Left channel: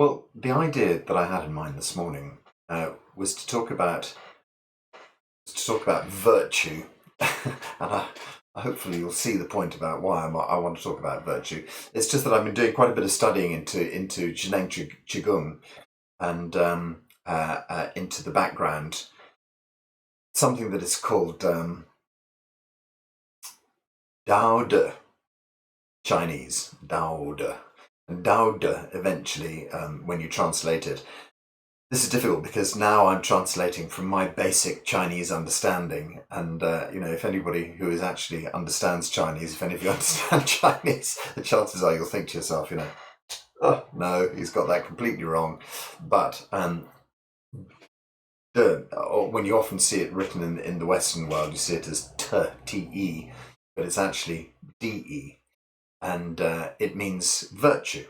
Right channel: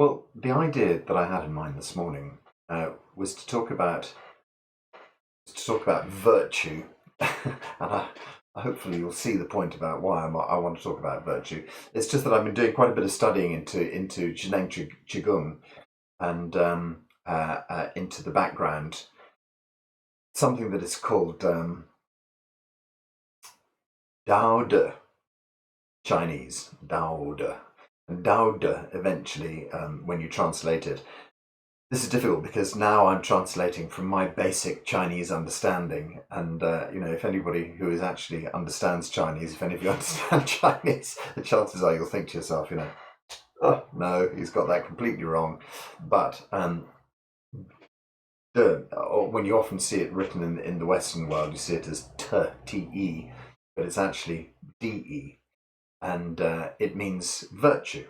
Well, the idea that I had in mind this morning was to talk about virtue, and hopefully you'll see the point about why I want to talk about virtue. It's just that I've been doing quite a bit of studying into Zhineng qigong and into the background, something that is called Daode, Chinese Daode. And Daode, eventually, when you translate it, this is difficult because now I'm translating from my basic Chinese understanding. And, if anybody who is actually understands Chinese, if any of you understand Chinese, the chances are you'll think to yourself, oh, no, he's got that completely wrong. But when you often see it written in the Western world, you see it as T-E, but it's actually D-E. And it means virtue.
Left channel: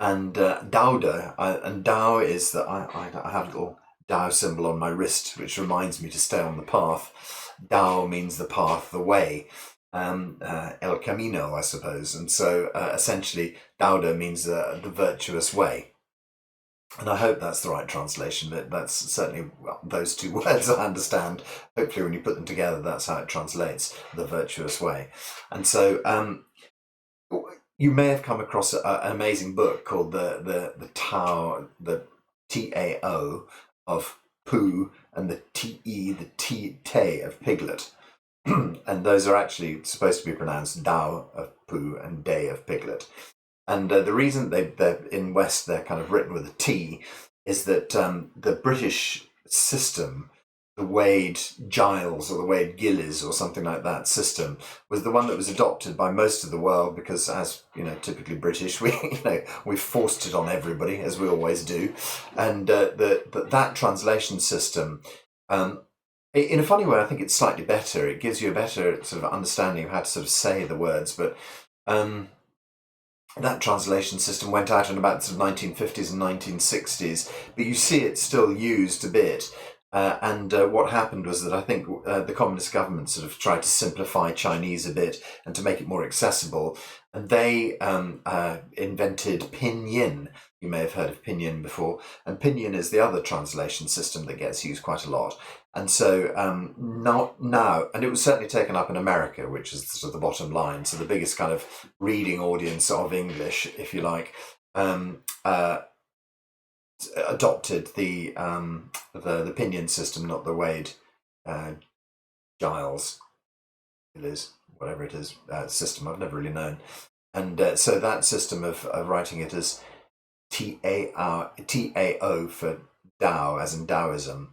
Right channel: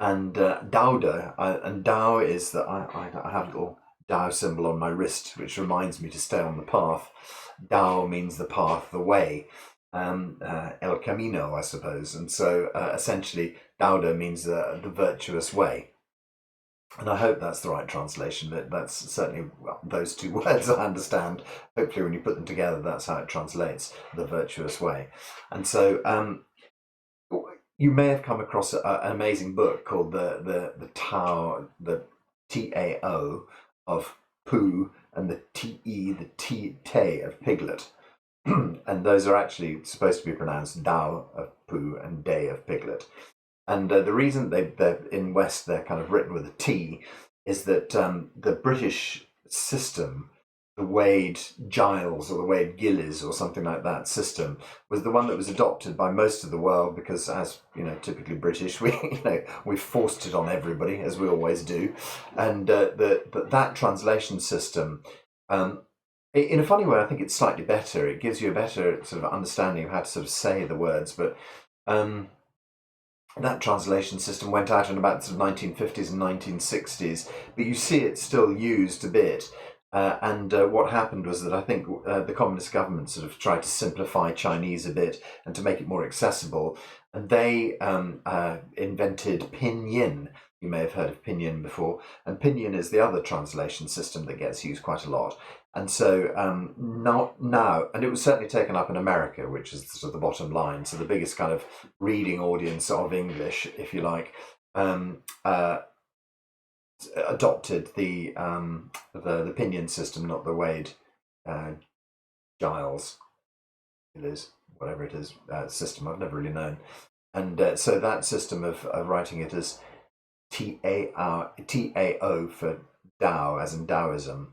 And Daode, and Dao is that I have a little Dao symbol on my wrist, which reminds me to stay on the path. Dao means the path, the way, El Camino, I suppose. And so essentially, Daode means the virtuous way. And I hope that's the right translation. That's certainly those two words I understand. Hopefully, when you put them together, that's how it translates, the virtuous way. And so you may have come across an amazing book called the Tao, the Tao of Pooh, and the Te, the Te of Piglet. And those are actually supposed to be pronounced Dao of Pooh and Day of Piglet. And the reason they're in West they're kind of written with a T is that the British system, the Wade Giles or the Wade Gillies or something like that system, was the one that was adopted by most of the world because, as typically British, we forced it on everybody, as we always do. And that translation system, in a funny way, I think it's slightly better. It gives you a better sort of understanding of how to sort of say the words, but that translation system went out in about the sort of 1950s and 1960s, but you see it still used a bit. And what happened was that I think the communist government sort of tried to simplify Chinese a bit and to make it more accessible. And they invented pinyin. You may have heard of pinyin before. And pinyin is the other translation system that gets used quite a lot. And so now, and it was certainly taken up in America, which is sort of the bottom line. So the biggest kind of reading audience of English, if you like, adopted the pinyin system, not the Wade Giles, whatever it is, system. I've never really known. And so that system of writing it as Tao for Tao, as in Taoism,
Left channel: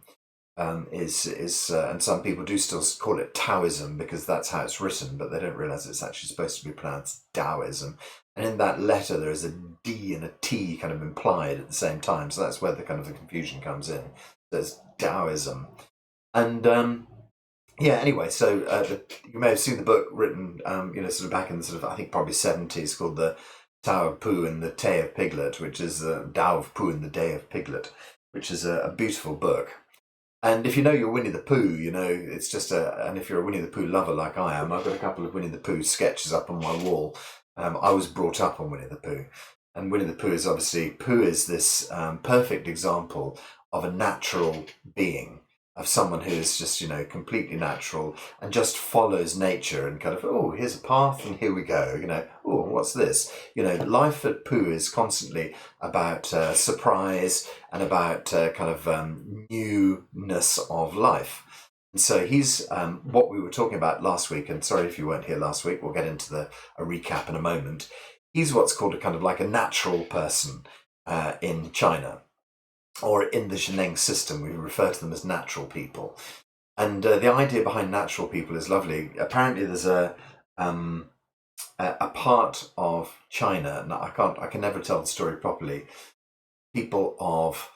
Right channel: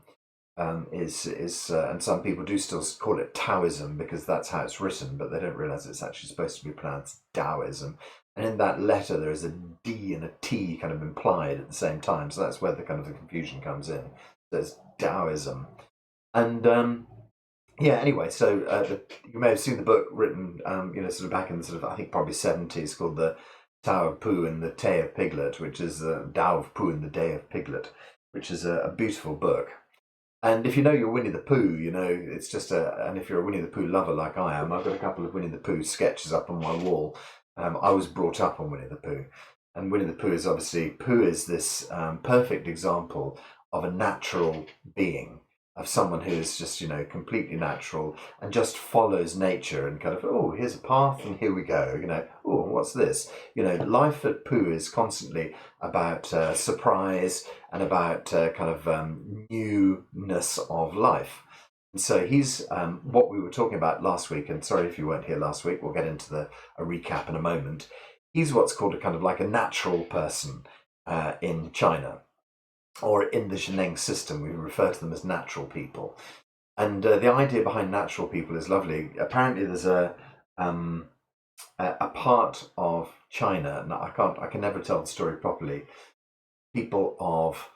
is and some people do still call it Taoism because that's how it's written, but they don't realize it's actually supposed to be pronounced Taoism. And in that letter, there is a D and a T kind of implied at the same time, so that's where the kind of the confusion comes in. There's Taoism, and anyway, so you may have seen the book written, sort of back in the sort of I think probably 70s, called the Tao of Pooh and the Day of Piglet, which is the Tao of Pooh and the Day of Piglet, which is a beautiful book. And if you know your Winnie the Pooh, it's just and if you're a Winnie the Pooh lover like I am, I've got a couple of Winnie the Pooh sketches up on my wall. I was brought up on Winnie the Pooh. And Winnie the Pooh is obviously, Pooh is this perfect example of a natural being, of someone who is just, completely natural and just follows nature and kind of, oh, here's a path and here we go, oh, what's this? Life at Pooh is constantly about surprise and about kind of newness of life. And so he's what we were talking about last week, and sorry if you weren't here last week, we'll get into a recap in a moment. He's what's called a kind of like a natural person in China, or in the Zhineng system, we refer to them as natural people. And the idea behind natural people is lovely. Apparently there's a part of China, and I can never tell the story properly, people of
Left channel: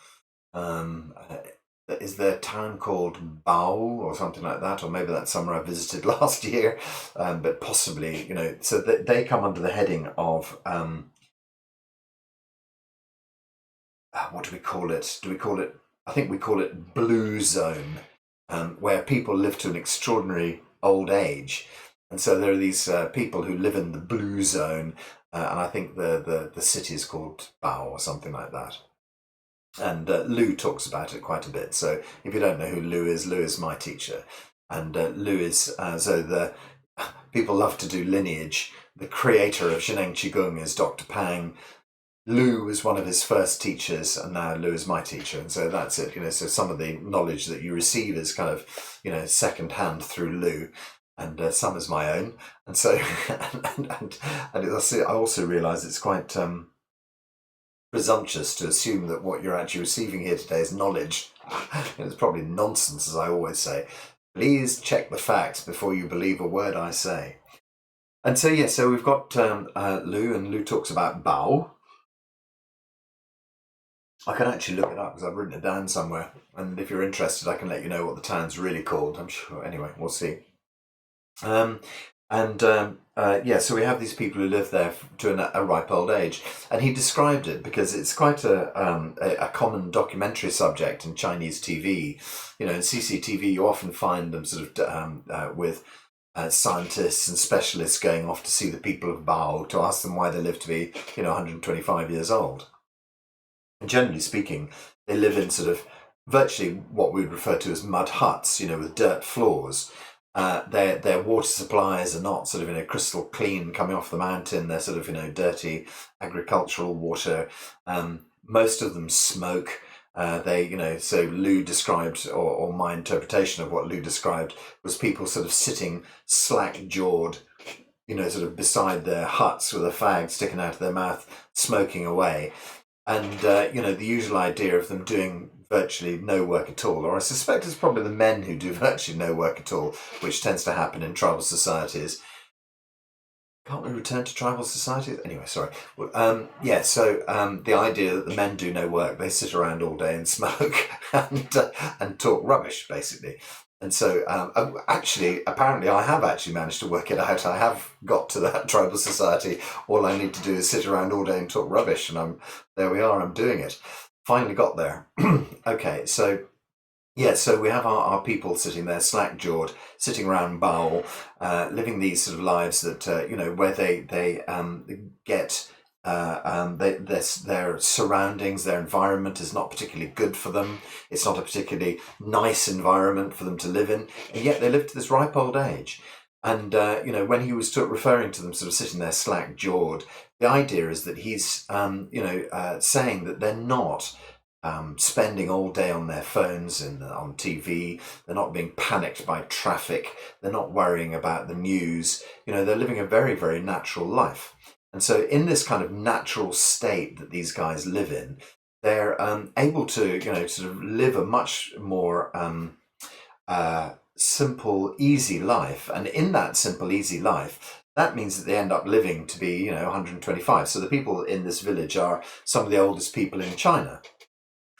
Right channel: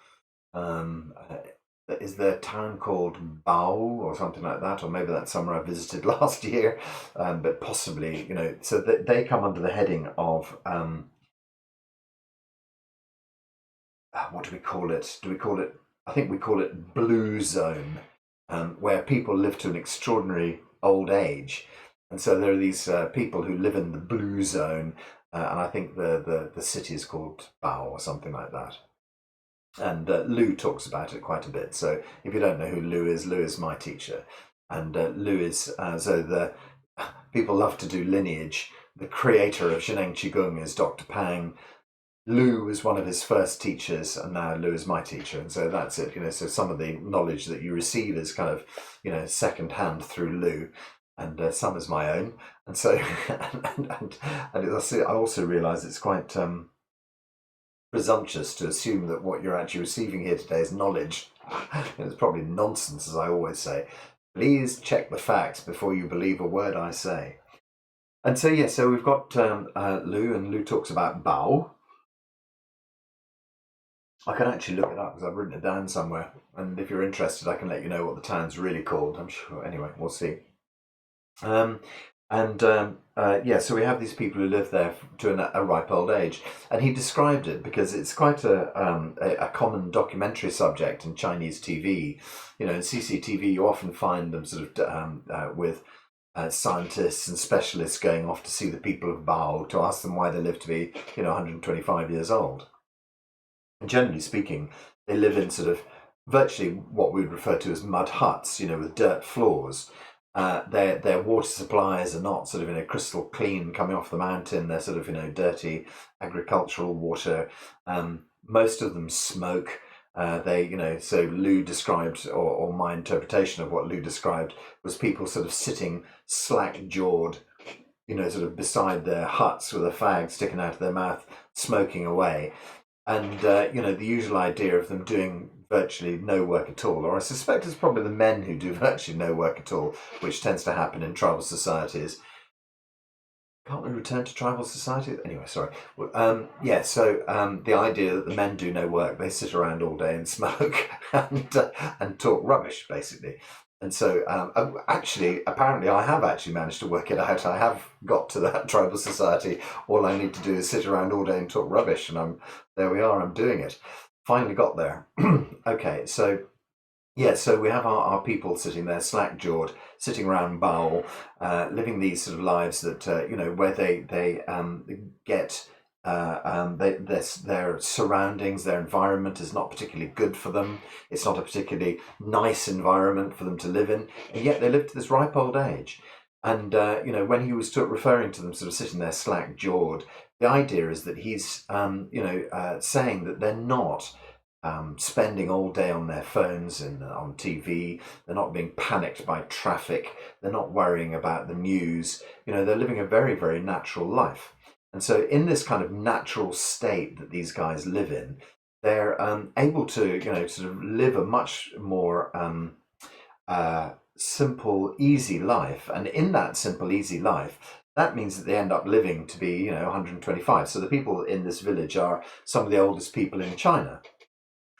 is there a town called Bao or something like that, or maybe that's somewhere I visited last year, but possibly, so they come under the heading of what do we call it? I think we call it blue zone, where people live to an extraordinary old age. And so there are these people who live in the blue zone, and I think the city is called Bao or something like that. And Lou talks about it quite a bit. So if you don't know who Lou is my teacher, and Lou is so the people love to do lineage. The creator of Zhineng qigong is Dr. Pang. Lou was one of his first teachers, and now Lou is my teacher, and so that's it. So some of the knowledge that you receive is kind of, second hand through Lou, and some is my own. And so, I also realise it's quite presumptuous to assume that what you're actually receiving here today is knowledge. It's probably nonsense, as I always say. Please check the facts before you believe a word I say. And so, so we've got Lou, and Lou talks about Bao. I can actually look it up because I've written it down somewhere. And if you're interested, I can let you know what the town's really called. I'm sure. Anyway, we'll see. So we have these people who live there to a ripe old age, and he described it because it's quite a common documentary subject in Chinese TV. In CCTV, you often find them sort of with scientists and specialists going off to see the people of Bao to ask them why they live to be 125 years old. And generally speaking, they live in sort of virtually what we would refer to as mud huts, with dirt floors. Their water supplies are not sort of crystal clean coming off the mountain. They're sort of dirty agricultural water. Most of them smoke. So Lou described, or my interpretation of what Lou described, was people sort of sitting slack-jawed, sort of beside their huts with a fag sticking out of their mouth, smoking away. And, the usual idea of them doing virtually no work at all, or I suspect it's probably the men who do virtually no work at all, which tends to happen in tribal societies. Can't we return to tribal societies? Anyway, sorry. The idea that the men do no work, they sit around all day and smoke and talk rubbish, basically. And so, apparently, I have actually managed to work it out. I have got to that tribal society. All I need to do is sit around all day and talk rubbish, and there we are. I'm doing it. Finally got there. Okay, so so we have our people sitting there, slack-jawed, sitting around Bao, living these sort of lives that where they get. Their surroundings, their environment is not particularly good for them. It's not a particularly nice environment for them to live in, and yet they live to this ripe old age. And when he was referring to them sort of sitting there slack-jawed, the idea is that he's saying that they're not spending all day on their phones and on TV. They're not being panicked by traffic. They're not worrying about the news. They're living a very, very natural life. And so in this kind of natural state that these guys live in, they're able to, sort of live a much more simple, easy life. And in that simple, easy life, that means that they end up living to be, 125. So the people in this village are some of the oldest people in China.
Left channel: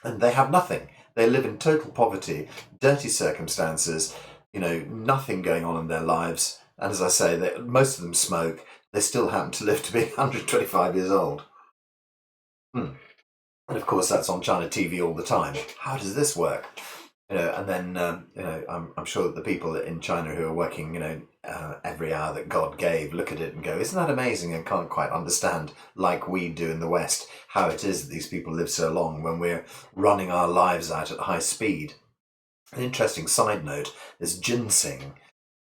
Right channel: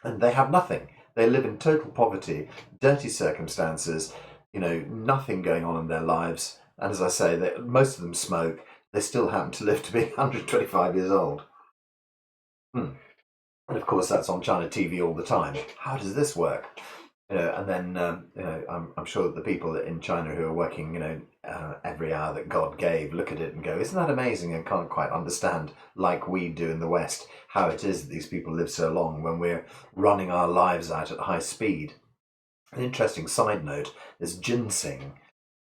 And they have nothing. They live in total poverty, dirty circumstances, nothing going on in their lives. And as I say, most of them smoke. They still happen to live to be 125 years old. And of course, that's on China TV all the time. How does this work? And then, I'm sure that the people in China who are working, every hour that God gave, look at it and go, isn't that amazing? And can't quite understand, like we do in the West, how it is that these people live so long when we're running our lives out at high speed. An interesting side note is ginseng.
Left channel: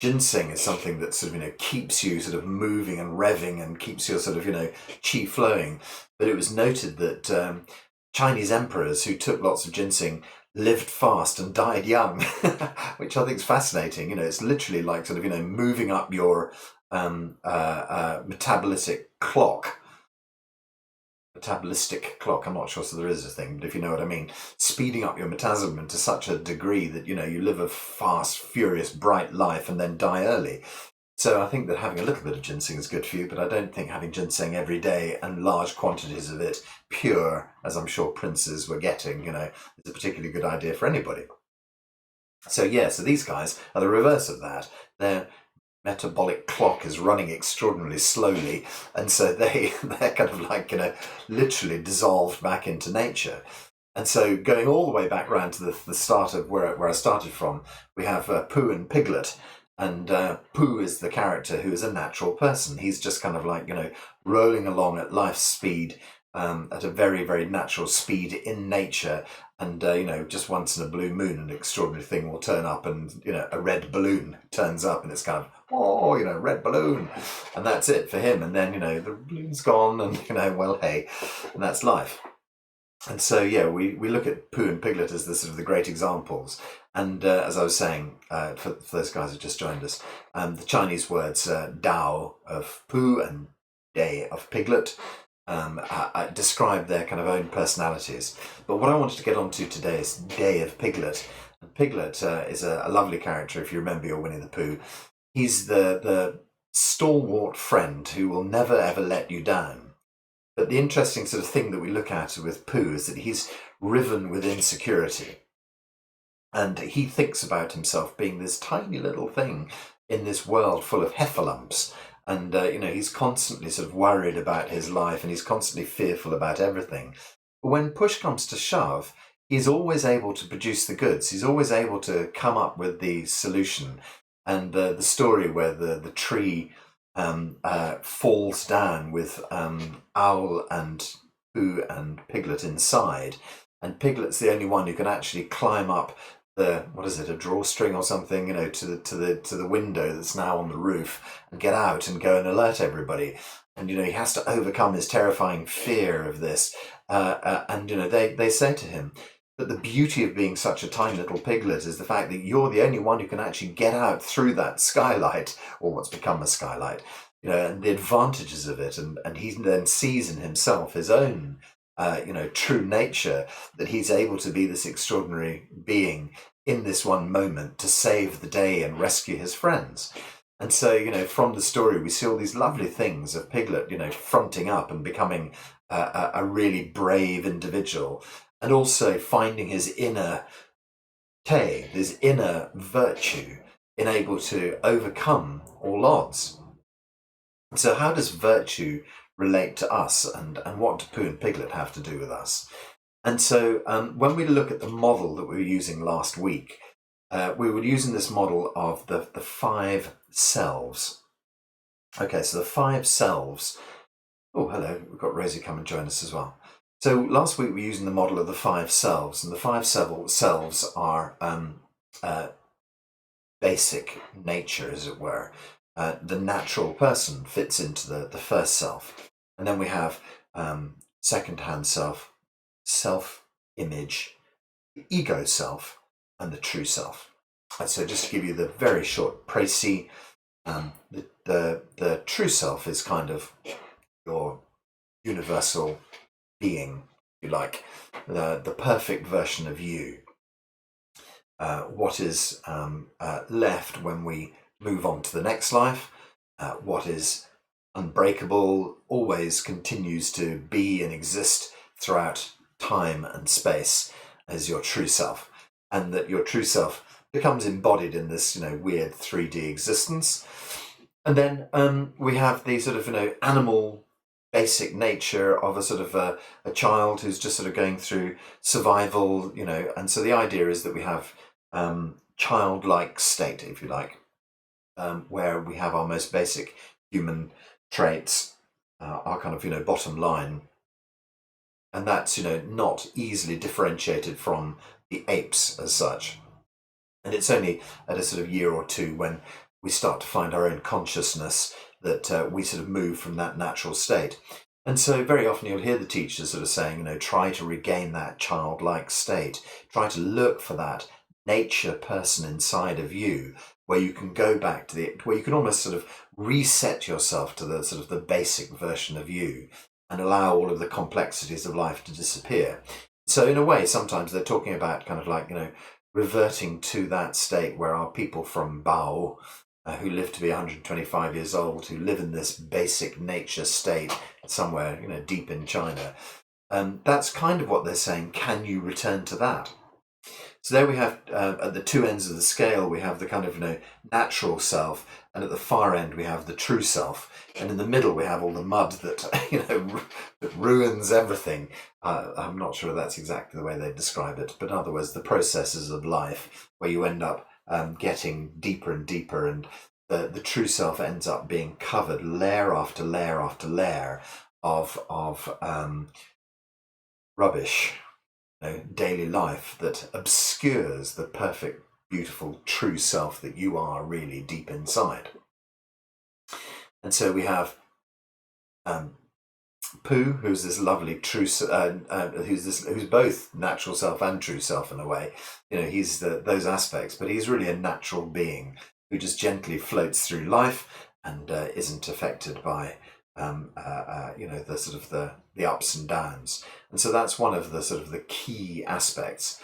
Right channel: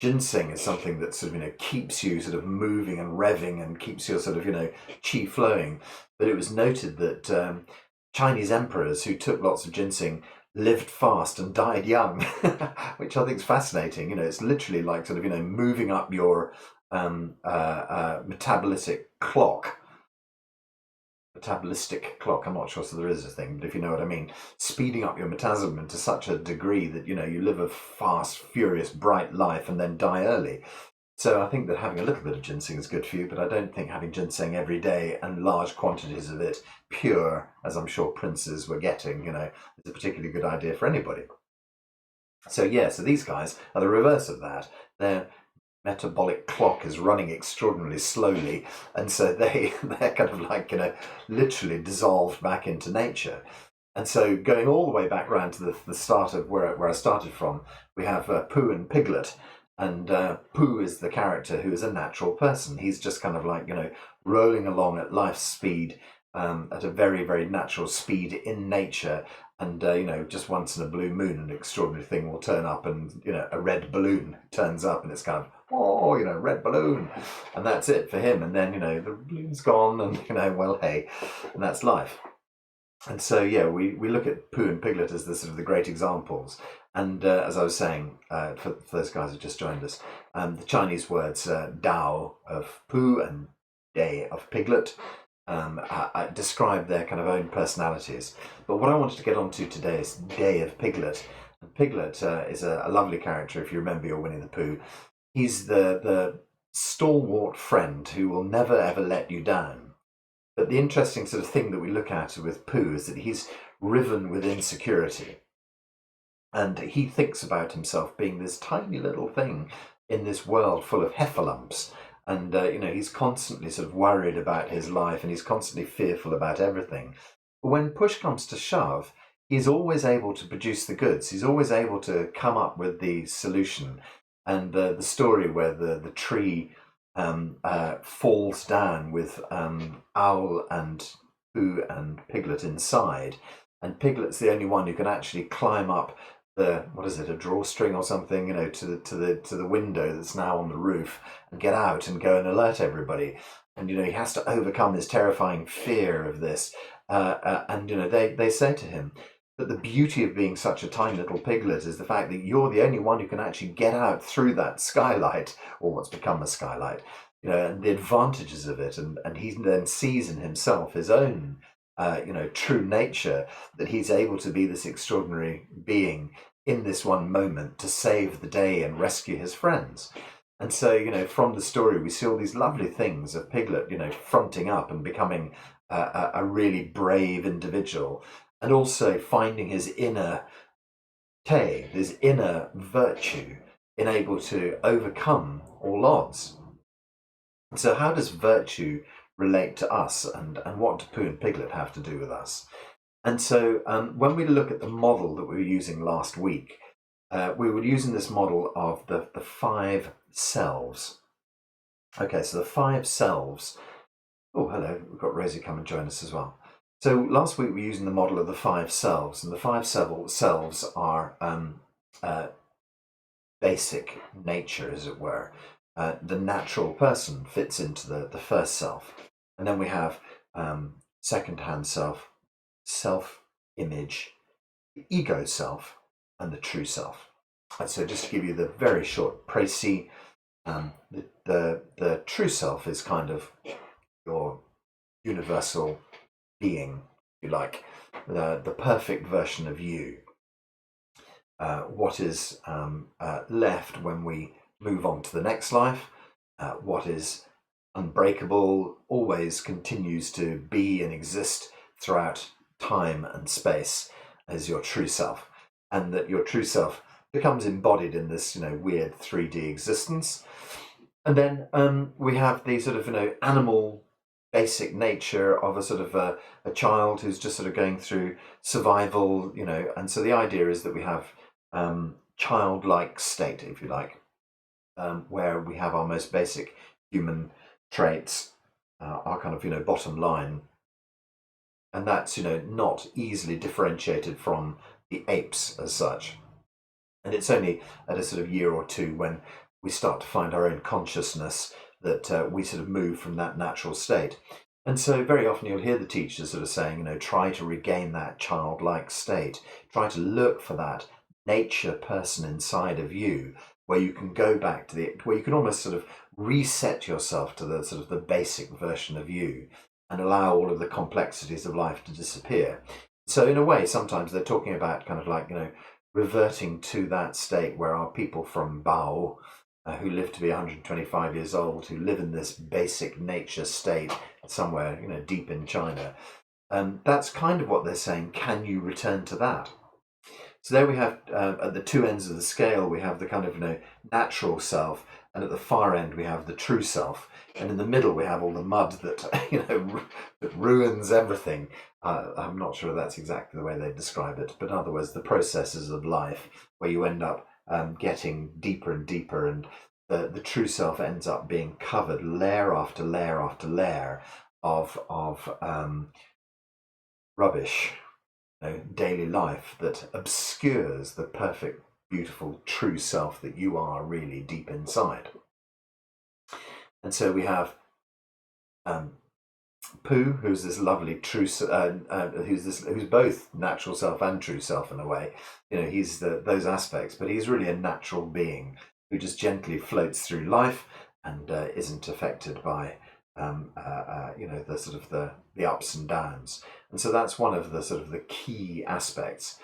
Ginseng is something that sort of, keeps you sort of moving and revving and keeps your sort of, qi flowing. But it was noted that Chinese emperors who took lots of ginseng lived fast and died young, which I think is fascinating. It's literally like sort of, moving up your metabolistic clock. Metabolistic clock, I'm not sure so there is a thing, but if you know what I mean, speeding up your metabolism to such a degree that you live a fast, furious, bright life and then die early. So I think that having a little bit of ginseng is good for you, but I don't think having ginseng every day and large quantities of it, pure, as I'm sure princes were getting, is a particularly good idea for anybody. So so these guys are the reverse of that. They're metabolic clock is running extraordinarily slowly, and so they're kind of like literally dissolved back into nature. And so going all the way back around to the start of where I started from, we have Pooh and Piglet, And Pooh is the character who is a natural person. He's just kind of like, rolling along at life's speed, at a very, very natural speed in nature. And, just once in a blue moon, an extraordinary thing will turn up, and, a red balloon turns up, and it's kind of, oh, red balloon. And that's it for him. And then, the balloon's gone, and, well, hey, and that's life. And so, yeah, we look at Pooh and Piglet as the sort of the great examples. And as I was saying, for those guys who just joined us, the Chinese words Dao of Pooh and Day of Piglet describe their kind of own personalities. But what I wanted to get onto today is Day of Piglet. And Piglet is a lovely character, if you remember your Winnie the Pooh. He's the stalwart friend who will never ever let you down. But the interesting sort of thing that we look at with Pooh is that he's riven with insecurity. And he thinks about himself being this tiny little thing in this world full of heffalumps. And, he's constantly sort of worried about his life, and he's constantly fearful about everything. But when push comes to shove, he's always able to produce the goods. He's always able to come up with the solution. And the story where the tree falls down with Owl and Pooh and Piglet inside, and Piglet's the only one who can actually climb up a drawstring or something, to the window that's now on the roof, and get out and go and alert everybody. And he has to overcome his terrifying fear of this. And they say to him that the beauty of being such a tiny little piglet is the fact that you're the only one who can actually get out through that skylight, or what's become a skylight, and the advantages of it. And he then sees in himself his own true nature, that he's able to be this extraordinary being in this one moment to save the day and rescue his friends. And so, from the story, we see all these lovely things of Piglet, fronting up and becoming a really brave individual, and also finding his inner te, his inner virtue, in able to overcome all odds. So how does virtue relate to us, and what do Pooh and Piglet have to do with us? And so when we look at the model that we were using last week, we were using this model of the 5 selves. Okay, so the 5 selves. Oh, hello, we've got Rosie come and join us as well. So last week we were using the model of the 5 selves, and the 5 selves are basic nature, as it were. The natural person fits into the first self. And then we have second-hand self, self-image, the ego self, and the true self. And so just to give you the very short précis, the true self is kind of your universal being, if you like, the perfect version of you. What is left when we move on to the next life, what is unbreakable, always continues to be and exist throughout time and space, as your true self. And that your true self becomes embodied in this, weird 3D existence. And then we have the sort of, animal basic nature of a sort of a child who's just sort of going through survival, and so the idea is that we have childlike state, if you like, where we have our most basic human traits, our kind of, bottom line. And that's, not easily differentiated from the apes as such. And it's only at a sort of year or two when we start to find our own consciousness that we sort of move from that natural state. And so very often you'll hear the teachers sort of saying, try to regain that childlike state. Try to look for that nature person inside of you, where you can go back to where you can almost sort of reset yourself to the sort of the basic version of you, and allow all of the complexities of life to disappear. So in a way, sometimes they're talking about kind of like, reverting to that state where our people from Bao, who live to be 125 years old, who live in this basic nature state somewhere, deep in China. That's kind of what they're saying. Can you return to that? So there we have, at the two ends of the scale, we have the kind of, natural self, and at the far end we have the true self, and in the middle we have all the mud that, that ruins everything. I'm not sure that's exactly the way they describe it, but in other words, the processes of life where you end up getting deeper and deeper, and the true self ends up being covered layer after layer after layer of rubbish, daily life that obscures the perfect, beautiful, true self that you are really deep inside. And so we have um, Pooh, who's this lovely who's both natural self and true self in a way. He's those aspects, but he's really a natural being who just gently floats through life and isn't affected by the sort of the ups and downs. And so that's one of the sort of the key aspects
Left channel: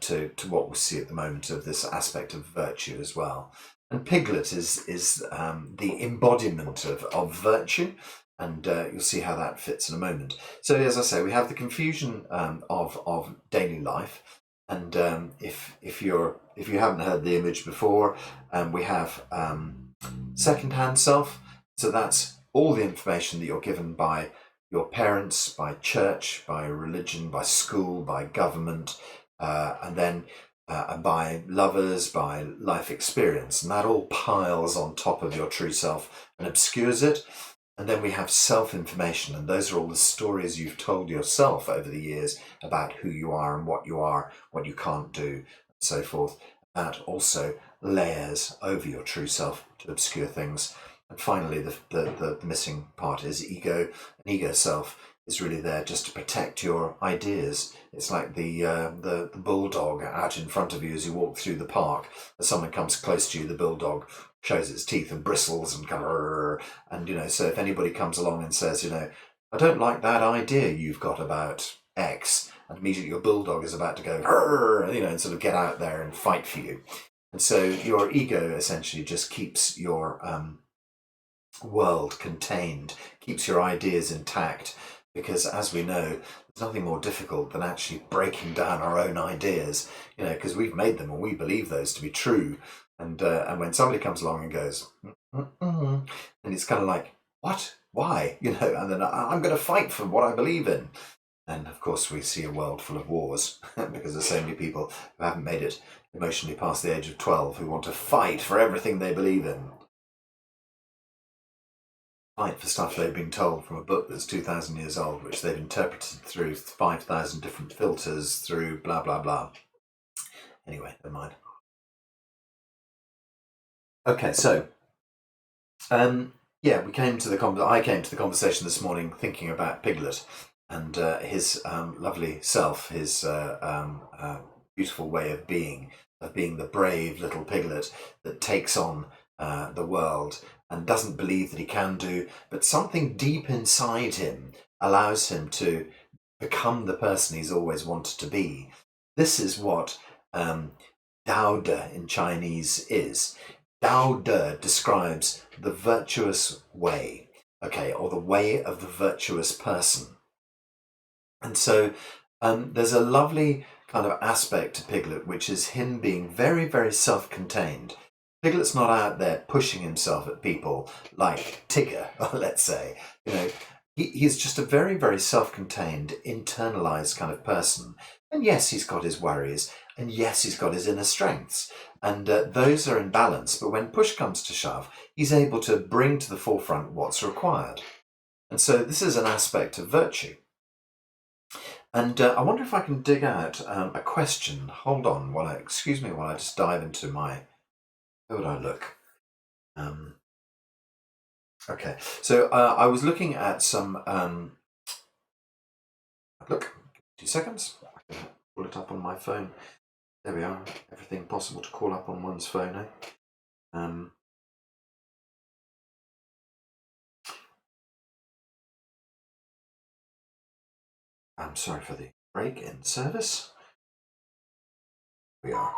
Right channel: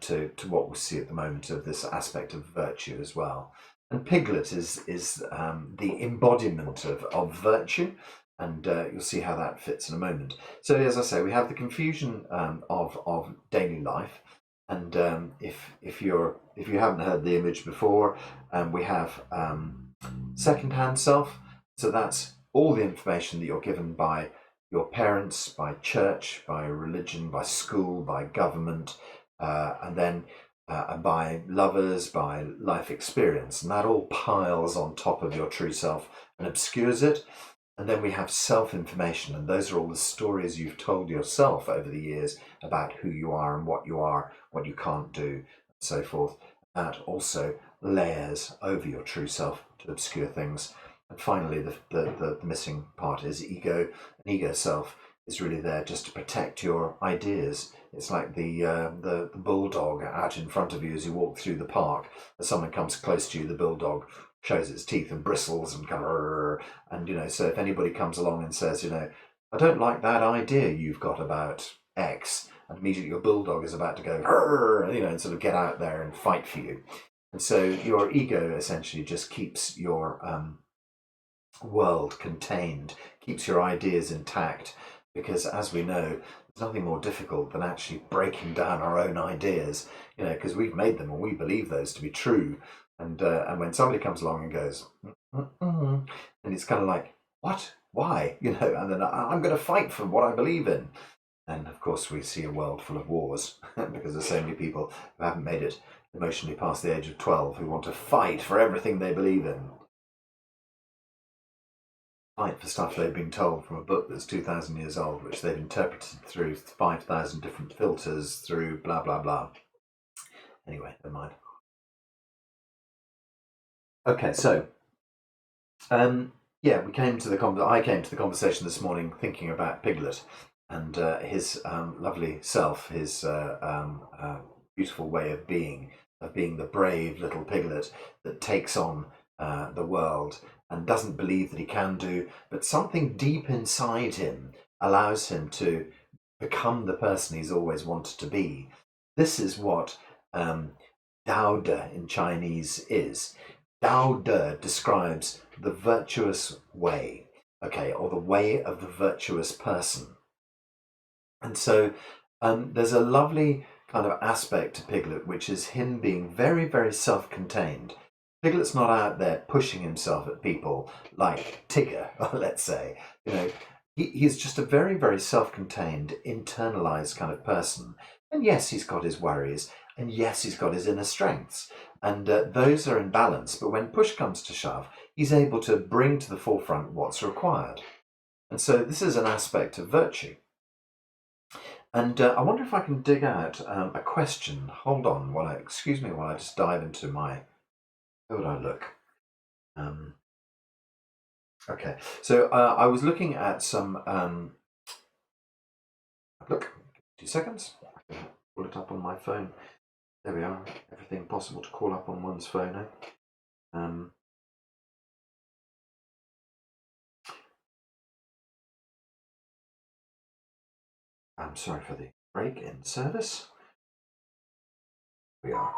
to what we see at the moment of this aspect of virtue as well. And Piglet is the embodiment of virtue, and you'll see how that fits in a moment. So, as I say, we have the confusion of daily life, and if you haven't heard the image before, we have second-hand self. So that's all the information that you're given by your parents, by church, by religion, by school, by government, and then by lovers, by life experience, and that all piles on top of your true self and obscures it. And then we have self-information, and those are all the stories you've told yourself over the years about who you are and what you can't do, and so forth. That also layers over your true self to obscure things. And finally, the missing part is ego. An ego self is really there just to protect your ideas. It's like the bulldog out in front of you as you walk through the park. As someone comes close to you, the bulldog shows its teeth and bristles and kind of, and so if anybody comes along and says, I don't like that idea you've got about X, and immediately your bulldog is about to go, and sort of get out there and fight for you. And so your ego essentially just keeps your world contained, keeps your ideas intact, because as we know, there's nothing more difficult than actually breaking down our own ideas, because we've made them and we believe those to be true. And when somebody comes along and goes, and it's kind of like, what? Why? And then I'm going to fight for what I believe in. And of course, we see a world full of wars because there's so many people who haven't made it emotionally past the age of 12 who want to fight for everything they believe in. Fight for stuff they've been told from a book that's 2,000 years old, which they've interpreted through 5,000 different filters, through blah, blah, blah. Anyway, never mind. Okay, so I came to the conversation this morning thinking about Piglet and his lovely self, his beautiful way of being the brave little piglet that takes on the world and doesn't believe that he can do, but something deep inside him allows him to become the person he's always wanted to be. This is what Daode in Chinese is. Daode describes the virtuous way, or the way of the virtuous person. And so there's a lovely kind of aspect to Piglet, which is him being very, very self-contained. Piglet's not out there pushing himself at people like Tigger, let's say. He's just a very, very self-contained, internalized kind of person. And yes, he's got his worries, and yes, he's got his inner strengths. And those are in balance. But when push comes to shove, he's able to bring to the forefront what's required. And so this is an aspect of virtue. And I wonder if I can dig out a question. Hold on, excuse me while I just dive into my. How would I look? Okay, so I was looking at some. Look, 2 seconds. I can pull it up on my phone. There we are. Everything possible to call up on one's phone. I'm sorry for the break in service. We are.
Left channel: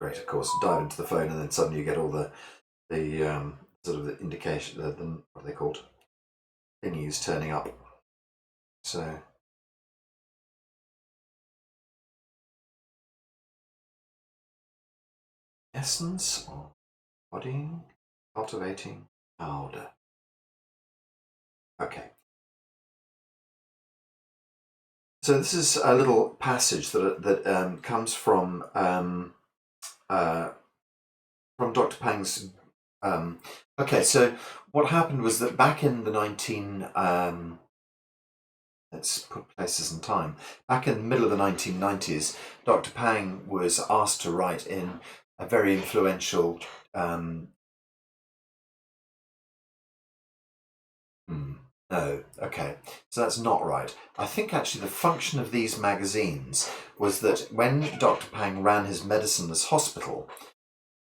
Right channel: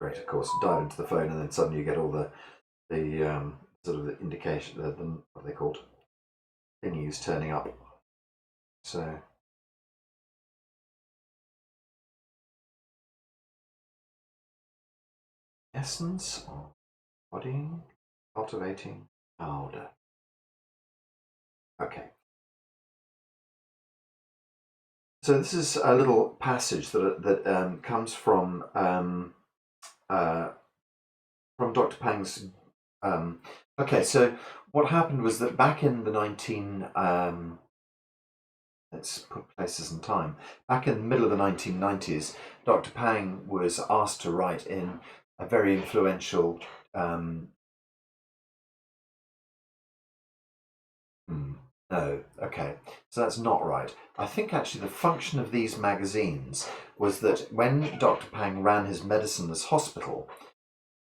Great, of course. Dive into the phone and then suddenly you get all the sort of the indication, what are they called? Thingies turning up. So. Essence of bodying, cultivating Daode. Okay. So this is a little passage that comes from uh, from Dr. Pang's. Okay, so what happened was that back in the 19 let's put places and time. Back in the middle of the 1990s, Dr. Pang was asked to write in a very influential. No, okay, so that's not right. I think actually the function of these magazines was that when Dr. Pang ran his medicineless hospital,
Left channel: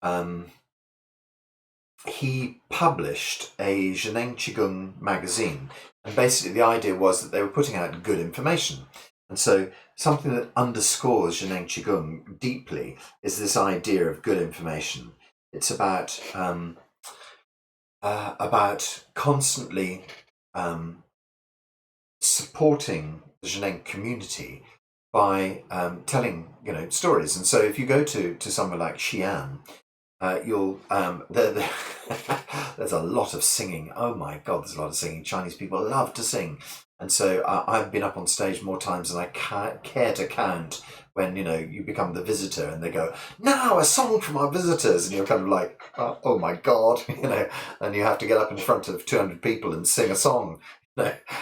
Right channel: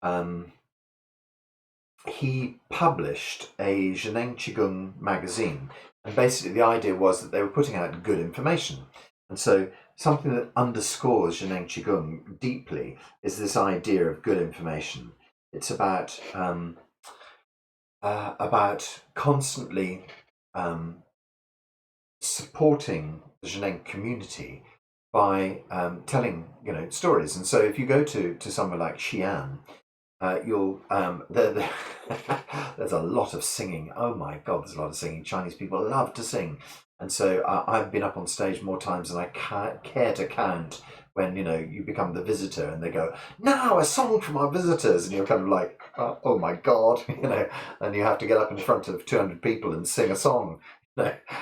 um, he published a Zhineng qigong magazine, and basically the idea was that they were putting out good information. And so something that underscores Zhineng qigong deeply is this idea of good information. It's about constantly supporting the Zhineng community by telling stories. And so if you go to somewhere like Xi'an, you'll there's a lot of singing. Oh my God, there's a lot of singing. Chinese people love to sing, and so I've been up on stage more times than I care to count. When you become the visitor, and they go, "Now a song from our visitors," and you're kind of like, "Oh my God," and you have to get up in front of 200 people and sing a song.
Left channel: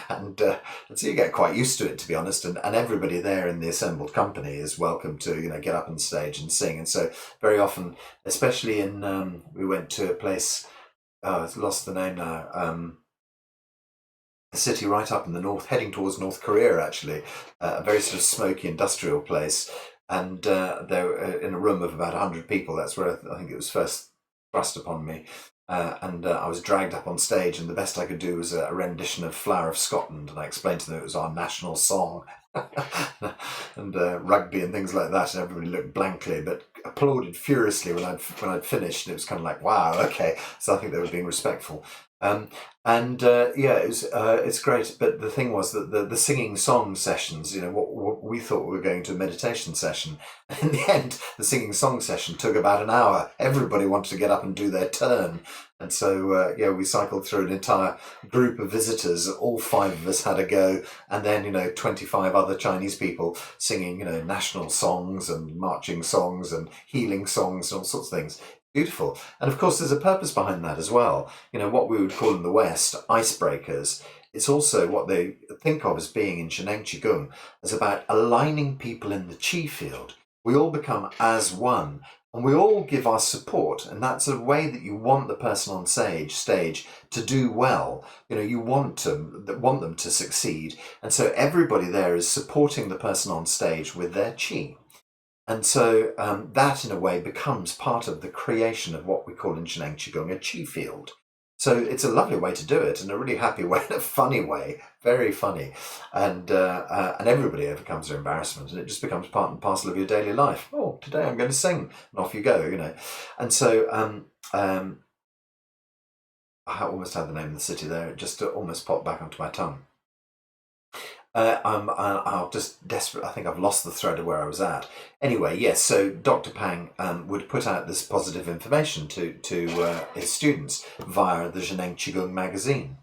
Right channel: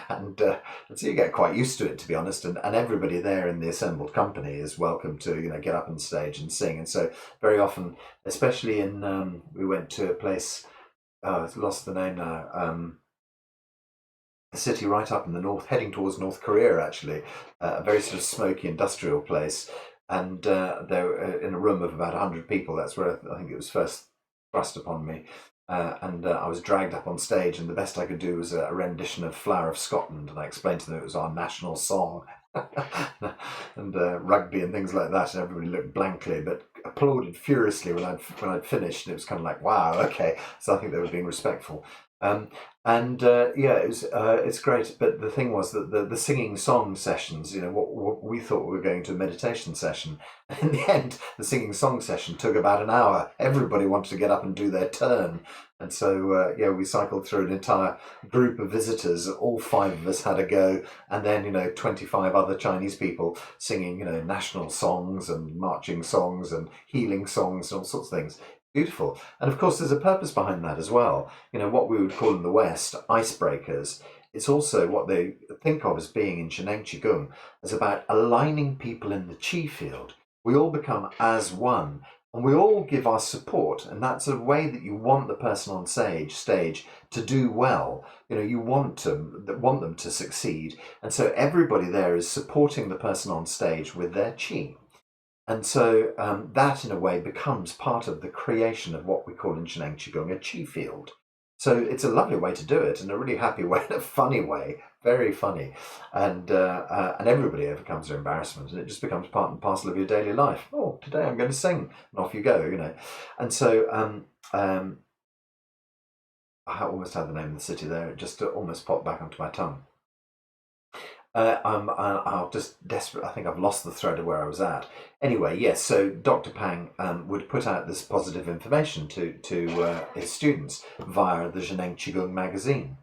And so you get quite used to it, to be honest, and everybody there in the assembled company is welcome to get up on stage and sing. And so very often, especially in we went to a place, I've lost the name now, a city right up in the north, heading towards North Korea, actually, a very sort of smoky industrial place. And they were in a room of about 100 people. That's where I think it was first thrust upon me. And I was dragged up on stage, and the best I could do was a rendition of Flower of Scotland, and I explained to them it was our national song. And rugby and things like that, and everybody looked blankly but applauded furiously when I'd finished. And it was kind of like, wow, okay. So I think they were being respectful. And yeah, it's great. But the thing was that the singing song sessions, what we thought we were going to a meditation session, and in the end, the singing song session took about an hour. Everybody wanted to get up and do their turn, and so yeah, we cycled through an entire group of visitors. All five of us had a go, and then 25 other Chinese people singing national songs and marching songs and healing songs and all sorts of things. Beautiful. And of course, there's a purpose behind that as well. What we would call in the West icebreakers. It's also what they think of as being in Zhineng Qigong as about aligning people in the Qi field. We all become as one, and we all give our support. And that's a way that you want the person on stage to do well. You want them to succeed. And so everybody there is supporting the person on stage with their Qi. And so that, in a way, becomes part of the creation of what we call in Zhineng Qigong a qi field. So it's a lovely way to do it, and a really happy way, in a funny way, very funny, and everybody overcomes their embarrassment, and it just becomes part and parcel of your daily life. Oh, today I'm going to sing, and off you go. And so I almost had the name of the city there; it just almost popped back onto my tongue. I'll just desperate. I think I've lost the thread of where I was at. Anyway, yes. So Dr. Pang would put out this positive information to his students via the Zhineng Qigong magazine,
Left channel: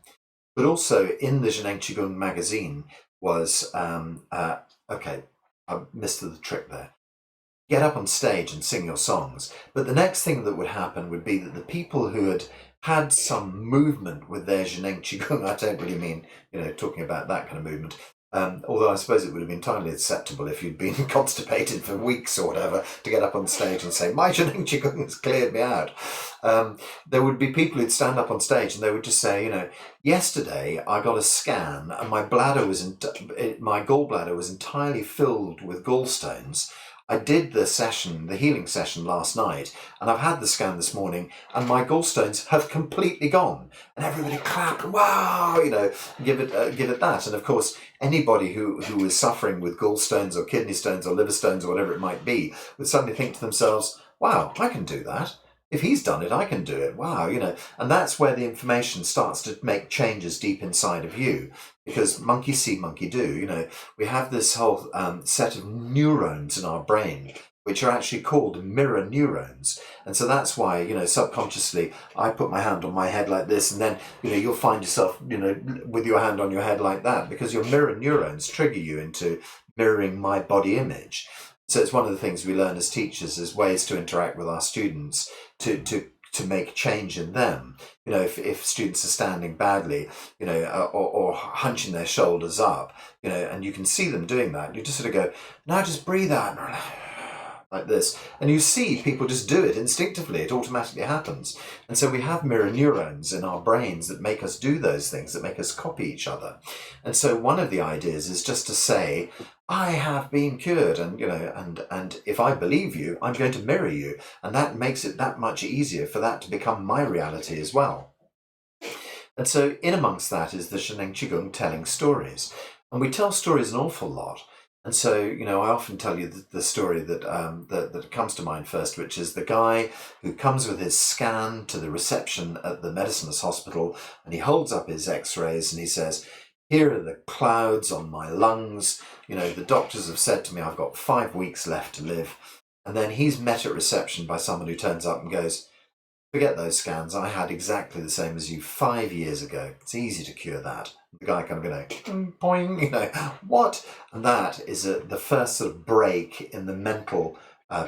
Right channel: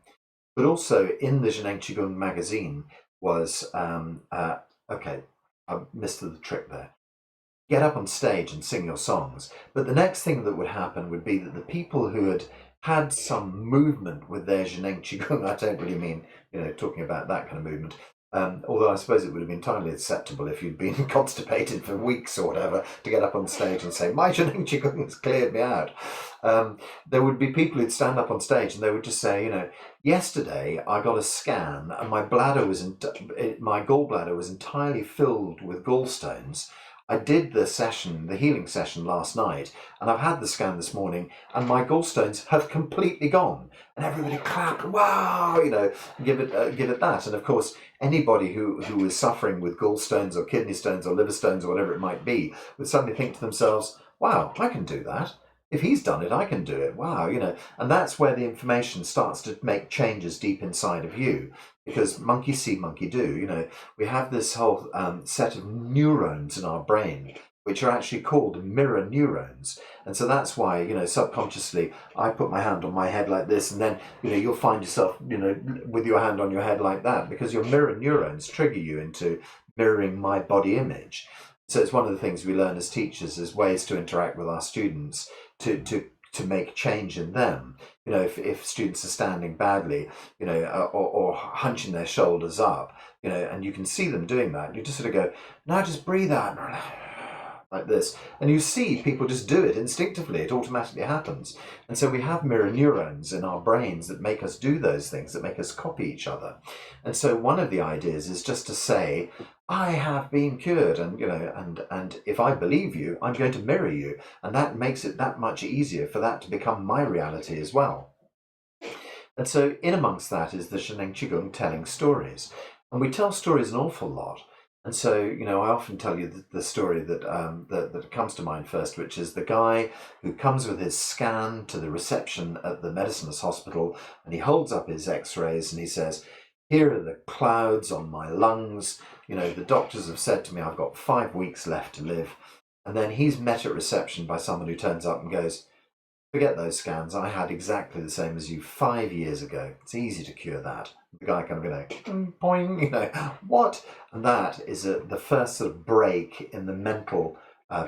but also in the Zhineng Qigong magazine was okay. I missed the trick there. Get up on stage and sing your songs, but the next thing that would happen would be that the people who had some movement with their Zhineng Qigong, I don't really mean talking about that kind of movement, although I suppose it would have been entirely acceptable if you'd been constipated for weeks or whatever to get up on stage and say, my Zhineng Qigong has cleared me out. There would be people who'd stand up on stage and they would just say, yesterday I got a scan and my gallbladder was entirely filled with gallstones. I did the healing session last night, and I've had the scan this morning, and my gallstones have completely gone. And everybody clap and wow, give it that. And of course, anybody who is suffering with gallstones or kidney stones or liver stones or whatever it might be would suddenly think to themselves, "Wow, I can do that. If he's done it, I can do it. Wow, And that's where the information starts to make changes deep inside of you. Because monkey see, monkey do. We have this whole set of neurons in our brain, which are actually called mirror neurons. And so that's why, subconsciously, I put my hand on my head like this, and then, you'll find yourself, with your hand on your head like that, because your mirror neurons trigger you into mirroring my body image. So it's one of the things we learn as teachers is ways to interact with our students to make change in them. You know, if students are standing badly, you know, or hunching their shoulders up, you know, and you can see them doing that, you just sort of go, now just breathe out like this. And you see people just do it instinctively. It automatically happens. And so we have mirror neurons in our brains that make us do those things, that make us copy each other. And so one of the ideas is just to say, I have been cured, and you know, and if I believe you, I'm going to mirror you, and that makes it that much easier for that to become my reality as well. And so in amongst that is the Zhineng qigong telling stories, and we tell stories an awful lot. And so, you know, I often tell you the story that that comes to mind first, which is the guy who comes with his scan to the reception at the medicines hospital, and he holds up his X-rays and he says, "Here are the clouds on my lungs. You know, the doctors have said to me I've got 5 weeks left to live." And then he's met at reception by someone who turns up and goes, "Forget those scans. I had exactly the same as you 5 years ago. It's easy to cure that." The guy kind of going, boing, you know, what? And that is the first sort of break in the mental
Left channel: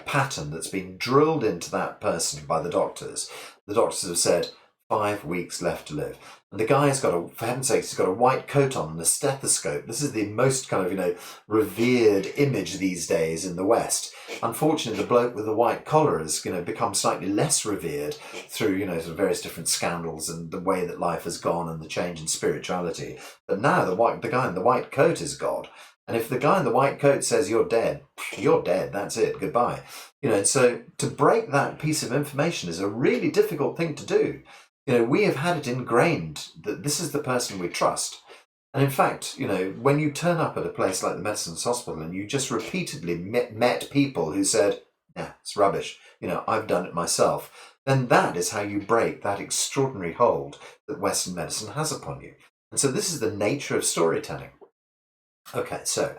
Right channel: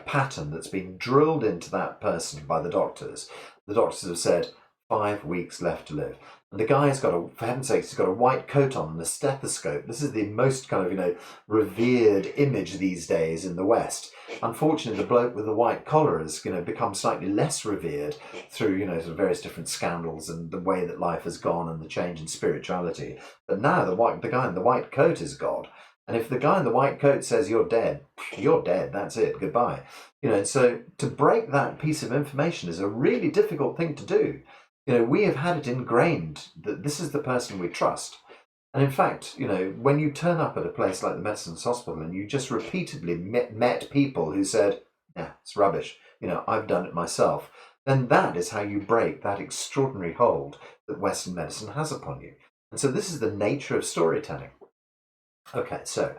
pattern that's been drilled into that person by the doctors. The doctors have said, 5 weeks left to live. And the guy's got for heaven's sakes, he's got a white coat on and a stethoscope. This is the most kind of, you know, revered image these days in the West. Unfortunately, the bloke with the white collar has, you know, become slightly less revered through, you know, sort of various different scandals and the way that life has gone and the change in spirituality. But now the guy in the white coat is God. And if the guy in the white coat says you're dead, that's it, goodbye. You know, and so to break that piece of information is a really difficult thing to do. You know, we have had it ingrained that this is the person we trust. And in fact, you know, when you turn up at a place like the Medicines Hospital and you just repeatedly met people who said, "Yeah, it's rubbish, you know, I've done it myself," then that is how you break that extraordinary hold that Western medicine has upon you. And so this is the nature of storytelling. Okay, so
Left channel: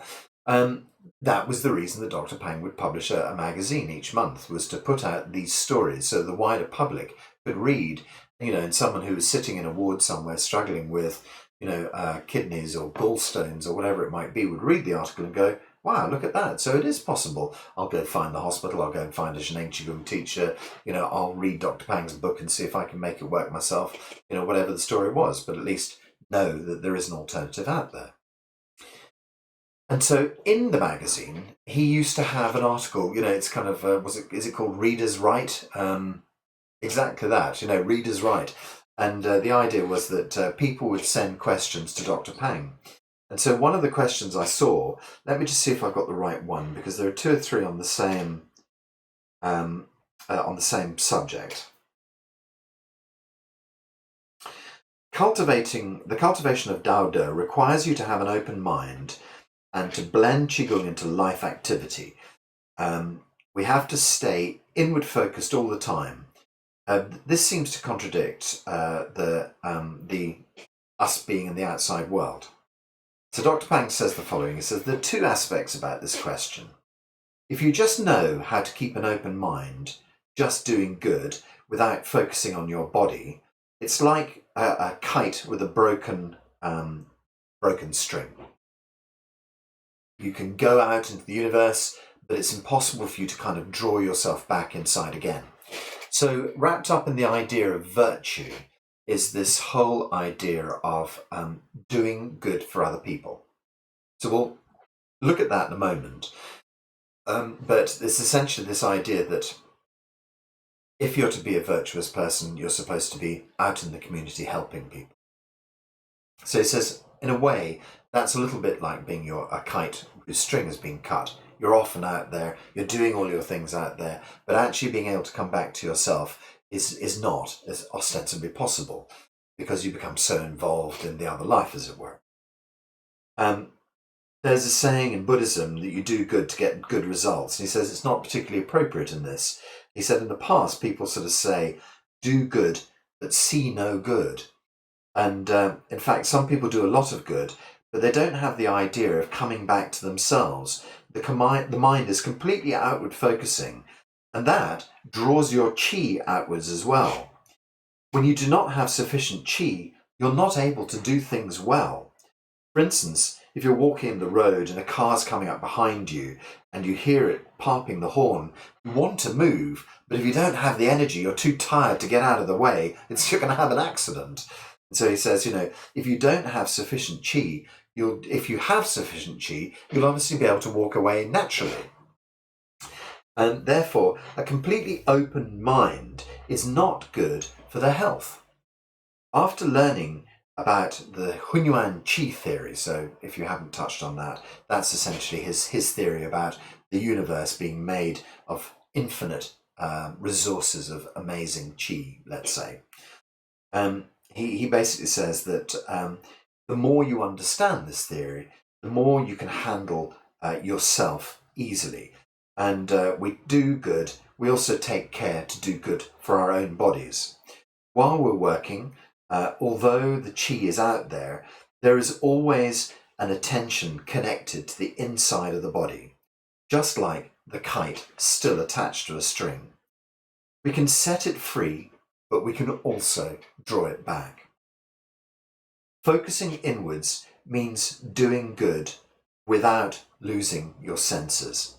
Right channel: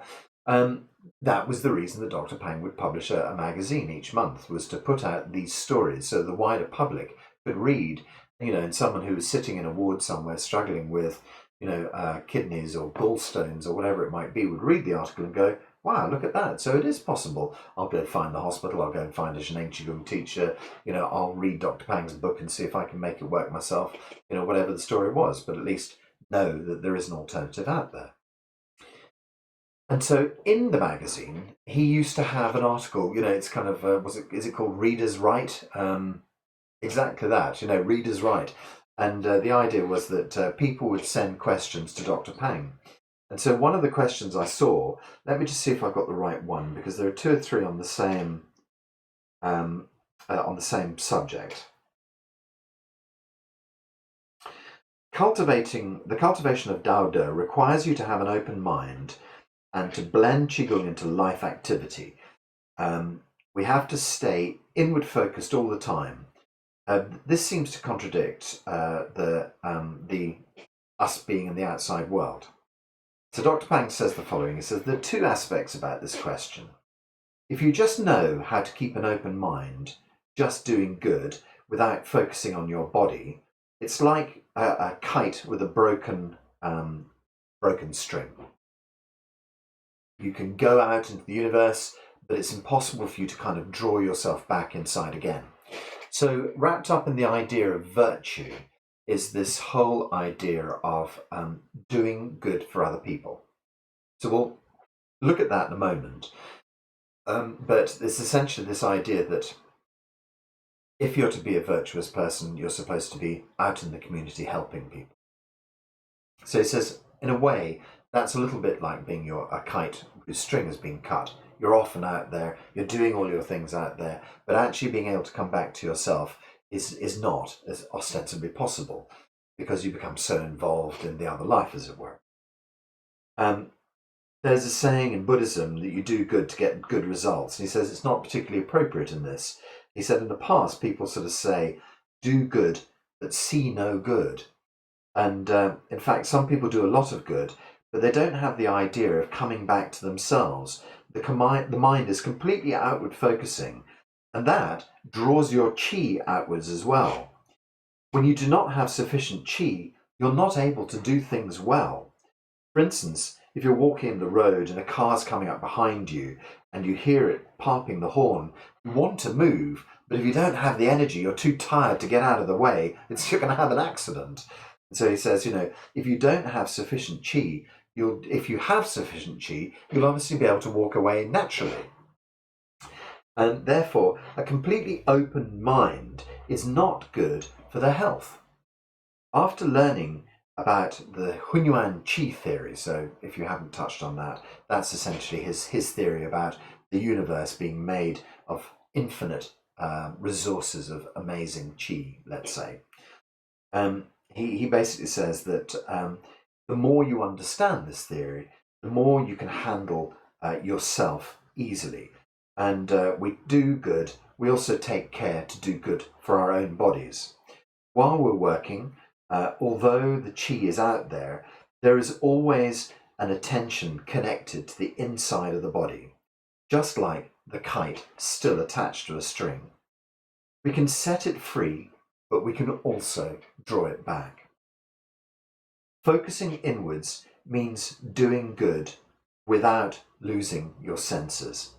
that was the reason that Dr. Pang would publish a magazine each month, was to put out these stories so the wider public could read, you know, and someone who was sitting in a ward somewhere struggling with, you know, kidneys or gallstones or whatever it might be, would read the article and go, wow, look at that. So it is possible. I'll go find the hospital. I'll go and find a Zhineng qigong teacher. You know, I'll read Dr. Pang's book and see if I can make it work myself, you know, whatever the story was, but at least know that there is an alternative out there. And so in the magazine, he used to have an article, you know, it's kind of, is it called Reader's Right? Exactly that, you know, Reader's Right. And the idea was that people would send questions to Dr. Pang. And so one of the questions I saw, let me just see if I've got the right one, because there are 2 or 3 on the same subject. The cultivation of Daode requires you to have an open mind and to blend qigong into life activity. We have to stay inward focused all the time. This seems to contradict the us being in the outside world. So Dr. Pang says the following. He says there are 2 aspects about this question. If you just know how to keep an open mind, just doing good without focusing on your body, it's like a kite with a broken string. You can go out into the universe, but it's impossible for you to kind of draw yourself back inside again. So wrapped up in the idea of virtue is this whole idea of doing good for other people. So we'll look at that in a moment. But it's essentially this idea that if you're to be a virtuous person, you're supposed to be out in the community helping people. So he says, in a way, that's a little bit like being a kite whose string has been cut. You're often out there, you're doing all your things out there, but actually being able to come back to yourself is not as ostensibly possible because you become so involved in the other life, as it were. There's a saying in Buddhism that you do good to get good results. And he says it's not particularly appropriate in this. He said in the past, people sort of say, do good, but see no good. And in fact, some people do a lot of good, but they don't have the idea of coming back to themselves. The mind is completely outward focusing, and that draws your qi outwards as well. When you do not have sufficient qi, you're not able to do things well. For instance, if you're walking the road and a car's coming up behind you and you hear it popping the horn, you want to move, but if you don't have the energy, you're too tired to get out of the way, you're going to have an accident. And so he says, if you don't have sufficient qi, if you have sufficient qi, you'll obviously be able to walk away naturally. And therefore, a completely open mind is not good for their health. After learning about the Hunyuan Qi theory, so if you haven't touched on that, that's essentially his theory about the universe being made of infinite resources of amazing Qi, let's say. He basically says that the more you understand this theory, the more you can handle yourself easily. And we do good, we also take care to do good for our own bodies. While we're working, although the qi is out there, there is always an attention connected to the inside of the body, just like the kite still attached to a string. We can set it free, but we can also draw it back. Focusing inwards means doing good without losing your senses,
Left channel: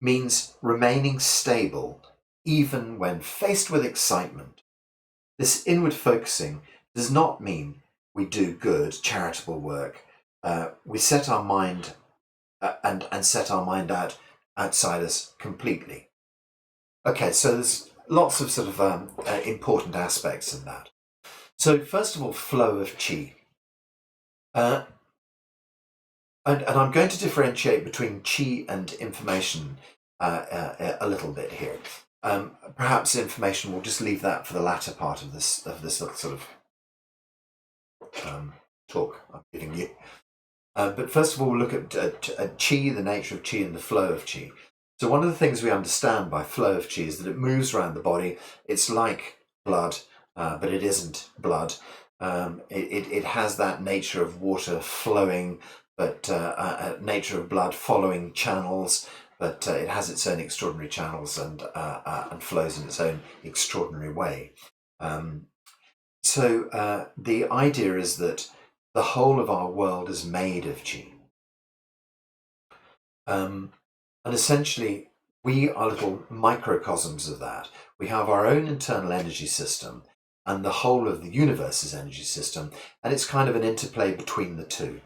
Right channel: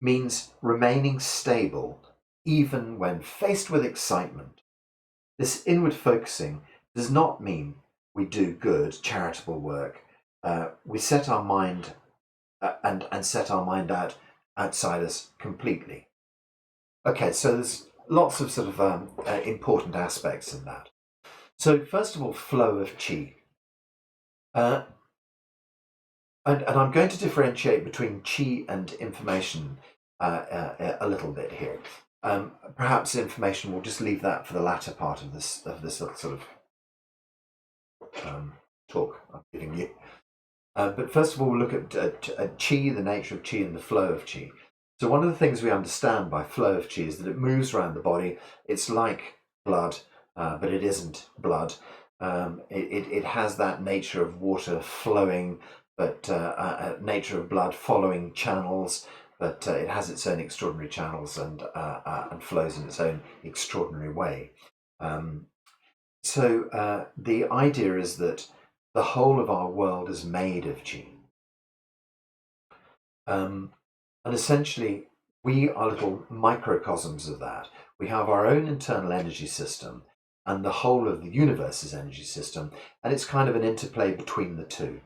means remaining stable even when faced with excitement. This inward focusing does not mean we do good, charitable work. We set our mind and set our mind outside us completely. Okay, so there's lots of sort of important aspects in that. So first of all, flow of qi. And I'm going to differentiate between qi and information a little bit here. Perhaps information, we'll just leave that for the latter part of this little sort of talk I'm giving you. But first of all, we'll look at qi, the nature of qi and the flow of qi. So one of the things we understand by flow of qi is that it moves around the body. It's like blood, but it isn't blood. It has that nature of water flowing, but nature of blood following channels, but it has its own extraordinary channels and flows in its own extraordinary way. So the idea is that the whole of our world is made of qi. And essentially, we are little microcosms of that. We have our own internal energy system and the whole of the universe's energy system, and it's kind of an interplay between the two.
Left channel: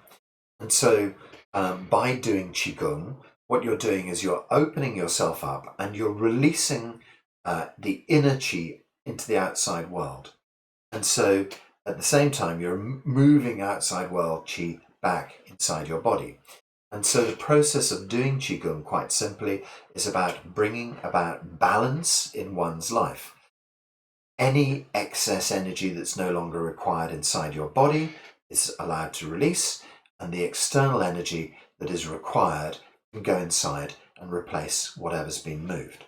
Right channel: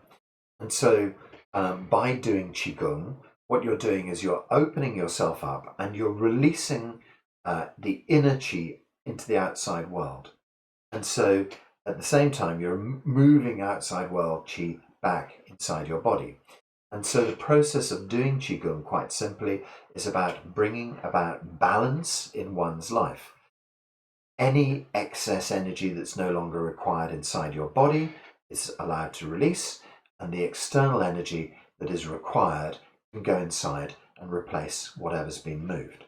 And so by doing qigong, what you're doing is you're opening yourself up and you're releasing the inner qi into the outside world. And so at the same time, you're moving outside world qi back inside your body. And so the process of doing qigong, quite simply, is about bringing about balance in one's life. Any excess energy that's no longer required inside your body is allowed to release, and the external energy that is required can go inside and replace whatever's been moved.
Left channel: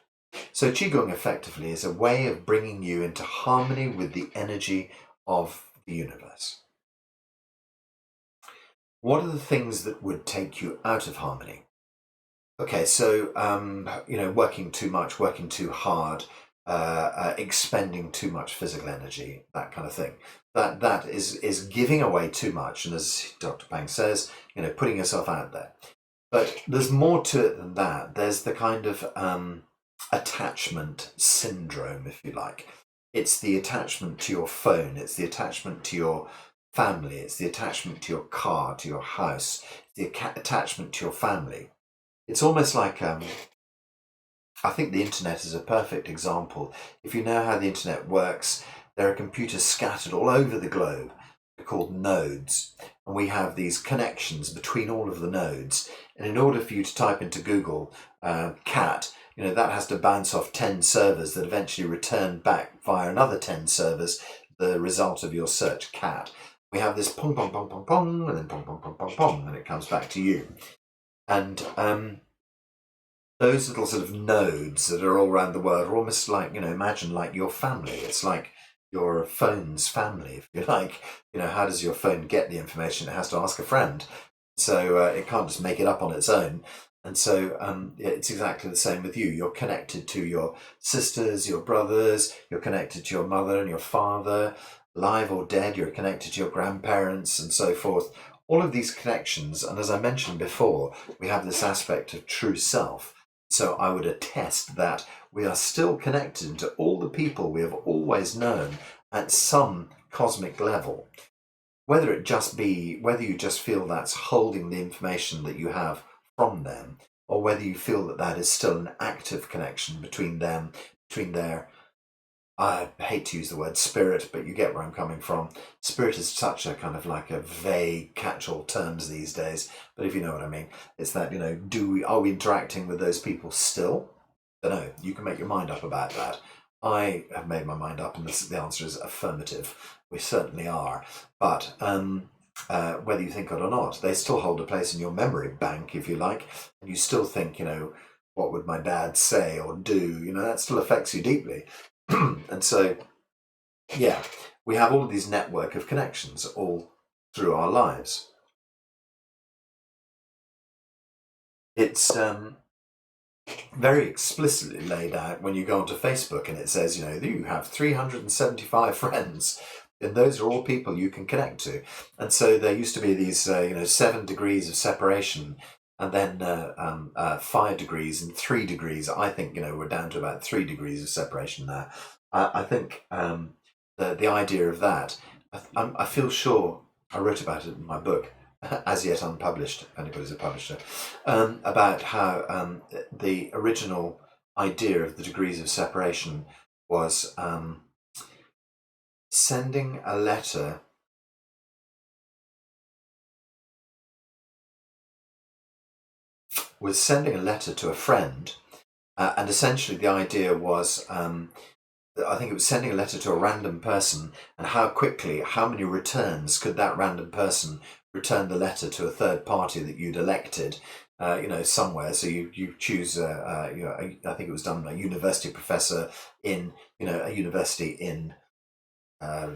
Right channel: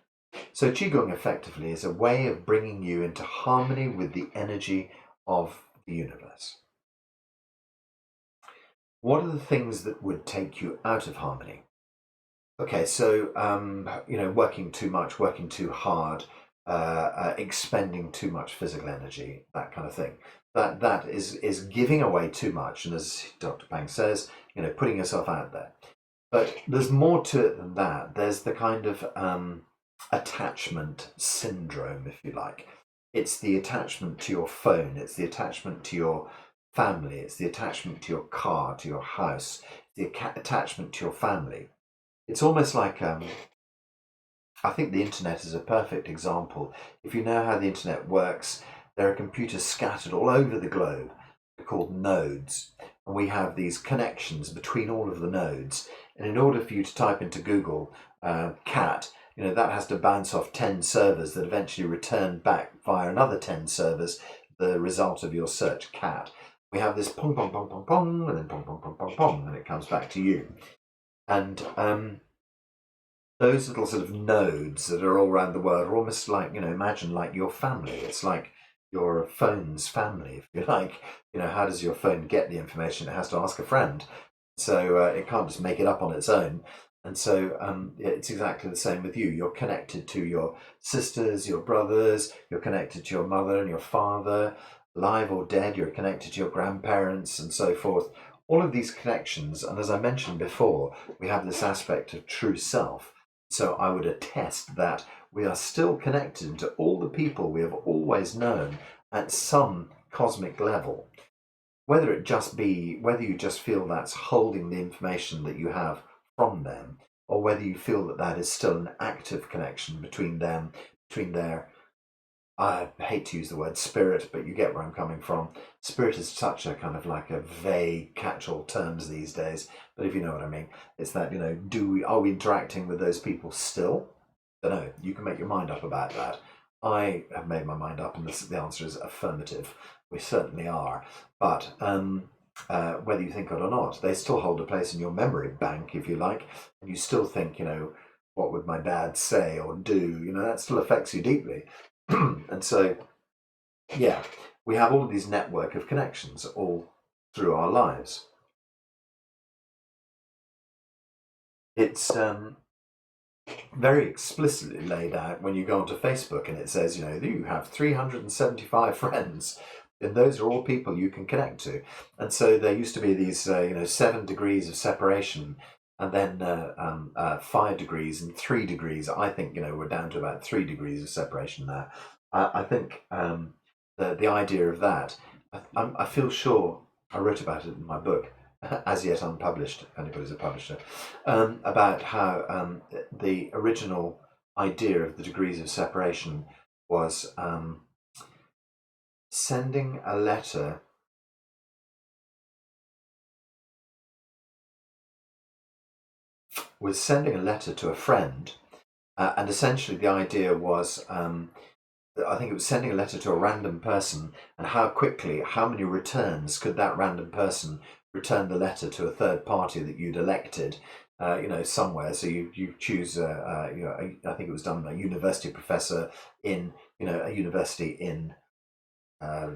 So qigong effectively is a way of bringing you into harmony with the energy of the universe. What are the things that would take you out of harmony? Okay, so working too much, working too hard, expending too much physical energy, that kind of thing. That is giving away too much, and as Dr. Pang says, putting yourself out there. But there's more to it than that. There's the kind of attachment syndrome, if you like. It's the attachment to your phone. It's the attachment to your family. It's the attachment to your car, to your house. It's the attachment to your family. It's almost like I think the internet is a perfect example. If you know how the internet works, there are computers scattered all over the globe. They're called nodes, and we have these connections between all of the nodes. And in order for you to type into Google cat, that has to bounce off 10 servers that eventually return back via another 10 servers the result of your search cat. We have this pong, pong, pong, pong, pong, and then pong, pong, pong, pong, pong, and it comes back to you. And those little sort of nodes that are all around the world are almost like, imagine like your family. It's like your phone's family, if you like. How does your phone get the information? It has to ask a friend. So it can't just make it up on its own. And so it's exactly the same with you. You're connected to your sisters, your brothers, you're connected to your mother and your father, alive or dead, you're connected to your grandparents and so forth. all of these connections, and as I mentioned before, we have this aspect of true self. So I would attest that we are still connected to all the people we have always known at some cosmic level. Whether you just feel that's holding the information that you have from them, or whether you feel that that is still an active connection between them, between their, I hate to use the word spirit, but you get where I'm coming from. Spirit is such a kind of like a vague catch-all terms these days, but if you know what I mean, it's that, are we interacting with those people still? I don't know. You can make your mind up about that. I have made my mind up, and the answer is affirmative. We certainly are. But whether you think it or not, they still hold a place in your memory bank, if you like, and you still think, what would my dad say or do? That still affects you deeply. And so, yeah, we have all of these network of connections all through our lives. It's very explicitly laid out when you go onto Facebook, and it says, you have 375 friends, and those are all people you can connect to. And so there used to be these, 7 degrees of separation, and then 5 degrees and 3 degrees. I think, we're down to about 3 degrees of separation now. I think the idea of that, I feel sure I wrote about it in my book, as yet unpublished, if anybody's a publisher, about how the original idea of the degrees of separation was sending a letter to a friend, and essentially the idea was, I think it was sending a letter to a random person, and how many returns could that random person return the letter to a third party that you'd elected, somewhere. So you choose, I think it was done by a university professor in, a university in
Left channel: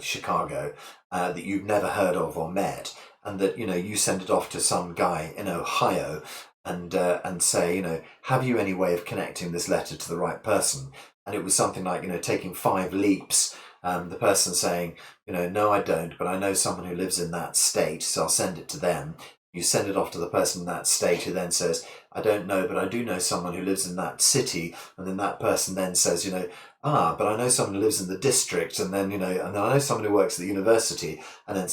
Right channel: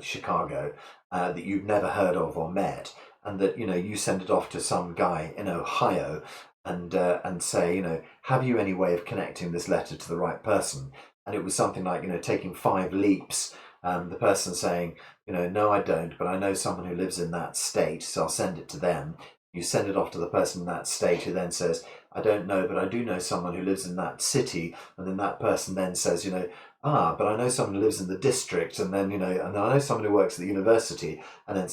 Chicago that you've never heard of or met, and that you send it off to some guy in Ohio, and say, have you any way of connecting this letter to the right person? And it was something like, taking 5 leaps. The person saying, no, I don't, but I know someone who lives in that state, so I'll send it to them. You send it off to the person in that state, who then says, I don't know, but I do know someone who lives in that city. And then that person then says, but I know someone who lives in the district, and then, and then I know someone who works at the university, and then,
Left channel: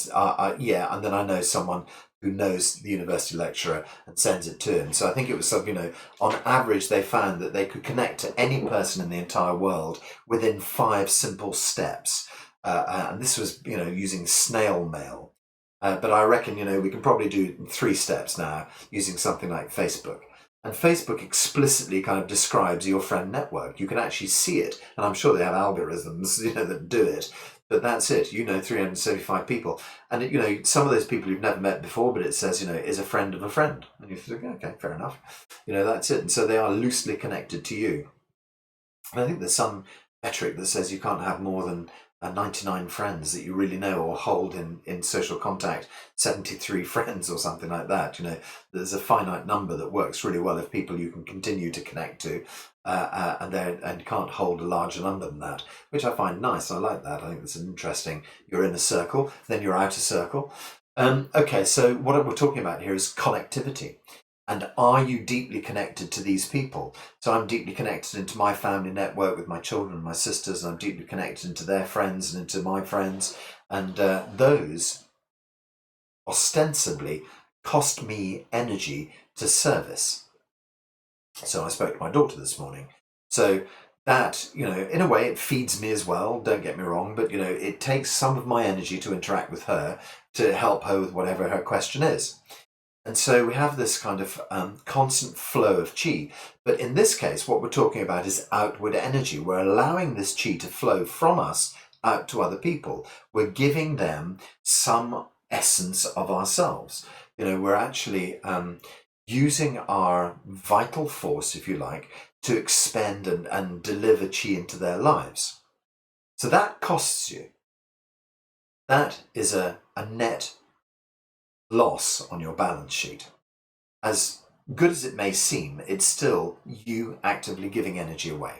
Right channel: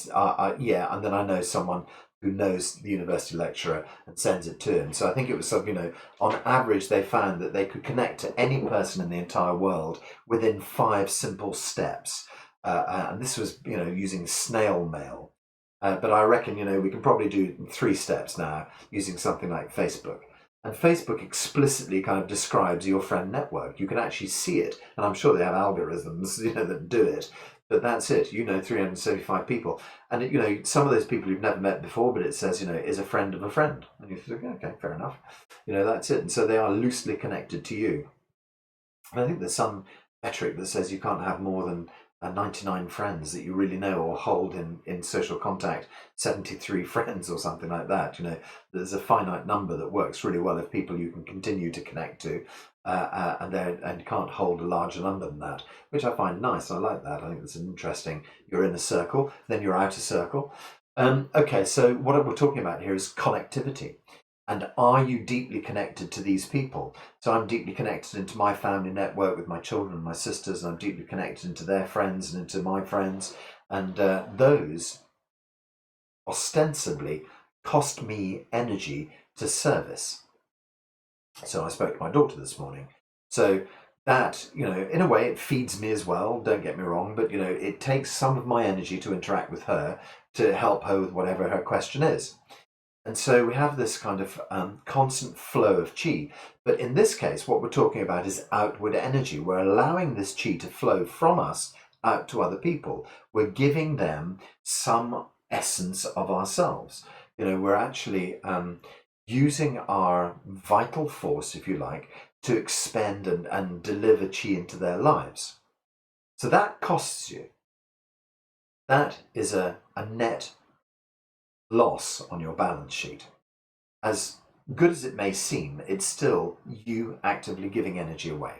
yeah, and then I know someone who knows the university lecturer, and sends it to him. So I think it was something, on average, they found that they could connect to any person in the entire world within 5 simple steps. And this was, using snail mail. But I reckon, we can probably do 3 steps now using something like Facebook. And Facebook explicitly kind of describes your friend network. You can actually see it. And I'm sure they have algorithms, that do it. But that's it, 375 people. And, some of those people you've never met before, but it says, is a friend of a friend. And you think, okay, fair enough. That's it. And so they are loosely connected to you. And I think there's some metric that says you can't have more than 99 friends that you really know or hold in social contact, 73 friends or something like that. There's a finite number that works really well if people you can continue to connect to, and can't hold a larger number than that, which I find nice. I like that. I think it's interesting. You're in a circle, then you're out a circle. Okay, so what we're talking about here is connectivity. And are you deeply connected to these people? So I'm deeply connected into my family network with my children and my sisters, and I'm deeply connected into their friends and into my friends. And those ostensibly cost me energy to service. So I spoke to my daughter this morning. So that, in a way, it feeds me as well, don't get me wrong, but, it takes some of my energy to interact with her, to help her with whatever her question is. And so we have this kind of constant flow of qi. But in this case, what we're talking about is outward energy. We're allowing this qi to flow from us out to other people. We're giving them some essence of ourselves. We're actually using our vital force, if you like, to expend and deliver qi into their lives. So that costs you. That is a net loss on your balance sheet. As good as it may seem, it's still you actively giving energy away.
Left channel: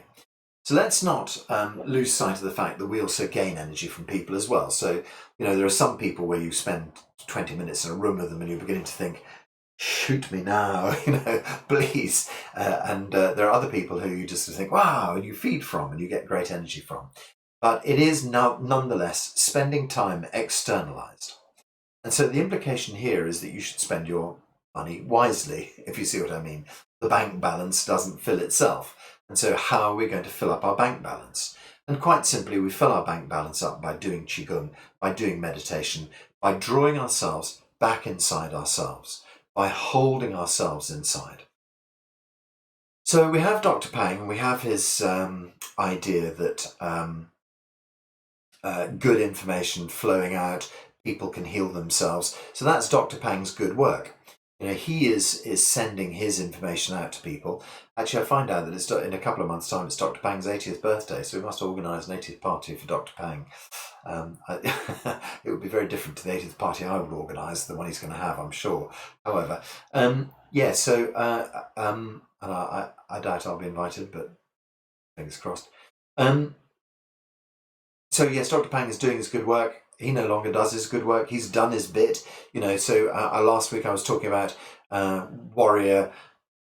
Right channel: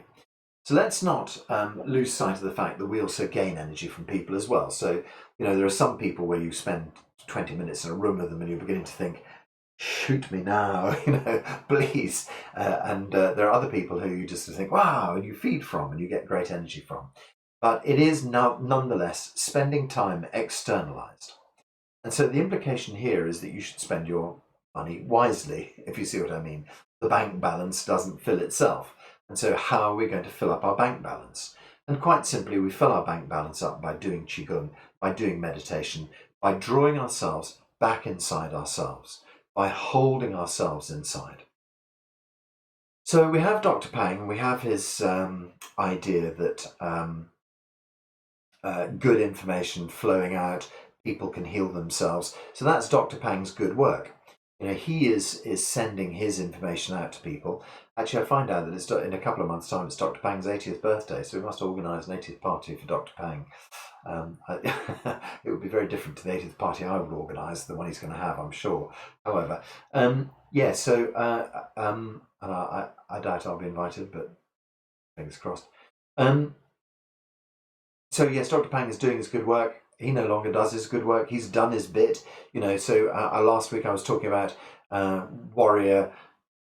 So let's not lose sight of the fact that we also gain energy from people as well. So, there are some people where you spend 20 minutes in a room with them and you're beginning to think, shoot me now, please. And there are other people who you just think, wow, and you feed from and you get great energy from. But it is nonetheless spending time externalized. And so the implication here is that you should spend your money wisely, if you see what I mean. The bank balance doesn't fill itself. And so how are we going to fill up our bank balance? And quite simply, we fill our bank balance up by doing qigong, by doing meditation, by drawing ourselves back inside ourselves, by holding ourselves inside. So we have Dr. Pang, and we have his idea that good information flowing out, people can heal themselves. So that's Dr. Pang's good work. He is sending his information out to people. Actually, I find out that it's in a couple of months' time. It's Dr. Pang's 80th birthday, so we must organise an 80th party for Dr. Pang. It would be very different to the 80th party I would organise, the one he's going to have, I'm sure. However, and I doubt I'll be invited, but fingers crossed. So yes, Dr. Pang is doing his good work. He no longer does his good work. He's done his bit, So last week I was talking about warrior,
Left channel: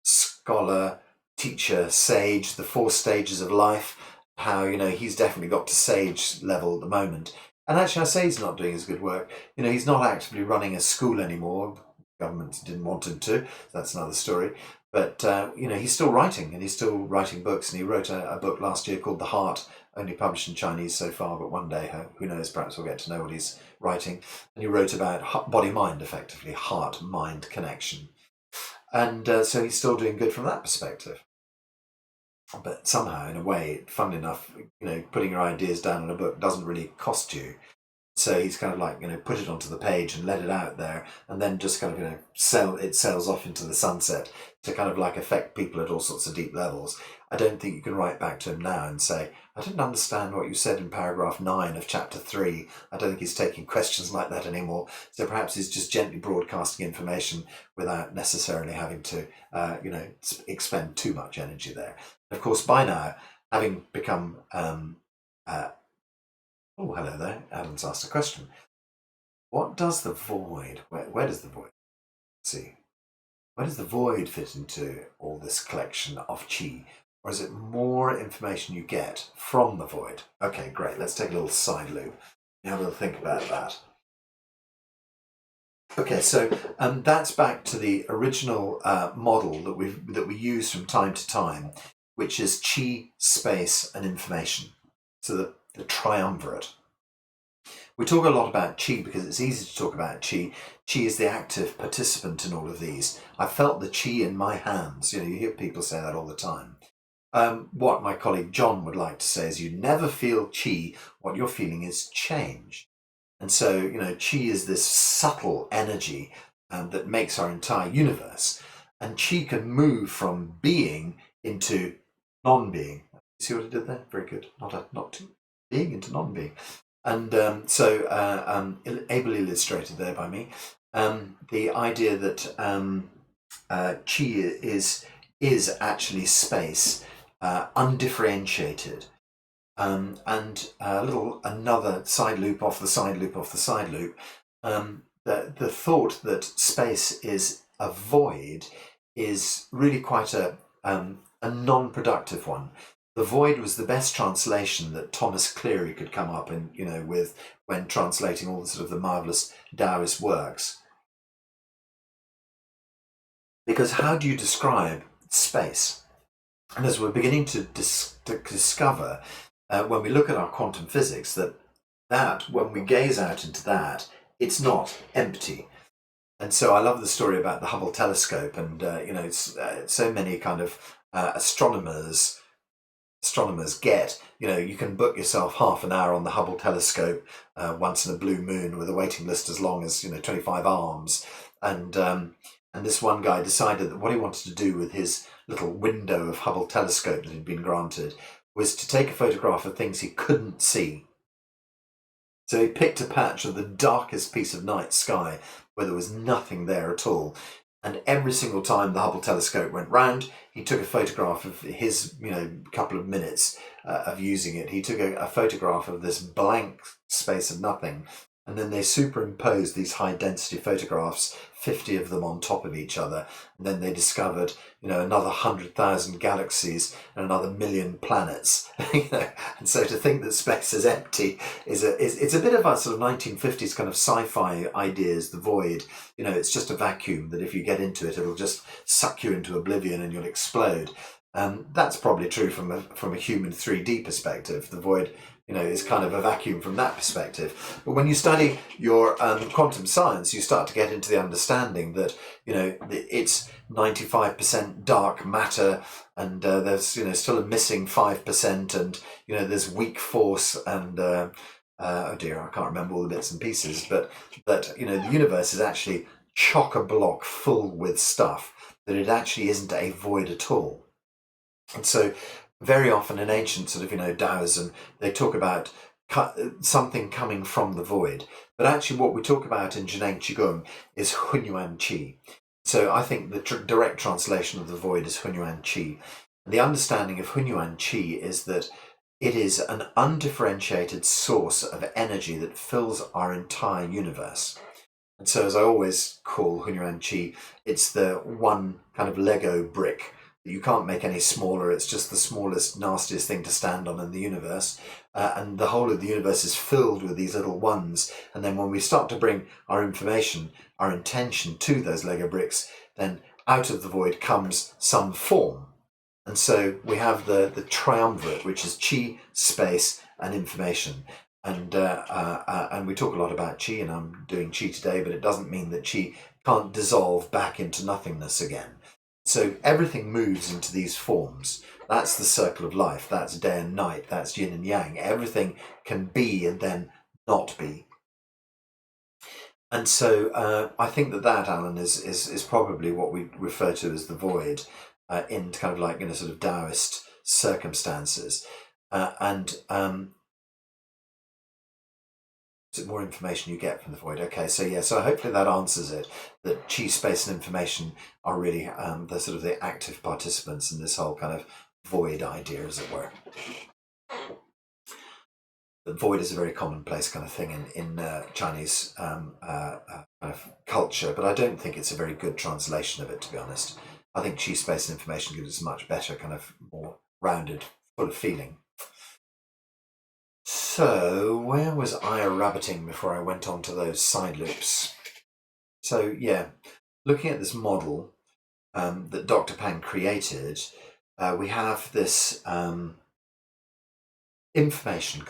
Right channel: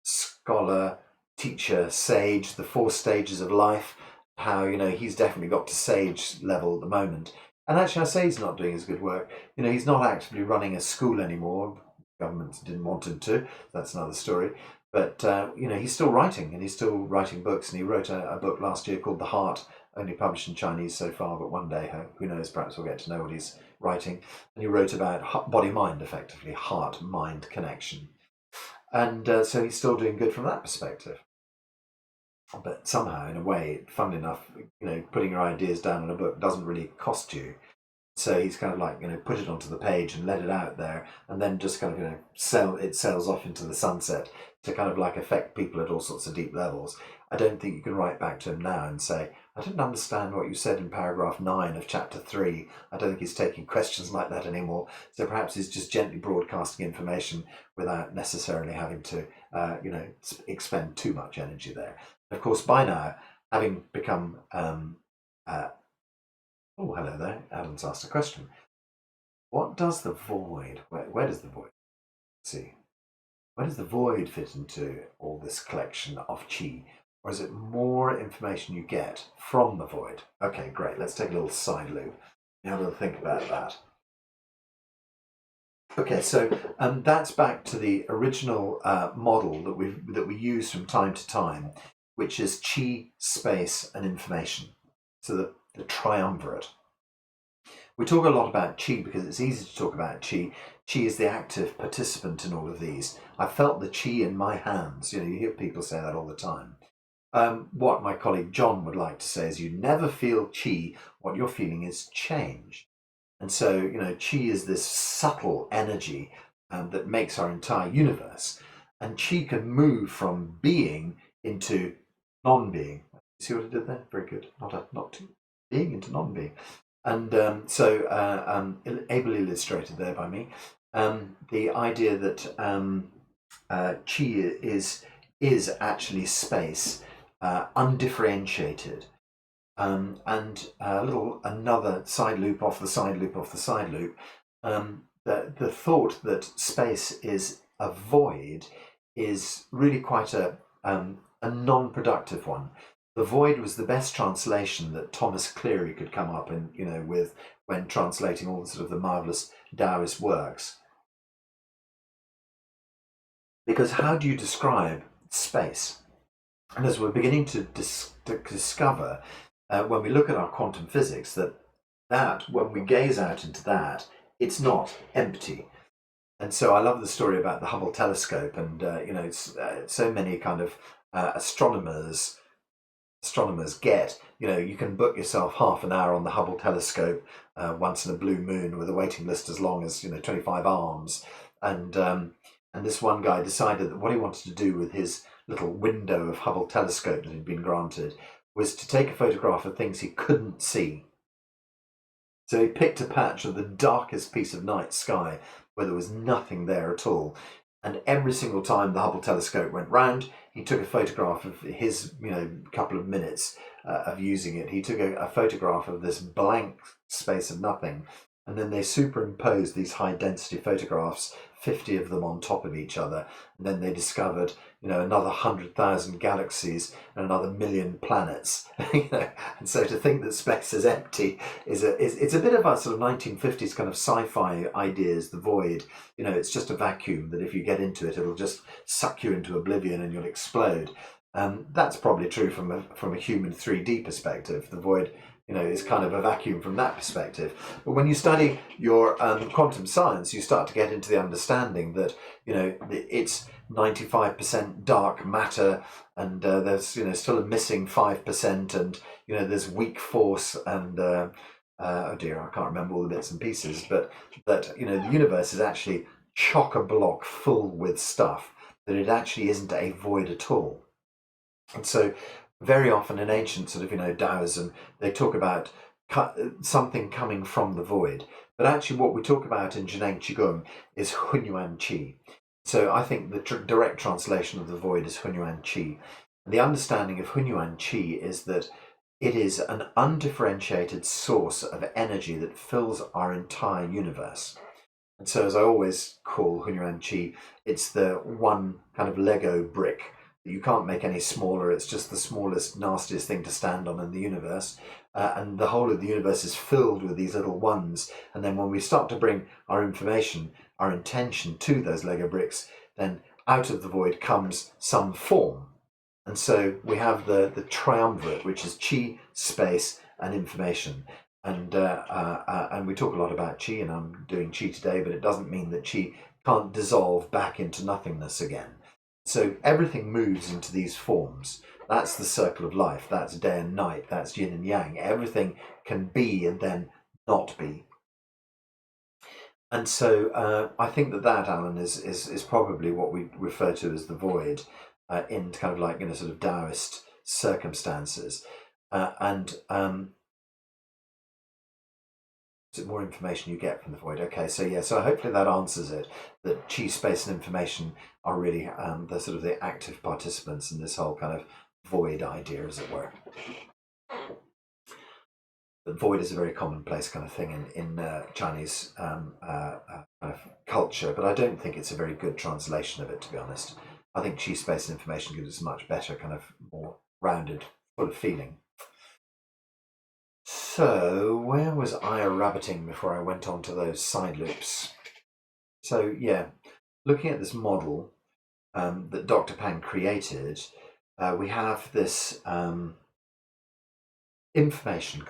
scholar, teacher, sage, the 4 stages of life. How he's definitely got to sage level at the moment. And actually, I say he's not doing his good work. He's not actively running a school anymore. Government didn't want him to. That's another story. But he's still writing, and he's still writing books. And he wrote a book last year called The Heart, only published in Chinese so far, but one day, who knows, perhaps we'll get to know what he's writing. And he wrote about body-mind, effectively, heart-mind connection. And so he's still doing good from that perspective. But somehow, in a way, fun enough, putting your ideas down in a book doesn't really cost you. So he's kind of like, put it onto the page and let it out there, and then just kind of, sails off into the sunset to kind of like affect people at all sorts of deep levels. I don't think you can write back to him now and say, I didn't understand what you said in paragraph 9 of chapter 3. I don't think he's taking questions like that anymore. So perhaps he's just gently broadcasting information without necessarily having to, expend too much energy there. Of course, by now, having become oh, hello there. Adam's asked a question. What does the void, where does the void, see, where does the void fit into all this collection of qi? Or is it more information you get from the void? Okay, great. Let's take a little side loop. Have a little think about that. Okay, so that's back to the original model that we use from time to time, which is qi, space, and information. So the triumvirate. We talk a lot about qi because it's easy to talk about qi. Qi is the active participant in all of these. I felt the qi in my hands. You hear people say that all the time. What my colleague John would like to say is you never feel qi. What you're feeling is change. And so, qi is this subtle energy that makes our entire universe. And qi can move from being into non-being. See what I did there? Very good. Not being into non-being. And ably illustrated there by me. The idea that qi is actually space, undifferentiated. And another side loop off the side loop off the side loop. The thought that space is a void is really quite a non-productive one. The void was the best translation that Thomas Cleary could come up and with when translating all the sort of the marvelous Taoist works. Because how do you describe space? And as we're beginning to discover, when we look at our quantum physics, that when we gaze out into that, it's not empty. And so I love the story about the Hubble telescope, and so many kind of astronomers get, you can book yourself half an hour on the Hubble telescope once in a blue moon with a waiting list as long as 25 arms, and this one guy decided that what he wanted to do with his little window of Hubble telescope that had been granted was to take a photograph of things he couldn't see. So he picked a patch of the darkest piece of night sky where there was nothing there at all. And every single time the Hubble telescope went round, he took a photograph of his, couple of minutes of using it. He took a photograph of this blank space of nothing, and then they superimposed these high density photographs, 50 of them on top of each other. And then they discovered, another 100,000 galaxies and another million planets. And so to think that space is empty it's a bit of a sort of 1950s kind of sci-fi ideas, the void. It's just a vacuum that if you get into it, it'll just suck you into oblivion and you'll explode. That's probably true from a human 3D perspective. The void, is kind of a vacuum from that perspective. But when you study your quantum science, you start to get into the understanding that, it's 95% dark matter, and there's, still a missing 5%, and, there's weak force, and, oh dear, I can't remember all the bits and pieces, but that, the universe is actually chock-a-block full with stuff, that it actually isn't a void at all. And so very often in ancient sort of, Taoism, they talk about something coming from the void. But actually what we talk about in Zhineng qigong is hunyuan qi. So I think the direct translation of the void is hunyuan qi. And the understanding of hunyuan qi is that it is an undifferentiated source of energy that fills our entire universe. And so, as I always call hunyuan qi, it's the one kind of Lego brick. You can't make any smaller. It's just the smallest, nastiest thing to stand on in the universe. And the whole of the universe is filled with these little ones. And then when we start to bring our information, our intention to those Lego bricks, then out of the void comes some form. And so we have the triumvirate, which is chi, space, and information. And we talk a lot about chi, and I'm doing chi today, but it doesn't mean that chi can't dissolve back into nothingness again. So everything moves into these forms. That's the circle of life. That's day and night. That's yin and yang. Everything can be and then not be. And so I think that Alan is probably what we refer to as the void in kind of like sort of Taoist circumstances. Is it more information you get from the void? Okay, so yeah, so hopefully that answers it. That chi, space, and information are really the sort of the active participants in this whole kind of void idea, as it were. The void is a very commonplace kind of thing in Chinese kind of culture, but I don't think it's a very good translation of it, to be honest. I think chi, space, and information gives us a much better kind of more rounded, full of feeling. So, where was I rabbiting before I went on to those side loops? So, yeah, looking at this model that Dr. Pang created, we have this good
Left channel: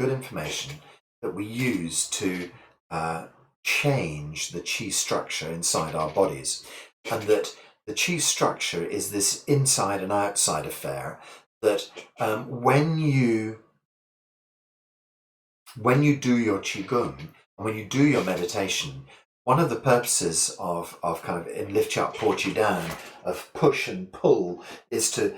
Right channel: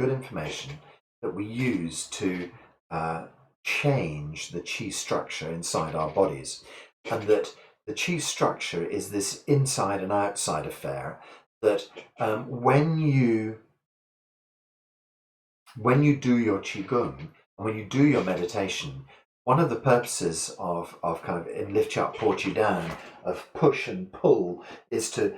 information that we use to change the chi structure inside our bodies. And that the chi structure is this inside and outside affair that when you do your qigong and when you do your meditation, one of the purposes of kind of in lift you up, port you down, of push and pull, is to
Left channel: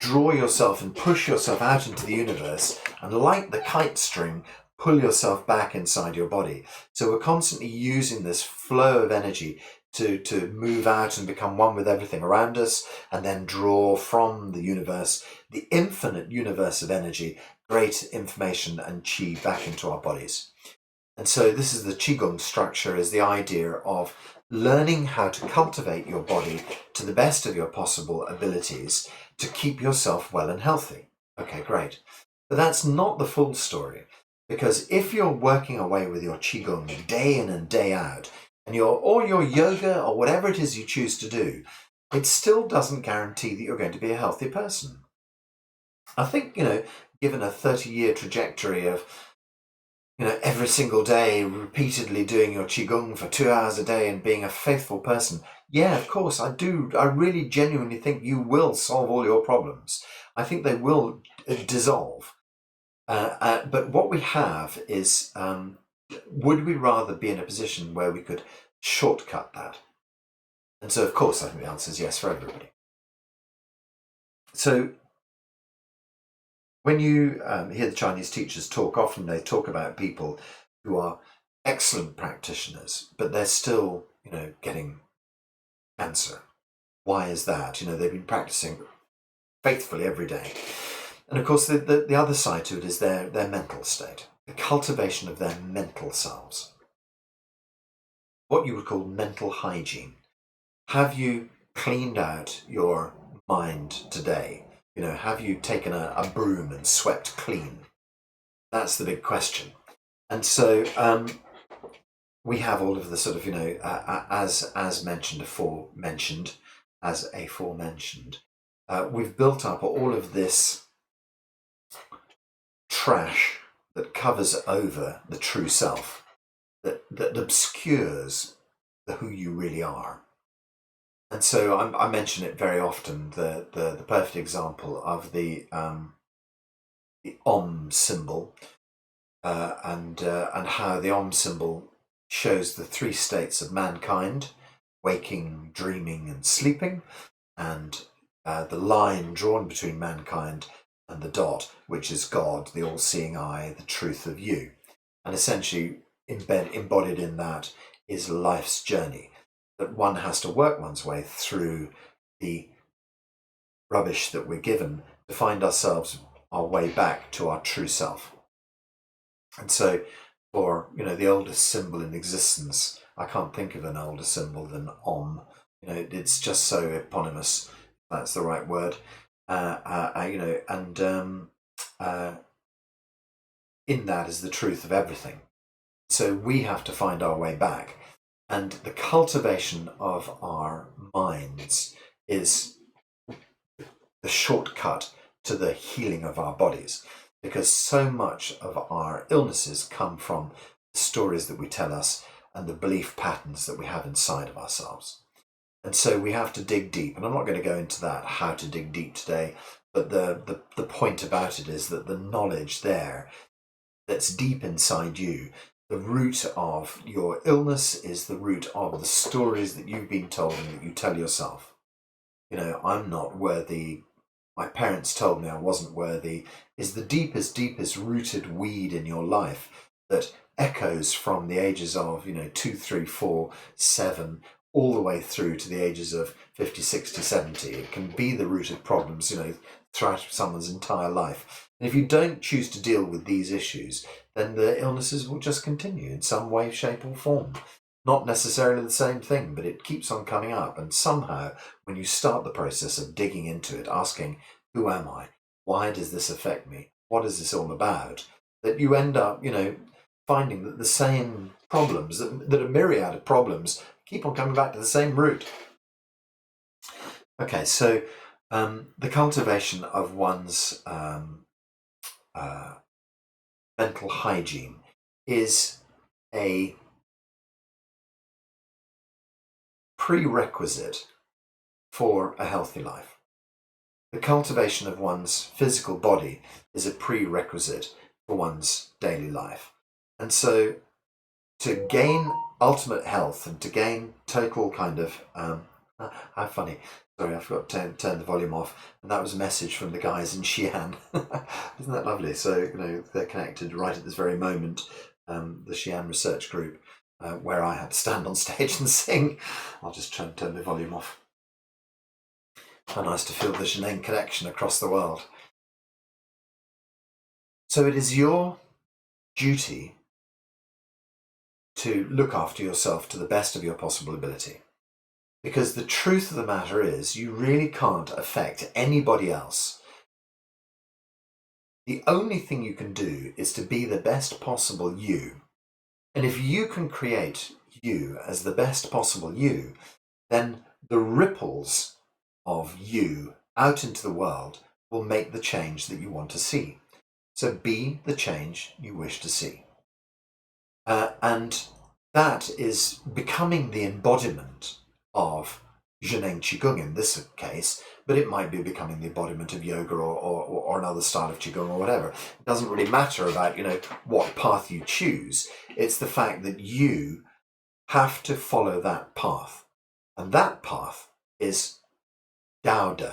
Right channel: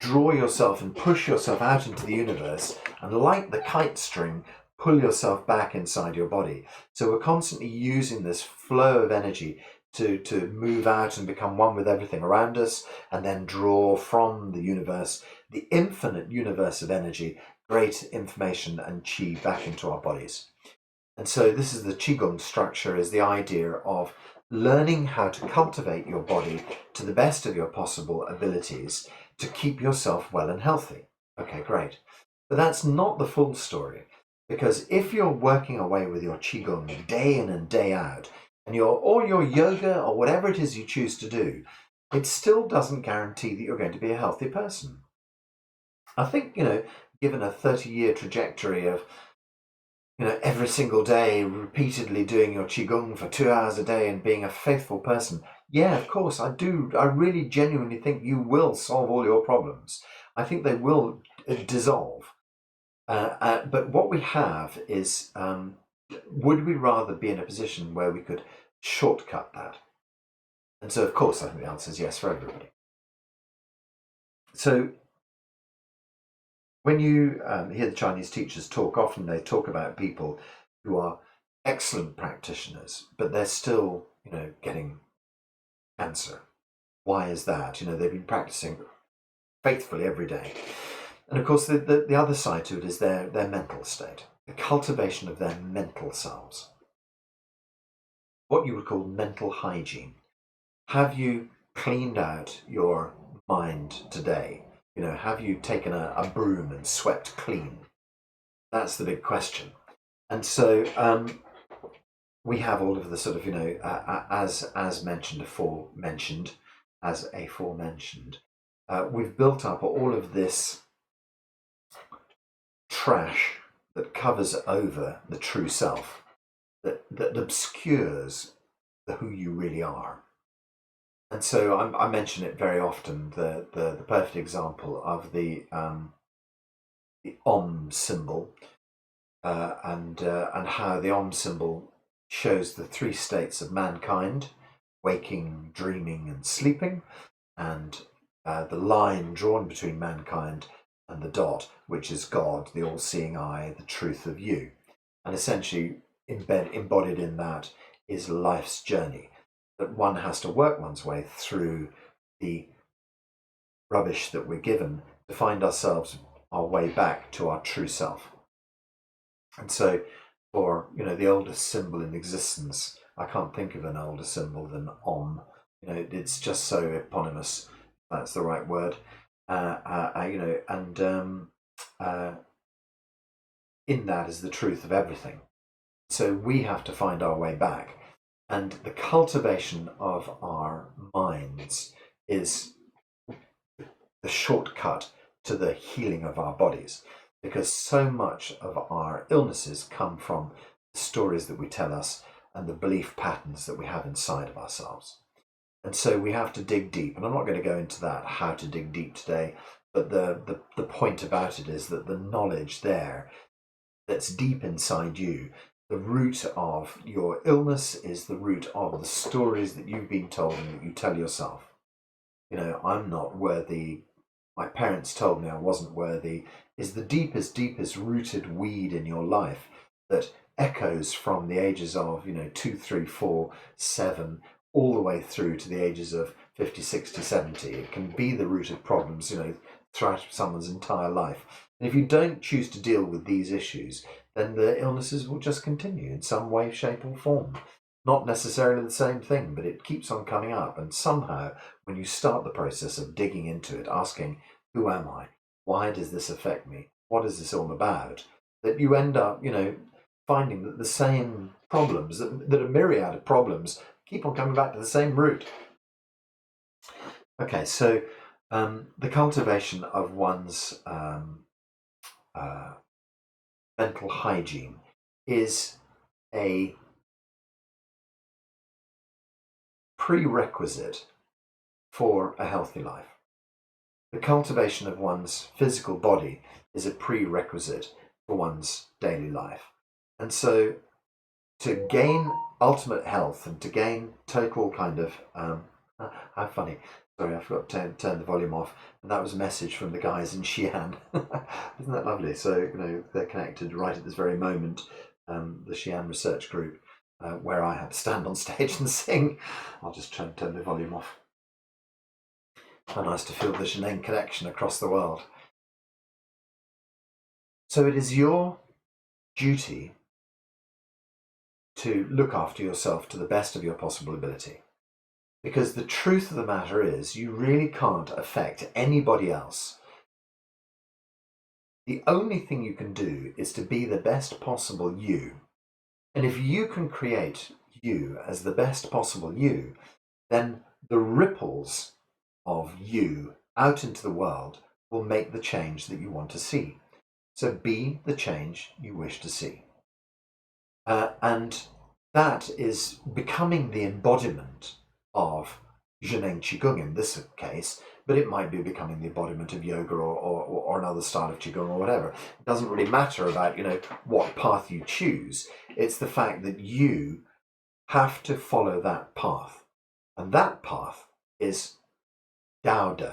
draw yourself and push yourself out into the universe, and like the kite string, pull yourself back inside your body. So we're constantly using this flow of energy to move out and become one with everything around us, and then draw from the universe, the infinite universe of energy, great information and chi back into our bodies. And so this is the qigong structure, is the idea of learning how to cultivate your body to the best of your possible abilities to keep yourself well and healthy. Okay, great. But that's not the full story, because if you're working away with your qigong day in and day out, and your yoga or whatever it is you choose to do, it still doesn't guarantee that you're going to be a healthy person. I think, given a 30-year trajectory of, every single day repeatedly doing your qigong for 2 hours a day and being a faithful person, yeah, of course, I do. I really genuinely think you will solve all your problems. I think they will dissolve. But what we have is, would we rather be in a position where we could shortcut that? And so, of course, I think the answer is yes for everybody. So when you hear the Chinese teachers talk, often they talk about people who are excellent practitioners, but they're still, getting cancer. Why is that? They've been practicing faithfully every day. And of course, the other side to it is their mental state, the cultivation of their mental selves, what you would call mental hygiene. Have you cleaned out your mind today? Have you taken a broom and swept clean? That's the big question. And so we have all of the sort of, as mentioned, aforementioned, we've built up all of this trash that covers over the true self, that obscures who you really are. And so I mention it very often, the perfect example of the Om symbol, and how the Om symbol shows the three states of mankind: waking, dreaming, and sleeping, and the line drawn between mankind and the dot, which is God, the all-seeing eye, the truth of you. And essentially embodied in that is life's journey, that one has to work one's way through the rubbish that we're given to find our way back to our true self. And so for the oldest symbol in existence, I can't think of an older symbol than Om. It's just so eponymous, if that's the right word. In that is the truth of everything. So we have to find our way back. And the cultivation of our minds is the shortcut to the healing of our bodies, because so much of our illnesses come from the stories that we tell us and the belief patterns that we have inside of ourselves. And so we have to dig deep. And I'm not going to go into that, how to dig deep today, but the point about it is that the knowledge there that's deep inside you, the root of your illness is the root of the stories that you've been told and that you tell yourself. I'm not worthy. My parents told me I wasn't worthy, is the deepest rooted weed in your life that echoes from the ages of, 2, 3, 4, 7, all the way through to the ages of 50, 60, 70. It can be the root of problems, throughout someone's entire life. And if you don't choose to deal with these issues, then the illnesses will just continue in some way, shape, or form. Not necessarily the same thing, but it keeps on coming up. And somehow, when you start the process of digging into it, asking, who am I? Why does this affect me? What is this all about? That you end up, finding that the same problems, that a myriad of problems, keep on coming back to the same root. Okay, so the cultivation of one's mental hygiene is a prerequisite for a healthy life. The cultivation of one's physical body is a prerequisite for one's daily life. And so to gain ultimate health and to gain total kind of, how funny, sorry, I forgot to turn the volume off, and that was a message from the guys in Xi'an. Isn't that lovely? So, they're connected right at this very moment, the Xi'an research group, where I had to stand on stage and sing. I'll just try and turn the volume off. How nice to feel the Zhineng connection across the world. So it is your duty to look after yourself to the best of your possible ability. Because the truth of the matter is, you really can't affect anybody else. The only thing you can do is to be the best possible you. And if you can create you as the best possible you, then the ripples of you out into the world will make the change that you want to see. So be the change you wish to see. And that is becoming the embodiment of Zhineng qigong in this case, but it might be becoming the embodiment of yoga or another style of qigong or whatever. It doesn't really matter about, what path you choose. It's the fact that you have to follow that path. And that path is Daode.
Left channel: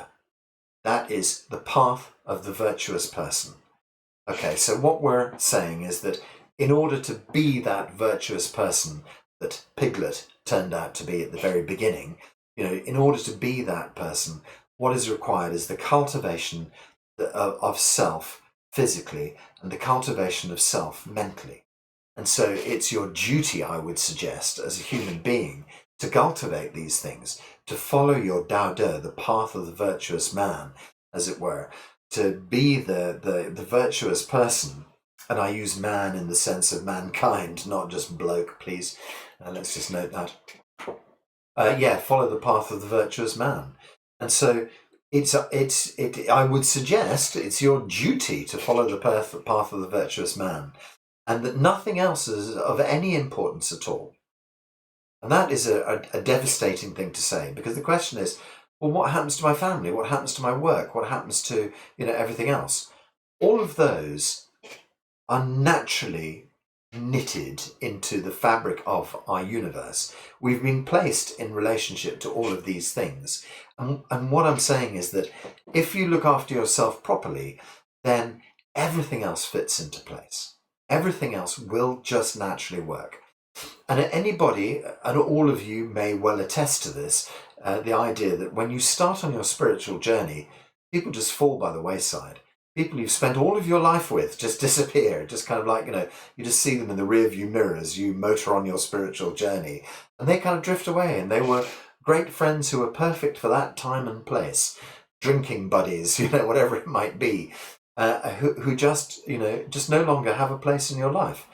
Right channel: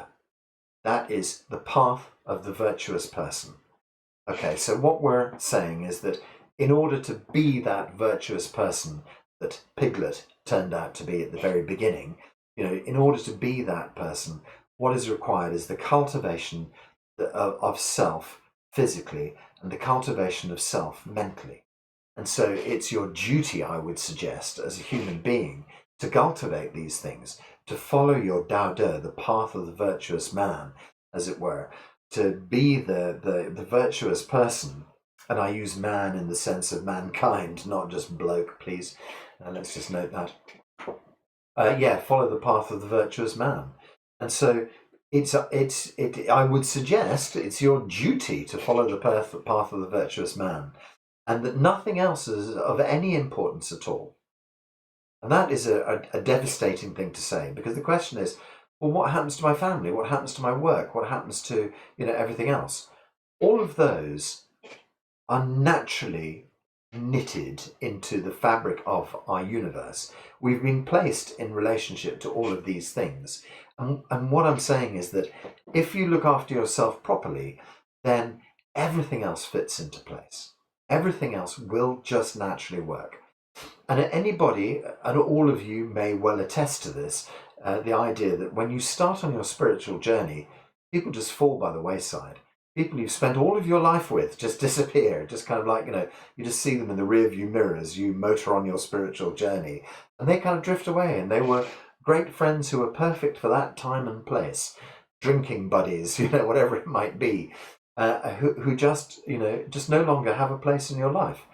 That is the path of the virtuous person. Okay, so what we're saying is that in order to be that virtuous person that Piglet turned out to be at the very beginning, in order to be that person, what is required is the cultivation of self physically and the cultivation of self mentally. And so it's your duty, I would suggest, as a human being, to cultivate these things, to follow your Daode, the path of the virtuous man, as it were, to be the virtuous person. And I use man in the sense of mankind, not just bloke, please. Let's just note that. Follow the path of the virtuous man. And so I would suggest it's your duty to follow the path of the virtuous man, and that nothing else is of any importance at all. And that is a devastating thing to say, because the question is, well, what happens to my family? What happens to my work? What happens to, everything else? All of those are naturally knitted into the fabric of our universe. We've been placed in relationship to all of these things. And what I'm saying is that if you look after yourself properly, then everything else fits into place. Everything else will just naturally work. And anybody, and all of you may well attest to this, the idea that when you start on your spiritual journey, people just fall by the wayside. People you've spent all of your life with just disappear, just kind of like, you just see them in the rear view mirror as you motor on your spiritual journey, and they kind of drift away. And they were great friends who were perfect for that time and place, drinking buddies, whatever it might be, who just, just no longer have a place in your life.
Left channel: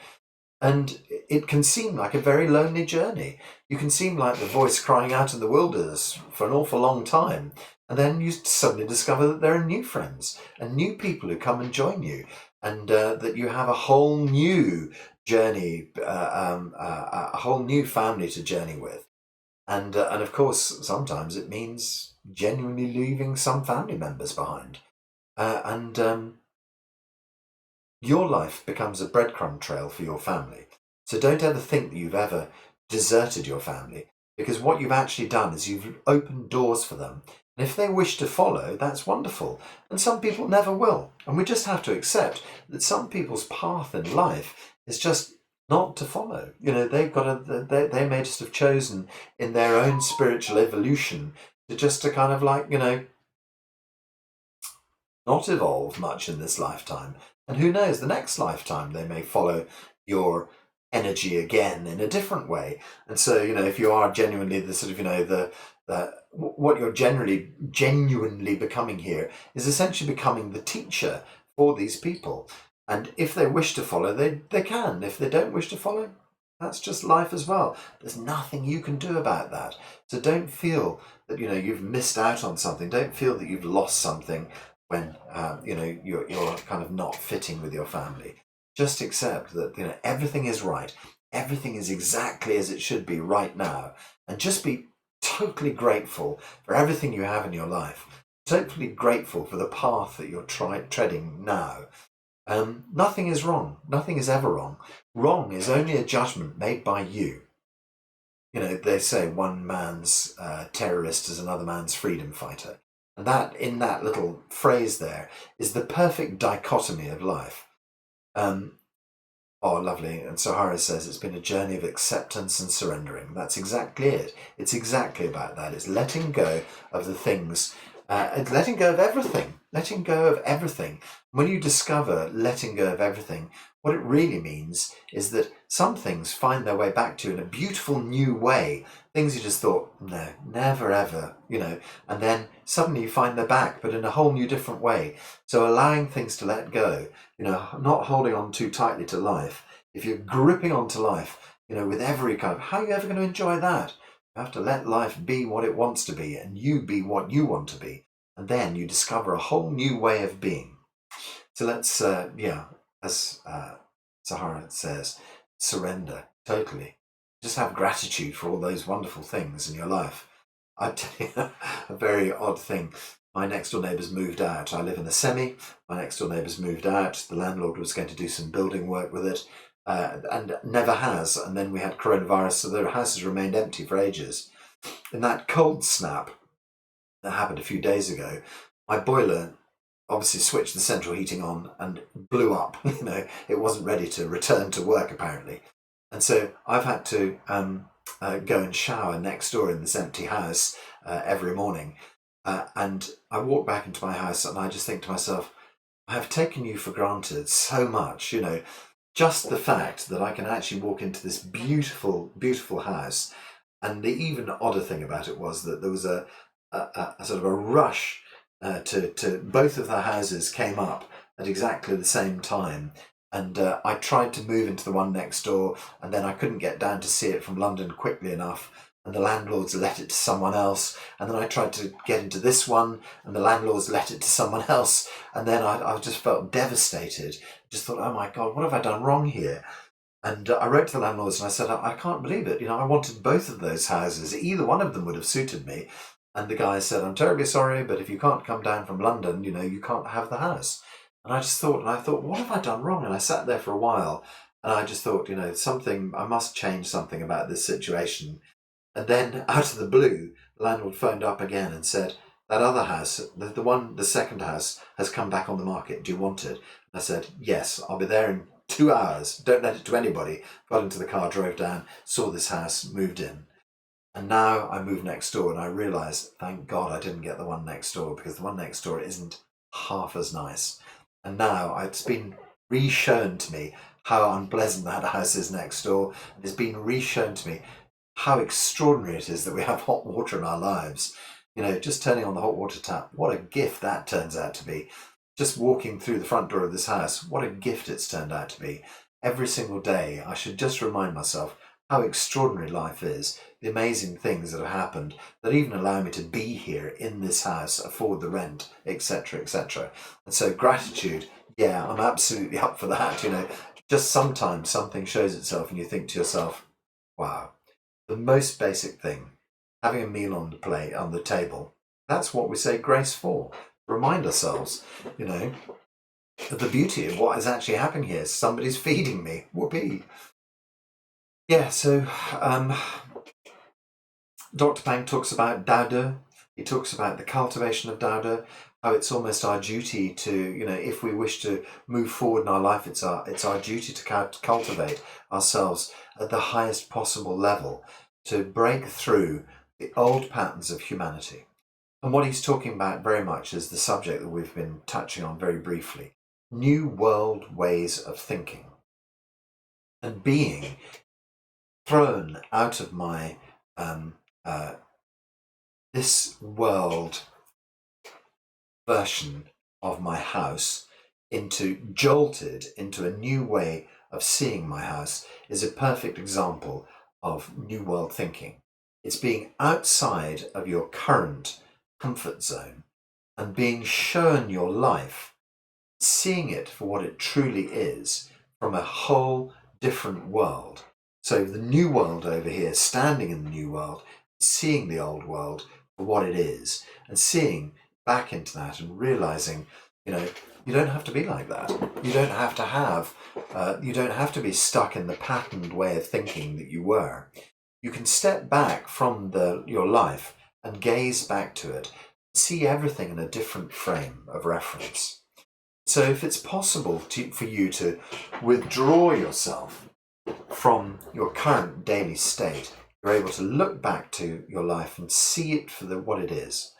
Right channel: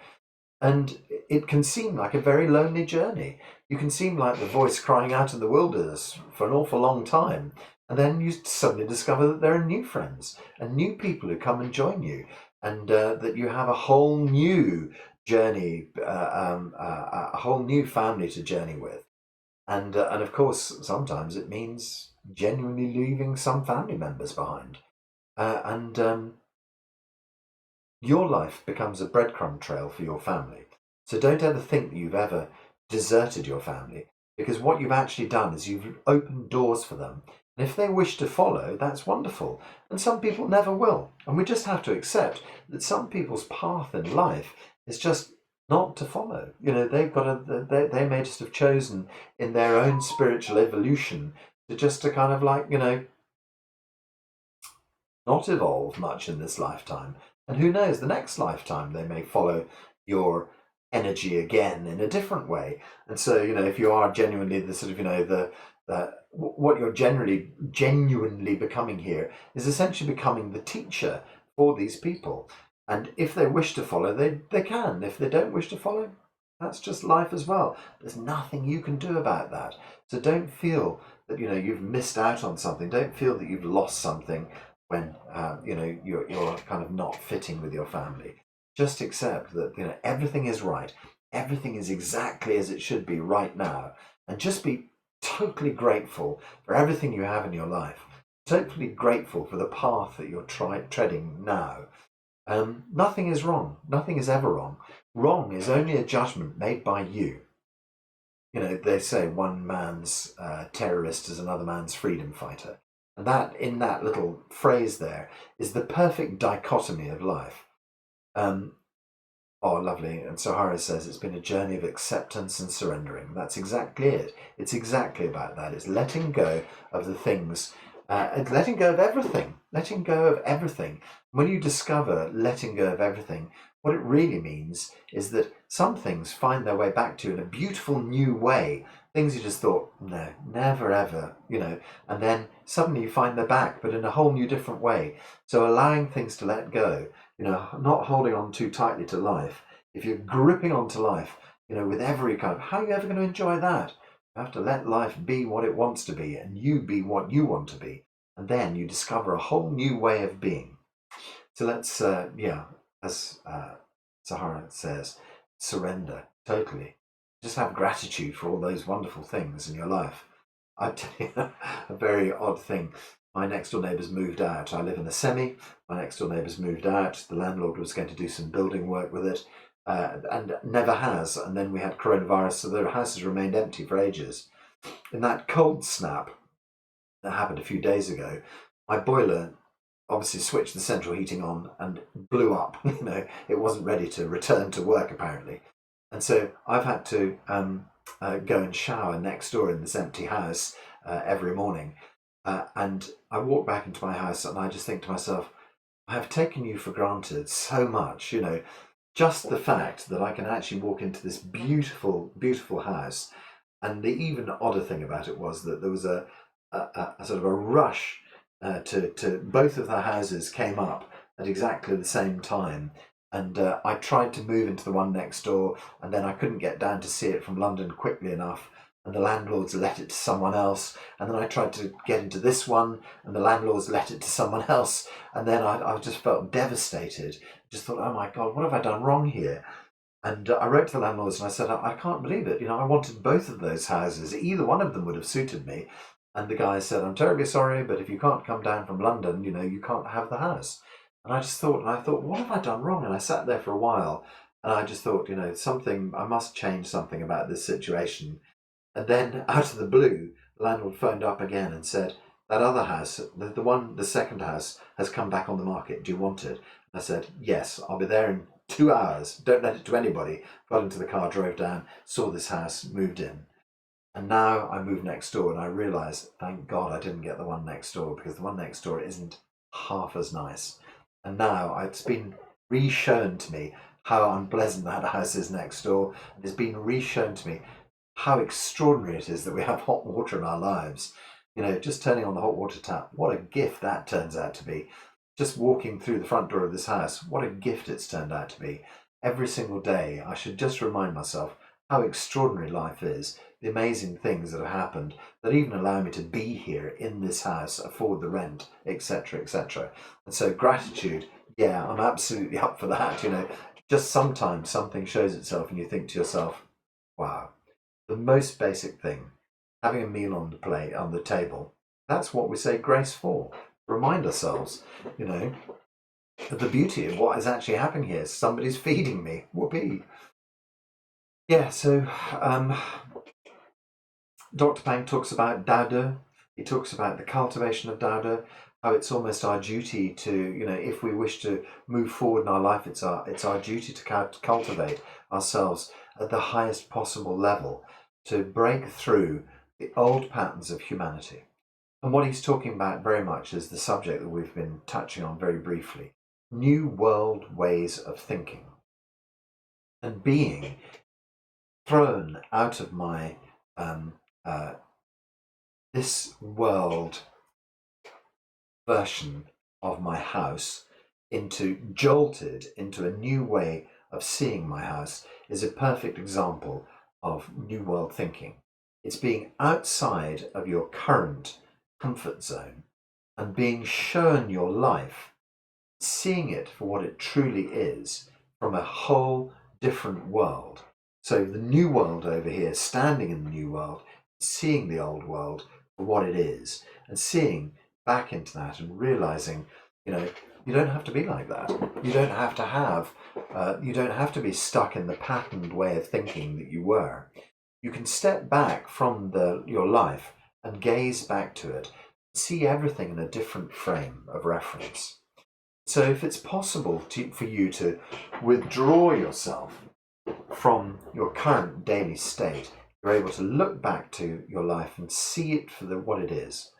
And it can seem like a very lonely journey. You can seem like the voice crying out in the wilderness for an awful long time. And then you suddenly discover that there are new friends and new people who come and join you, and that you have a whole new journey, a whole new family to journey with. And of course, sometimes it means genuinely leaving some family members behind. And your life becomes a breadcrumb trail for your family. So don't ever think that you've ever deserted your family, because what you've actually done is you've opened doors for them. And if they wish to follow, that's wonderful. And some people never will. And we just have to accept that some people's path in life is just not to follow. They've got they may just have chosen in their own spiritual evolution to kind of like, not evolve much in this lifetime. And who knows, the next lifetime they may follow your energy again in a different way. And so, if you are genuinely the sort of, what you're genuinely becoming here is essentially becoming the teacher for these people. And if they wish to follow, they can. If they don't wish to follow, that's just life as well. There's nothing you can do about that. So don't feel that, you've missed out on something. Don't feel that you've lost something when, you're kind of not fitting with your family. Just accept that, everything is right. Everything is exactly as it should be right now. And just be totally grateful for everything you have in your life. Totally grateful for the path that you're treading now. Nothing is wrong. Nothing is ever wrong. Wrong is only a judgment made by you. They say one man's terrorist is another man's freedom fighter. And that, in that little phrase there, is the perfect dichotomy of life. Oh, lovely. And Sahara says it's been a journey of acceptance and surrendering. That's exactly it. It's exactly about that. It's letting go of the things, letting go of everything, letting go of everything. When you discover letting go of everything, what it really means is that some things find their way back to you in a beautiful new way. Things you just thought, no, never ever, and then suddenly you find they're back, but in a whole new different way. So allowing things to let go, not holding on too tightly to life. If you're gripping onto life, with every kind of, how are you ever going to enjoy that? You have to let life be what it wants to be, and you be what you want to be. And then you discover a whole new way of being. So let's, as Sahara says, surrender totally. Just have gratitude for all those wonderful things in your life. I'll tell you a very odd thing. My next door neighbours moved out. I live in a semi. My next door neighbours moved out. The landlord was going to do some building work with it, and never has. And then we had coronavirus, so the house has remained empty for ages. In that cold snap that happened a few days ago, my boiler obviously switched the central heating on and blew up. It wasn't ready to return to work apparently. And so I've had to go and shower next door in this empty house every morning. And I walk back into my house and I just think to myself, I have taken you for granted so much, just the fact that I can actually walk into this beautiful, beautiful house. And the even odder thing about it was that there was a sort of a rush to both of the houses came up at exactly the same time. And I tried to move into the one next door, and then I couldn't get down to see it from London quickly enough. And the landlords let it to someone else. And then I tried to get into this one, and the landlords let it to someone else. And then I just felt devastated. Just thought, oh my God, what have I done wrong here? And I wrote to the landlords and I said, I can't believe it. I wanted both of those houses. Either one of them would have suited me. And the guy said, I'm terribly sorry, but if you can't come down from London, you can't have the house. And I thought, what have I done wrong? And I sat there for a while and I just thought, I must change something about this situation. And then out of the blue, the landlord phoned up again and said, that other house, the second house has come back on the market. Do you want it? And I said, yes, I'll be there in 2 hours. Don't let it to anybody. Got into the car, drove down, saw this house, moved in. And now I moved next door and I realised, thank God I didn't get the one next door, because the one next door isn't half as nice. And now it's been re-shown to me how unpleasant that house is next door. It's been re-shown to me how extraordinary it is that we have hot water in our lives. Just turning on the hot water tap, what a gift that turns out to be. Just walking through the front door of this house, what a gift it's turned out to be. Every single day, I should just remind myself how extraordinary life is, the amazing things that have happened that even allow me to be here in this house, afford the rent, etc., etc. And so gratitude, yeah, I'm absolutely up for that. Just sometimes something shows itself and you think to yourself, wow, the most basic thing, having a meal on the table, that's what we say grace for. Remind ourselves, of the beauty of what is actually happening here. Somebody's feeding me. Whoopee. Yeah, so Dr. Pang talks about Daode. He talks about the cultivation of Daode, how it's almost our duty to, if we wish to move forward in our life, it's our duty to cultivate ourselves at the highest possible level, to break through the old patterns of humanity. And what he's talking about very much is the subject that we've been touching on very briefly: new world ways of thinking, and being thrown out of my this world version of my house, jolted into a new way of seeing my house, is a perfect example of new world thinking. It's being outside of your current comfort zone and being shown your life, seeing it for what it truly is, from a whole different world. So the new world over here, standing in the new world, seeing the old world for what it is, and seeing back into that and realizing, you don't have to be like that. You don't have to you don't have to be stuck in the patterned way of thinking that you were. You can step back from your life and gaze back to it, see everything in a different frame of reference. So if it's possible for you to withdraw yourself from your current daily state, you're able to look back to your life and see it for what it is.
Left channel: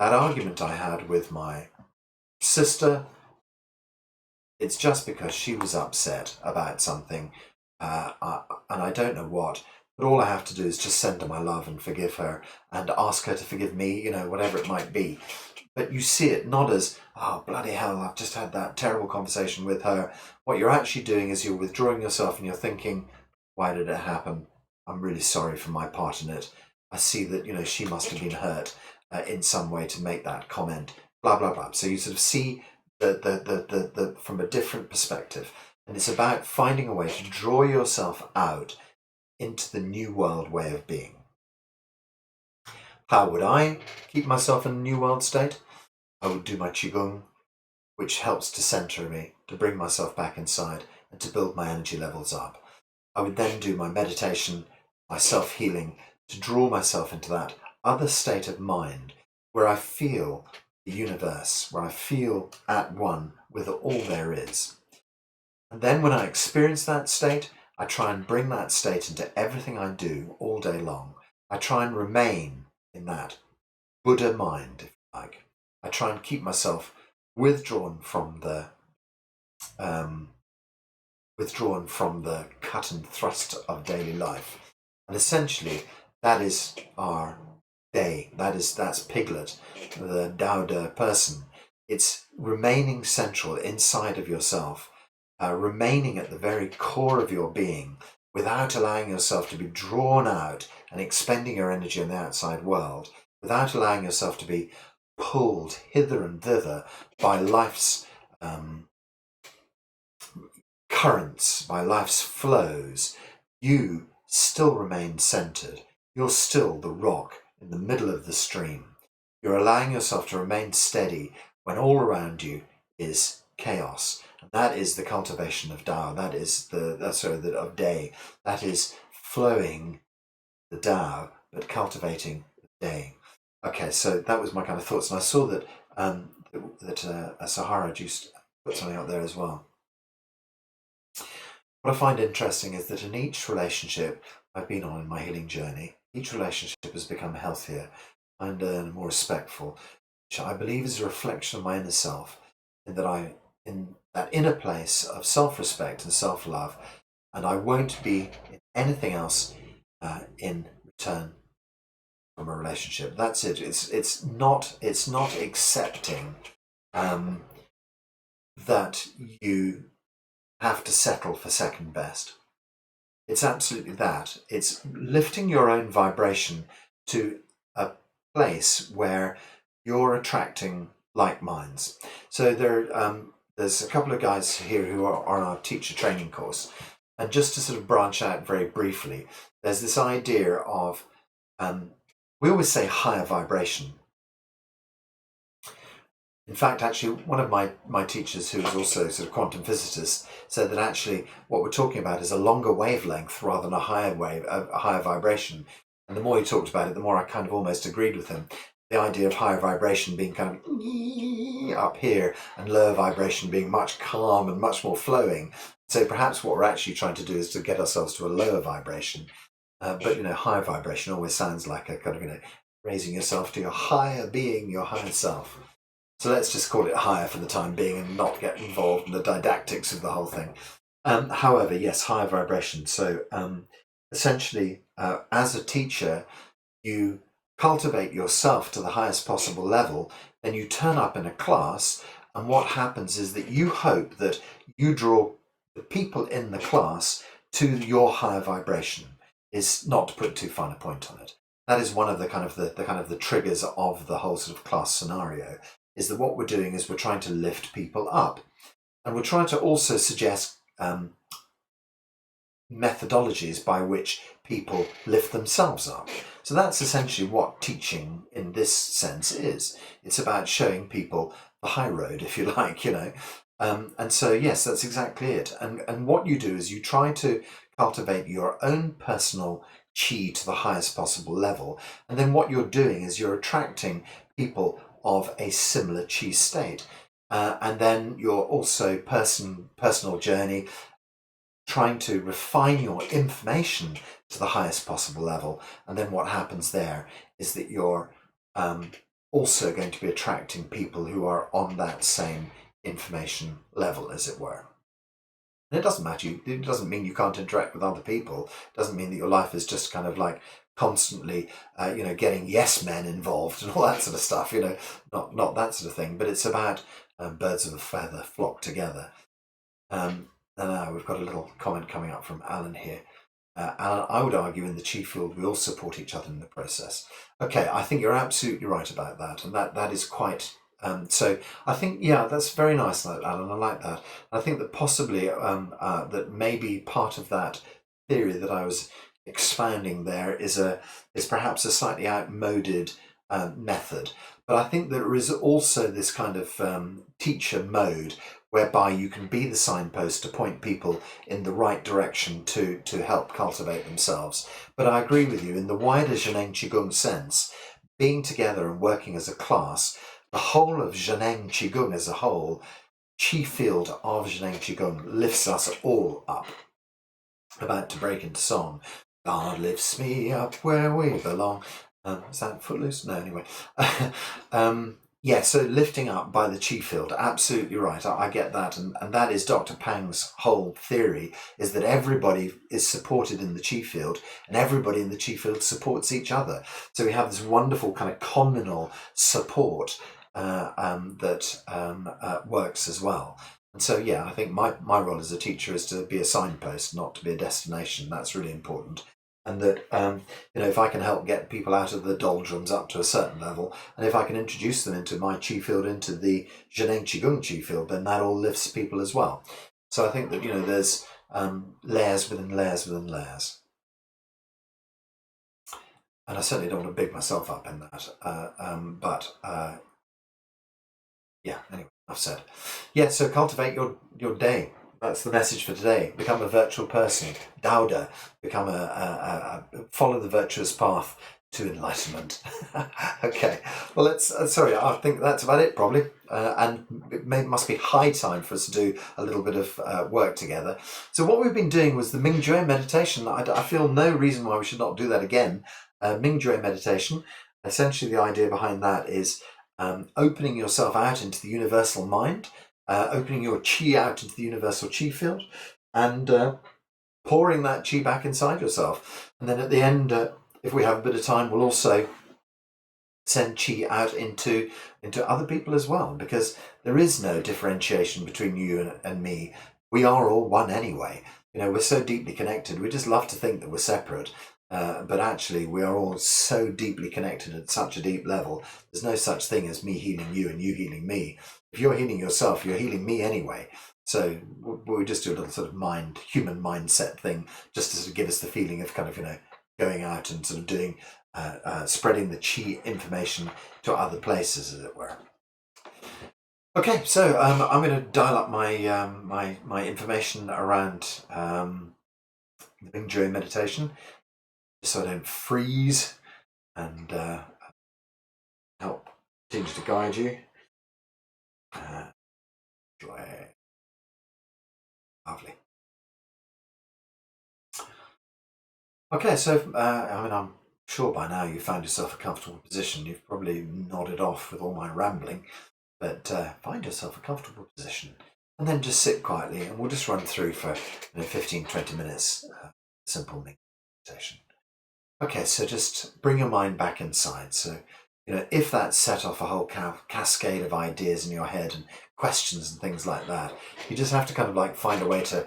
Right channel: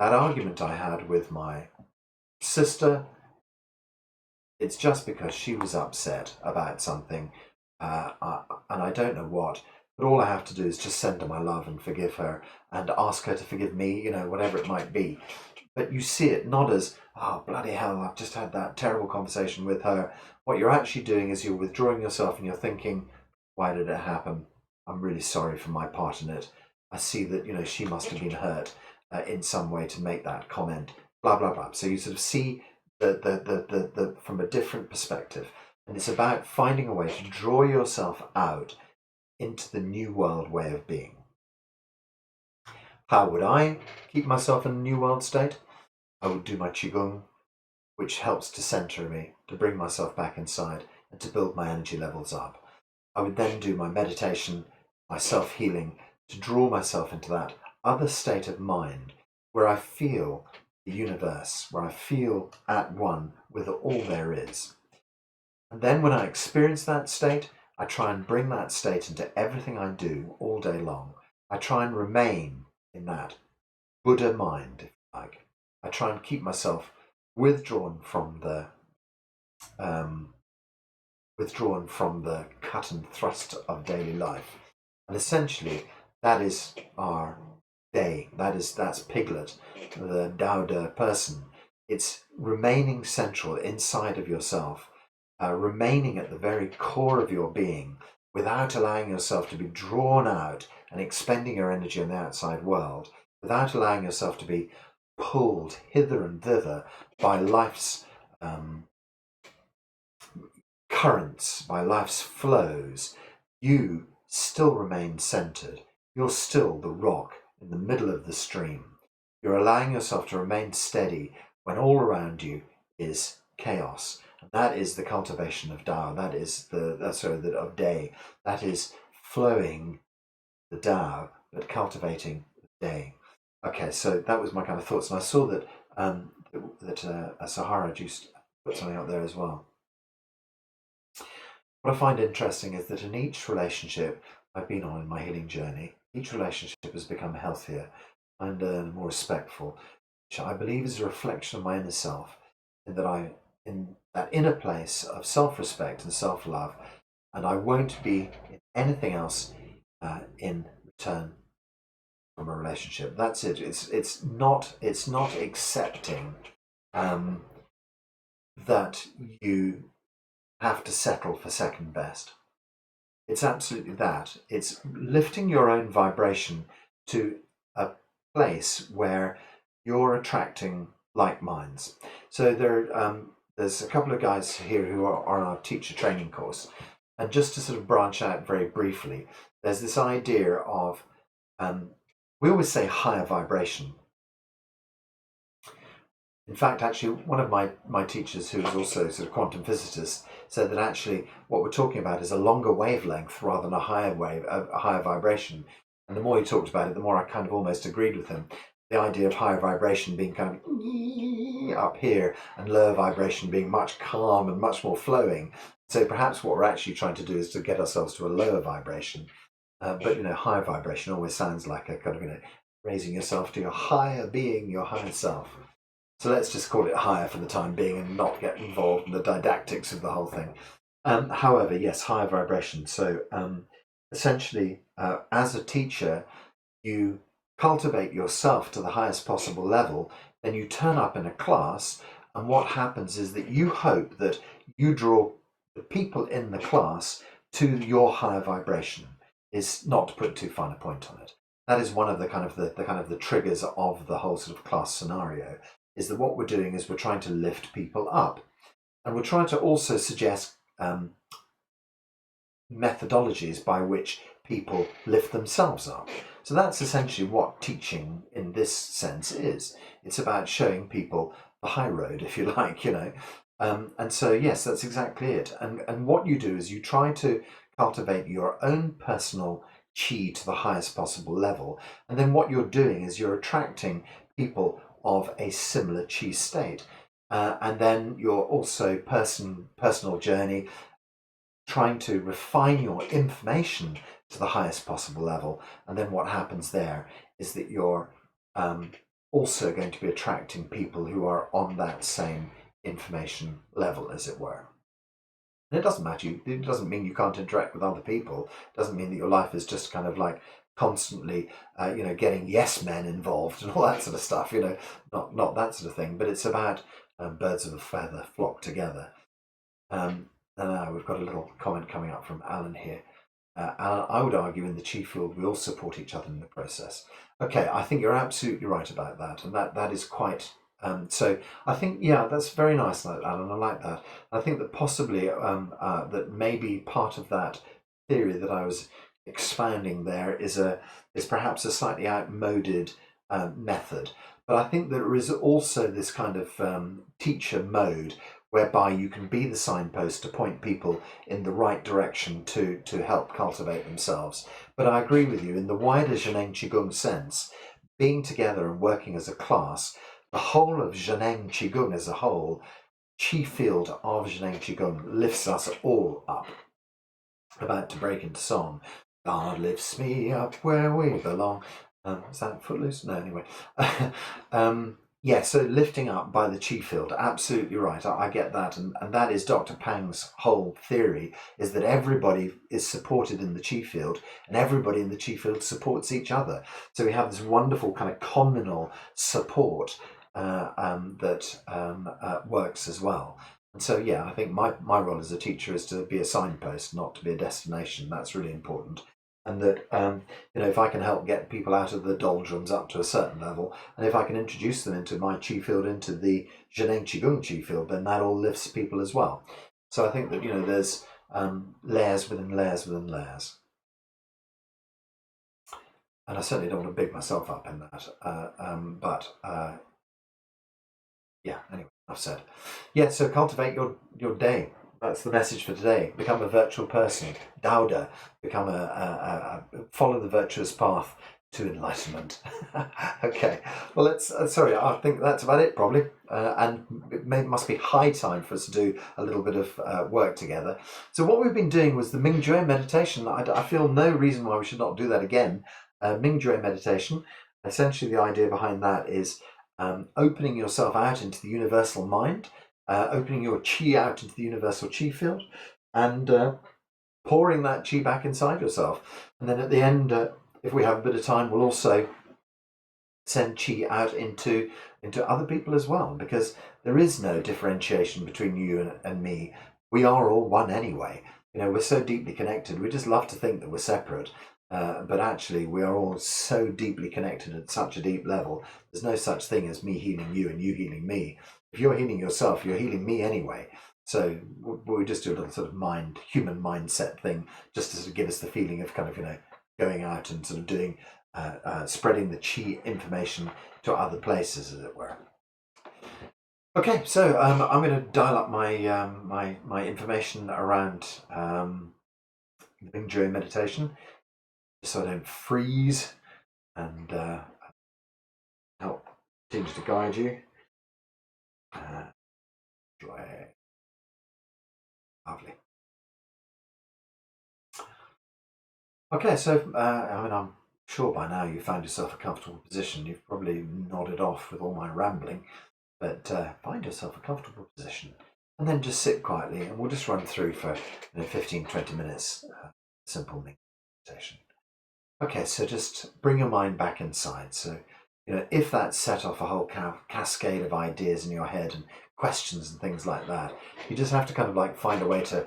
That argument I had with my sister, it's just because she was upset about something, and I don't know what, but all I have to do is just send her my love and forgive her and ask her to forgive me, whatever it might be. But you see it not as, oh, bloody hell, I've just had that terrible conversation with her. What you're actually doing is you're withdrawing yourself and you're thinking, why did it happen? I'm really sorry for my part in it. I see that, she must have been hurt in some way to make that comment, blah, blah, blah. So you sort of see the from a different perspective. And it's about finding a way to draw yourself out into the new world way of being. How would I keep myself in a new world state? I would do my qigong, which helps to center me, to bring myself back inside and to build my energy levels up. I would then do my meditation, my self-healing, to draw myself into that other state of mind where I feel the universe, where I feel at one with all there is. And then when I experience that state, I try and bring that state into everything I do all day long. I try and remain in that Buddha mind, if you like. I try and keep myself withdrawn from the um, cut and thrust of daily life, and essentially that is our day. That's Piglet, the Daode person. It's remaining central inside of yourself, remaining at the very core of your being, without allowing yourself to be drawn out and expending your energy in the outside world, without allowing yourself to be pulled hither and thither by life's currents, by life's flows. You still remain centered. You're still the rock in the middle of the stream. You're allowing yourself to remain steady when all around you is chaos. And that is the cultivation of Tao. That is of day. That is flowing the Tao, but cultivating the day. Okay, so that was my kind of thoughts, and I saw that Sahara just put something out there as well. What I find interesting is that in each relationship I've been on in my healing journey, each relationship has become healthier and more respectful, which I believe is a reflection of my inner self, in that inner place of self-respect and self-love, and I won't be in anything else in return from a relationship. That's it. It's not accepting that you have to settle for second best. It's absolutely that. It's lifting your own vibration to a place where you're attracting like minds. So there's a couple of guys here who are on our teacher training course, and just to sort of branch out very briefly, there's this idea of we always say higher vibration. In fact, actually, one of my teachers, who was also sort of quantum physicist, said that actually what we're talking about is a longer wavelength rather than a higher vibration. And the more he talked about it, the more I kind of almost agreed with him. The idea of higher vibration being kind of up here and lower vibration being much calm and much more flowing. So perhaps what we're actually trying to do is to get ourselves to a lower vibration. But higher vibration always sounds like a kind of raising yourself to your higher being, your higher self. So let's just call it higher for the time being and not get involved in the didactics of the whole thing. However, yes, higher vibration. So essentially, as a teacher, you cultivate yourself to the highest possible level, then you turn up in a class, and what happens is that you hope that you draw the people in the class to your higher vibration. Is not to put too fine a point on it. That is one of the kind of the triggers of the whole sort of class scenario, is that what we're doing is we're trying to lift people up, and we're trying to also suggest methodologies by which people lift themselves up. So that's essentially what teaching in this sense is. It's about showing people the high road, if you like, and so yes, that's exactly it. And what you do is you try to cultivate your own personal chi to the highest possible level, and then what you're doing is you're attracting people of a similar chi state, and then you're also personal journey, trying to refine your information to the highest possible level, and then what happens there is that you're also going to be attracting people who are on that same information level, as it were. And it doesn't matter. It doesn't mean you can't interact with other people. It doesn't mean that your life is just kind of like constantly, getting yes men involved and all that sort of stuff. Not that sort of thing. But it's about birds of a feather flock together. And now we've got a little comment coming up from Alan here. Alan, I would argue in the chi field we all support each other in the process. Okay, I think you're absolutely right about that, and that is quite. So I think, yeah, that's very nice, Alan. I like that. I think that possibly that maybe part of that theory that I was expounding there is perhaps a slightly outmoded method. But I think there is also this kind of teacher mode whereby you can be the signpost to point people in the right direction to help cultivate themselves. But I agree with you, in the wider Zhineng qigong sense, being together and working as a class, the whole of Zhineng qigong as a whole, chi field of Zhineng qigong, lifts us all up. About to break into song. God lifts me up where we belong. Is that Footloose? No, anyway. Yeah, so lifting up by the chi field, absolutely right. I get that. And that is Dr. Pang's whole theory, is that everybody is supported in the chi field and everybody in the chi field supports each other. So we have this wonderful kind of communal support that works as well. And so, yeah, I think my role as a teacher is to be a signpost, not to be a destination. That's really important. And that if I can help get people out of the doldrums up to a certain level, and if I can introduce them into my chi field, into the Zhineng qigong chi field, then that all lifts people as well. So I think that there's layers within layers within layers, and I certainly don't want to big myself up in that. But yeah, anyway, I've said. Yeah, so cultivate your day. That's the message for today. Become a virtual person. Daode. Become follow the virtuous path to enlightenment. Okay. Well, let's. Sorry, I think that's about it probably. And must be high time for us to do a little bit of work together. So what we've been doing was the Mingjue meditation. I feel no reason why we should not do that again. Mingjue meditation. Essentially, the idea behind that is opening yourself out into the universal mind, opening your chi out into the universal chi field, and pouring that chi back inside yourself. And then at the end, if we have a bit of time, we'll also send chi out into other people as well, because there is no differentiation between you and me. We are all one anyway. We're so deeply connected. We just love to think that we're separate. But actually, we are all so deeply connected at such a deep level. There's no such thing as me healing you and you healing me. If you're healing yourself, you're healing me anyway. So we just do a little sort of human mindset thing, just to sort of give us the feeling of kind of going out and sort of doing spreading the chi information to other places, as it were. Okay, so I'm going to dial up my my information around the Mingjue meditation, so I don't freeze, and help continue to guide you. Lovely. Okay, so I'm sure by now you've found yourself a comfortable position. You've probably nodded off with all my rambling, but find yourself a comfortable position and then just sit quietly, and we'll just run through for 15-20 minutes, simple meditation. Okay, so just bring your mind back inside. So if that set off a whole cascade of ideas in your head and questions and things like that, you just have to kind of like find a way to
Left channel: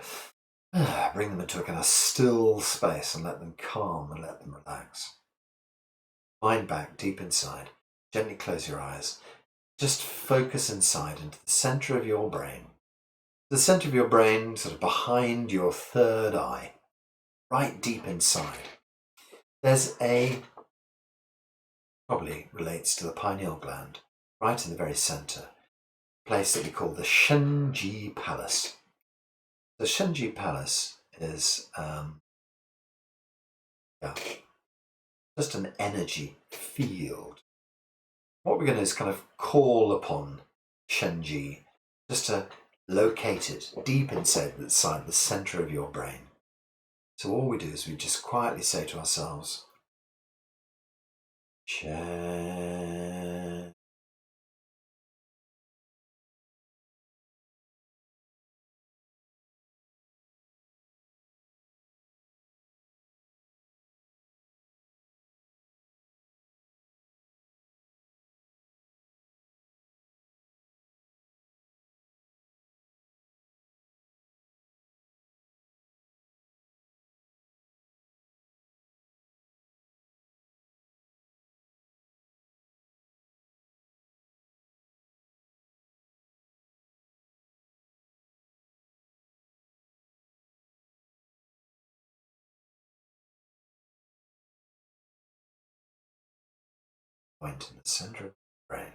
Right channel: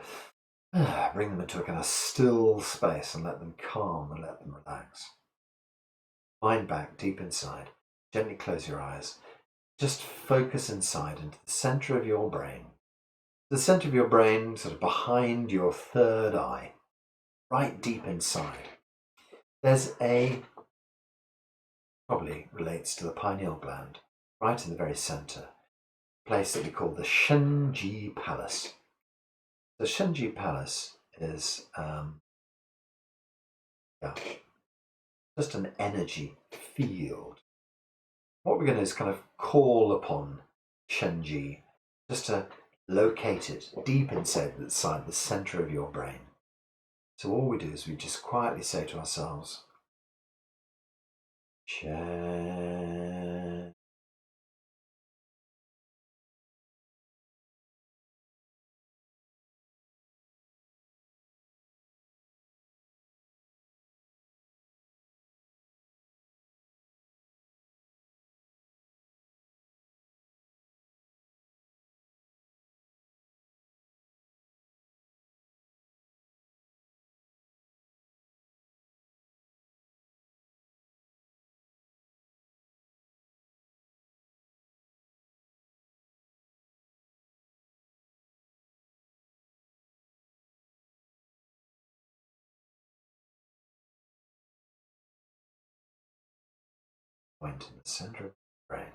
bring them into a kind of still space and let them calm and let them relax. Mind back deep inside. Gently close your eyes. Just focus inside into the center of your brain. The center of your brain, sort of behind your third eye, right deep inside. There's probably relates to the pineal gland, right in the very center, a place that we call the Shenji Palace. The Shenji Palace is just an energy field. What we're going to do is kind of call upon Shenji just to locate it deep inside the center of your brain. So all we do is we just quietly say to ourselves, Shen. Point in the center of the brain.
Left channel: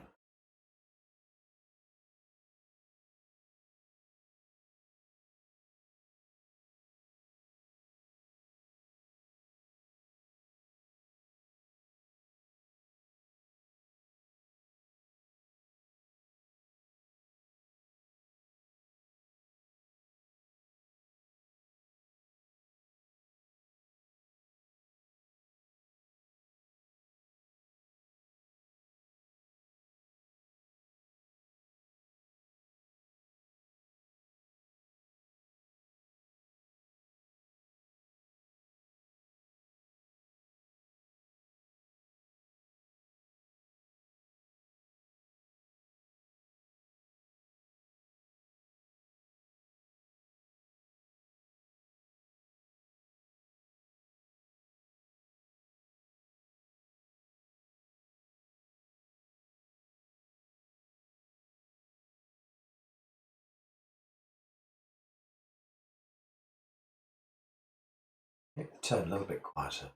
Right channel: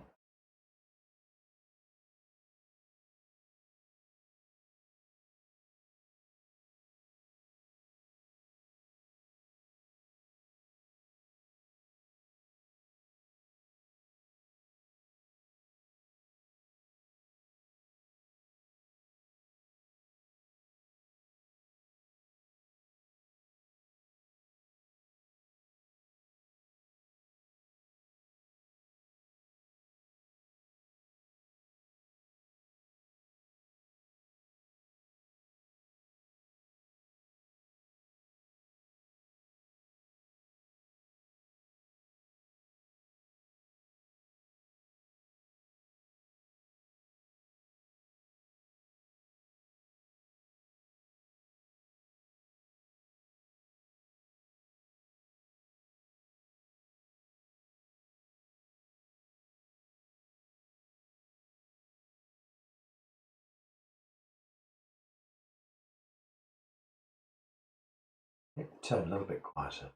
Make the tone a little bit quieter.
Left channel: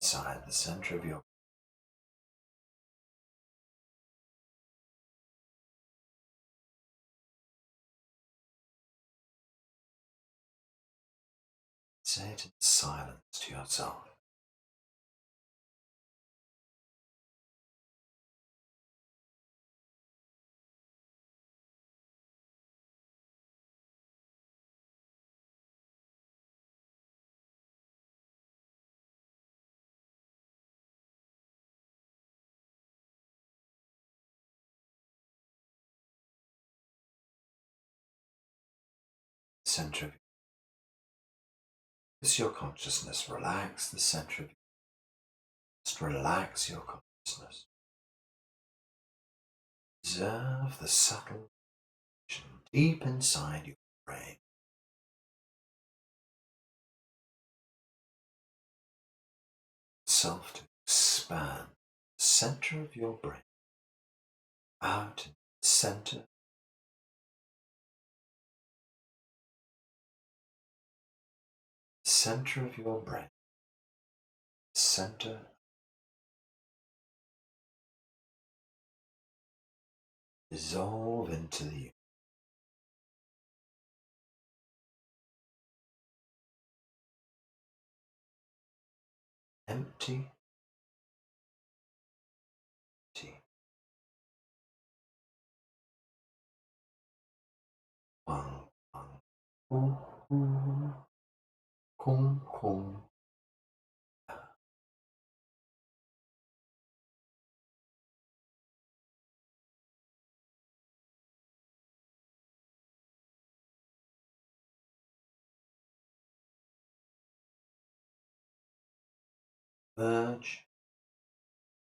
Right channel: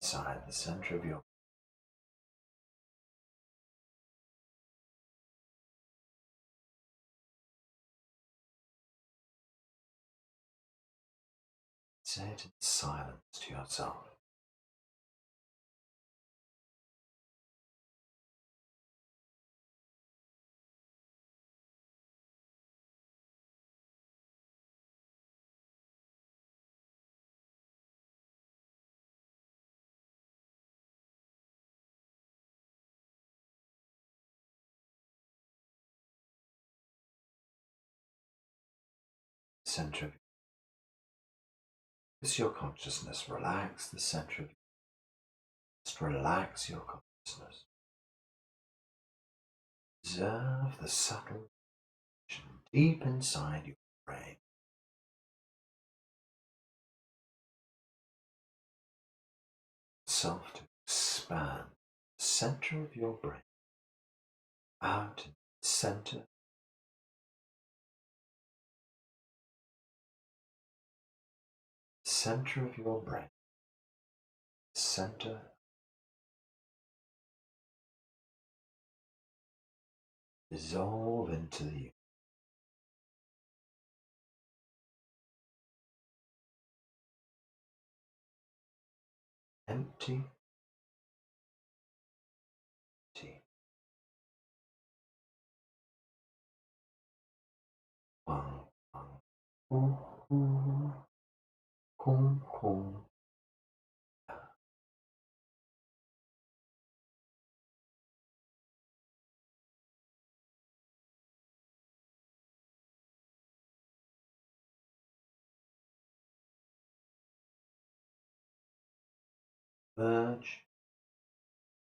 Inside the center of your say it in silence to yourself. Center of as your consciousness relax the center of just relax your consciousness. Observe the subtle action deep inside your brain. Self to expand the center of your brain out in the center of your brain, center, dissolve into the empty, empty. Kung, kung, kung, kung. Merge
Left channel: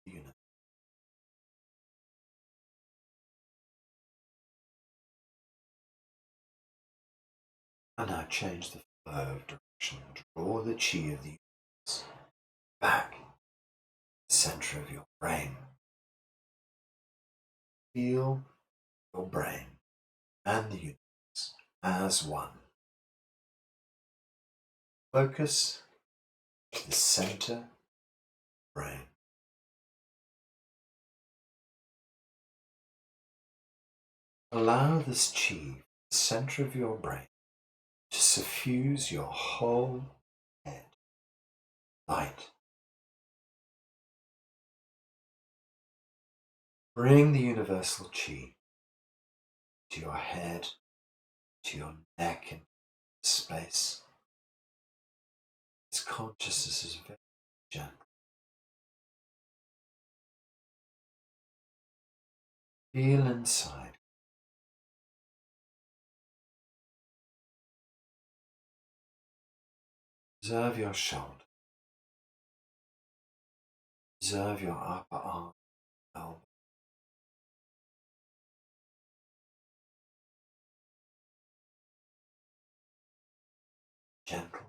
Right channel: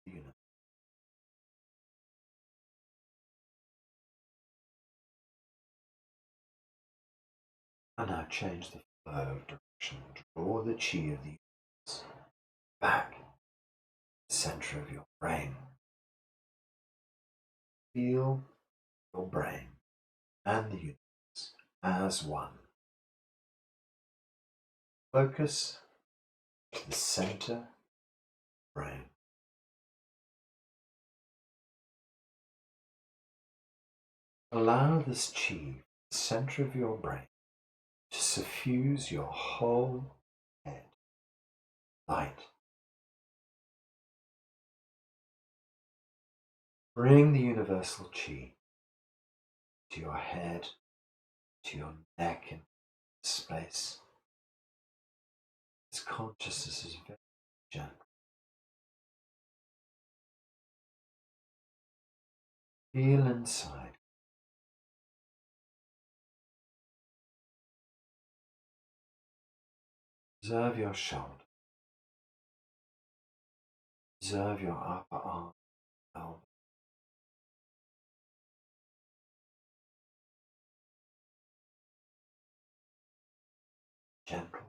the universe. And now change the flow of direction. Draw the chi of the universe back to the center of your brain. Feel your brain and the universe as one. Focus to the center of the brain. Allow this chi, the center of your brain, to suffuse your whole head. Light. Bring the universal chi to your head, to your neck and space. This consciousness is very gentle. Feel inside. Observe your shoulder. Observe your upper arm, elbow. Gentle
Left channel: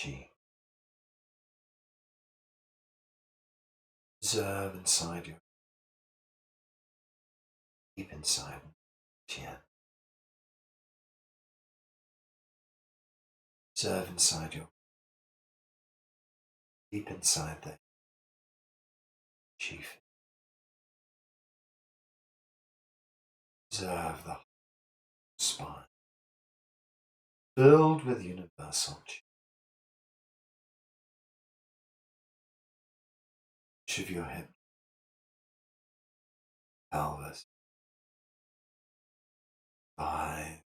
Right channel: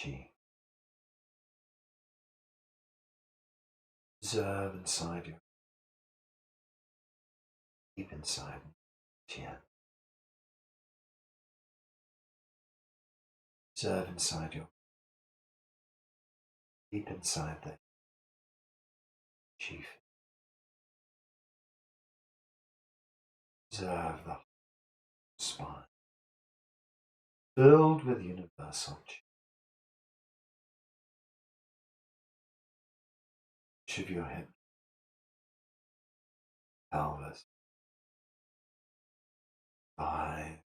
chi. Observe inside you, deep inside Tien. Observe inside you, deep inside the chief. Observe the spine, filled with universal chi. Each of your hips, pelvis, thigh,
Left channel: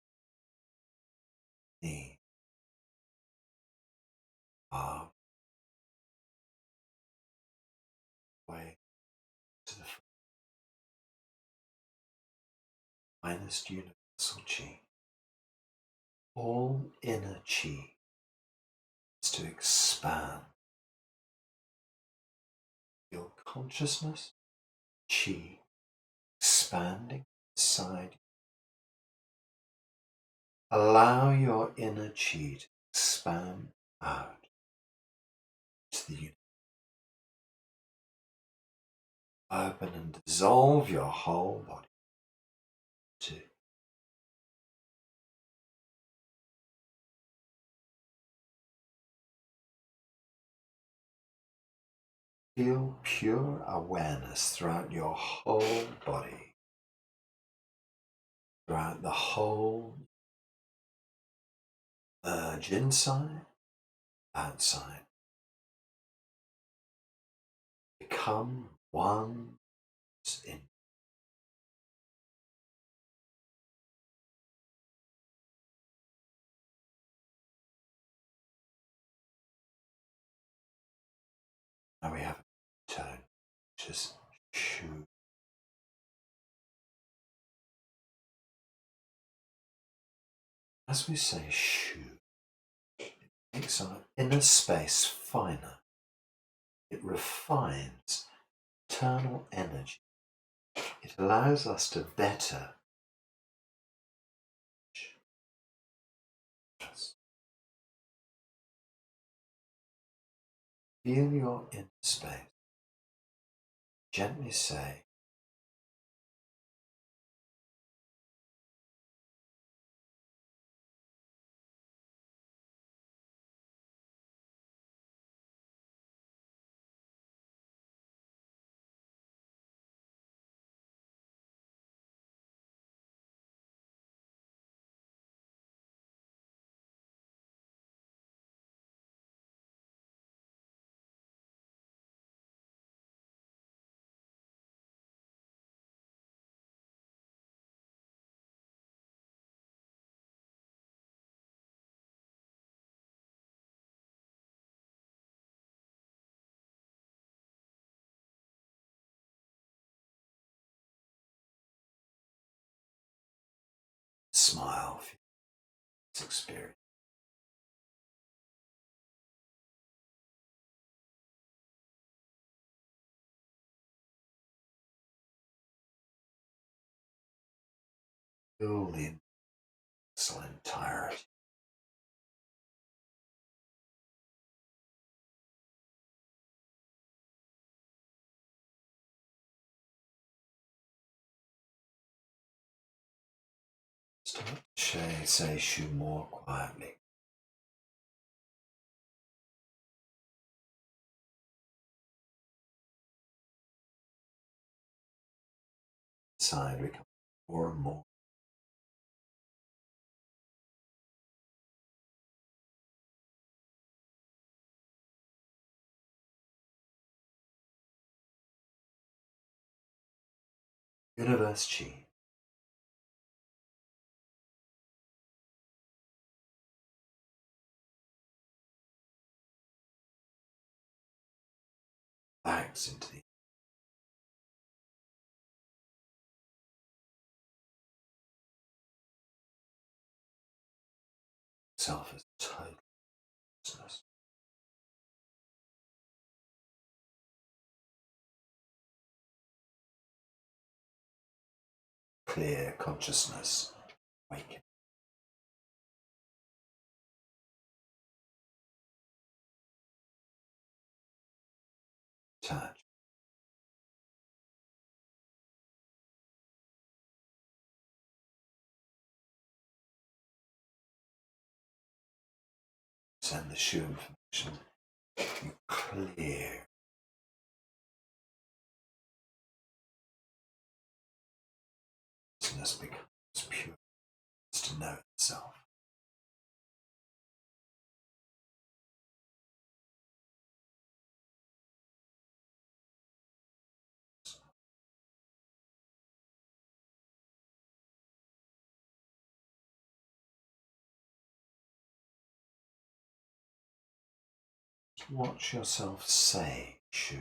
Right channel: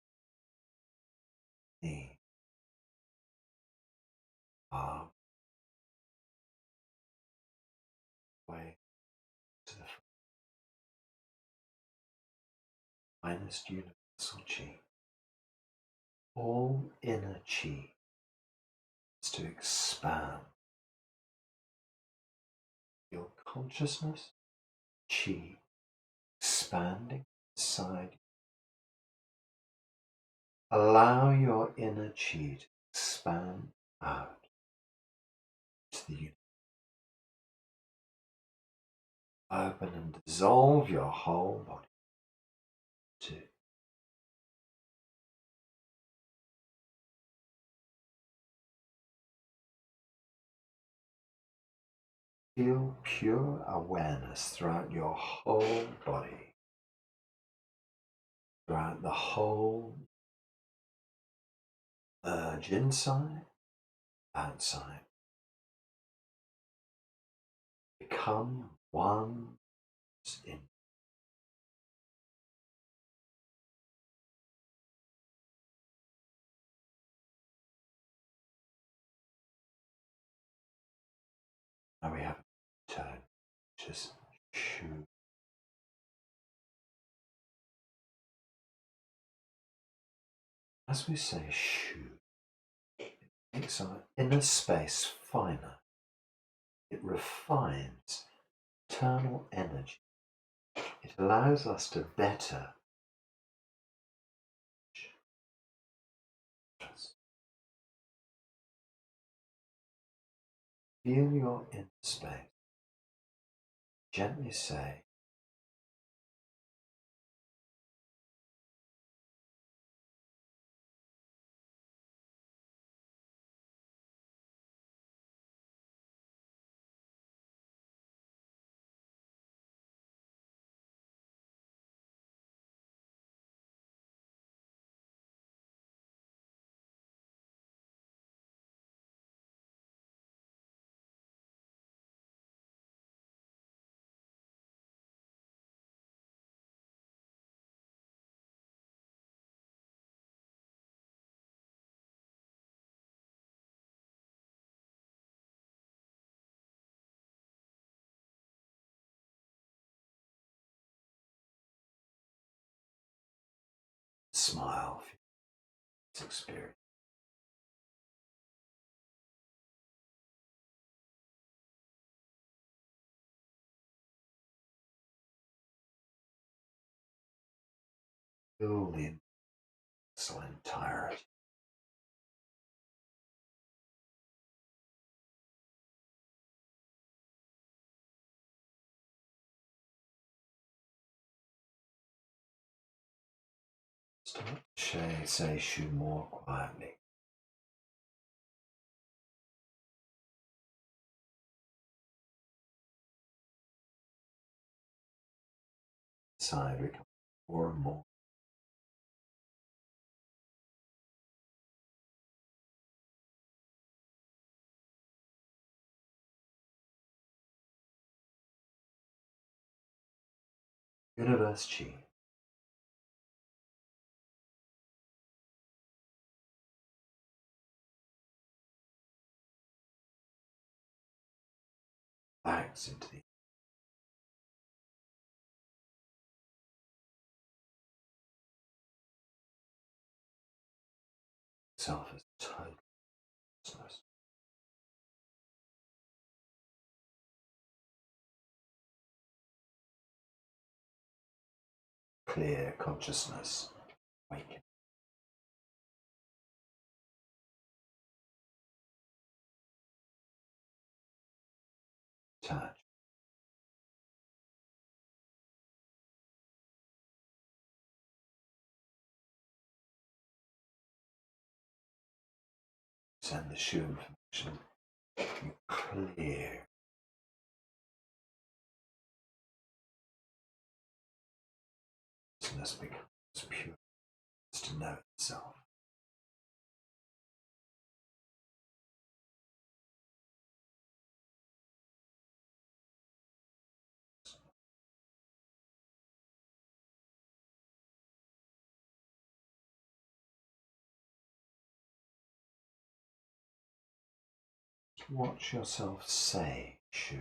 knee, arm, way to the finest universal chi. All inner chi is to expand your consciousness, chi expanding inside you. Allow your inner chi to expand out to the universe. Open and dissolve your whole body. 2. Feel pure awareness throughout your whole body, throughout the whole urge inside, outside. Become one in. Now we have a tone, just shoo. As we say shoo, it makes our inner space finer. It refines internal energy. It allows us to better feel your inner space. Gently say, smile, feel this experience. Feel the entirety. Start to say shoo more quietly. Inside we come more and more. Universe Chi. Backs into the self as total consciousness. Clear consciousness. Waking. Touch. Send the shoo information. You clear. Consciousness becomes pure. It's to know itself. Watch yourself say shoo.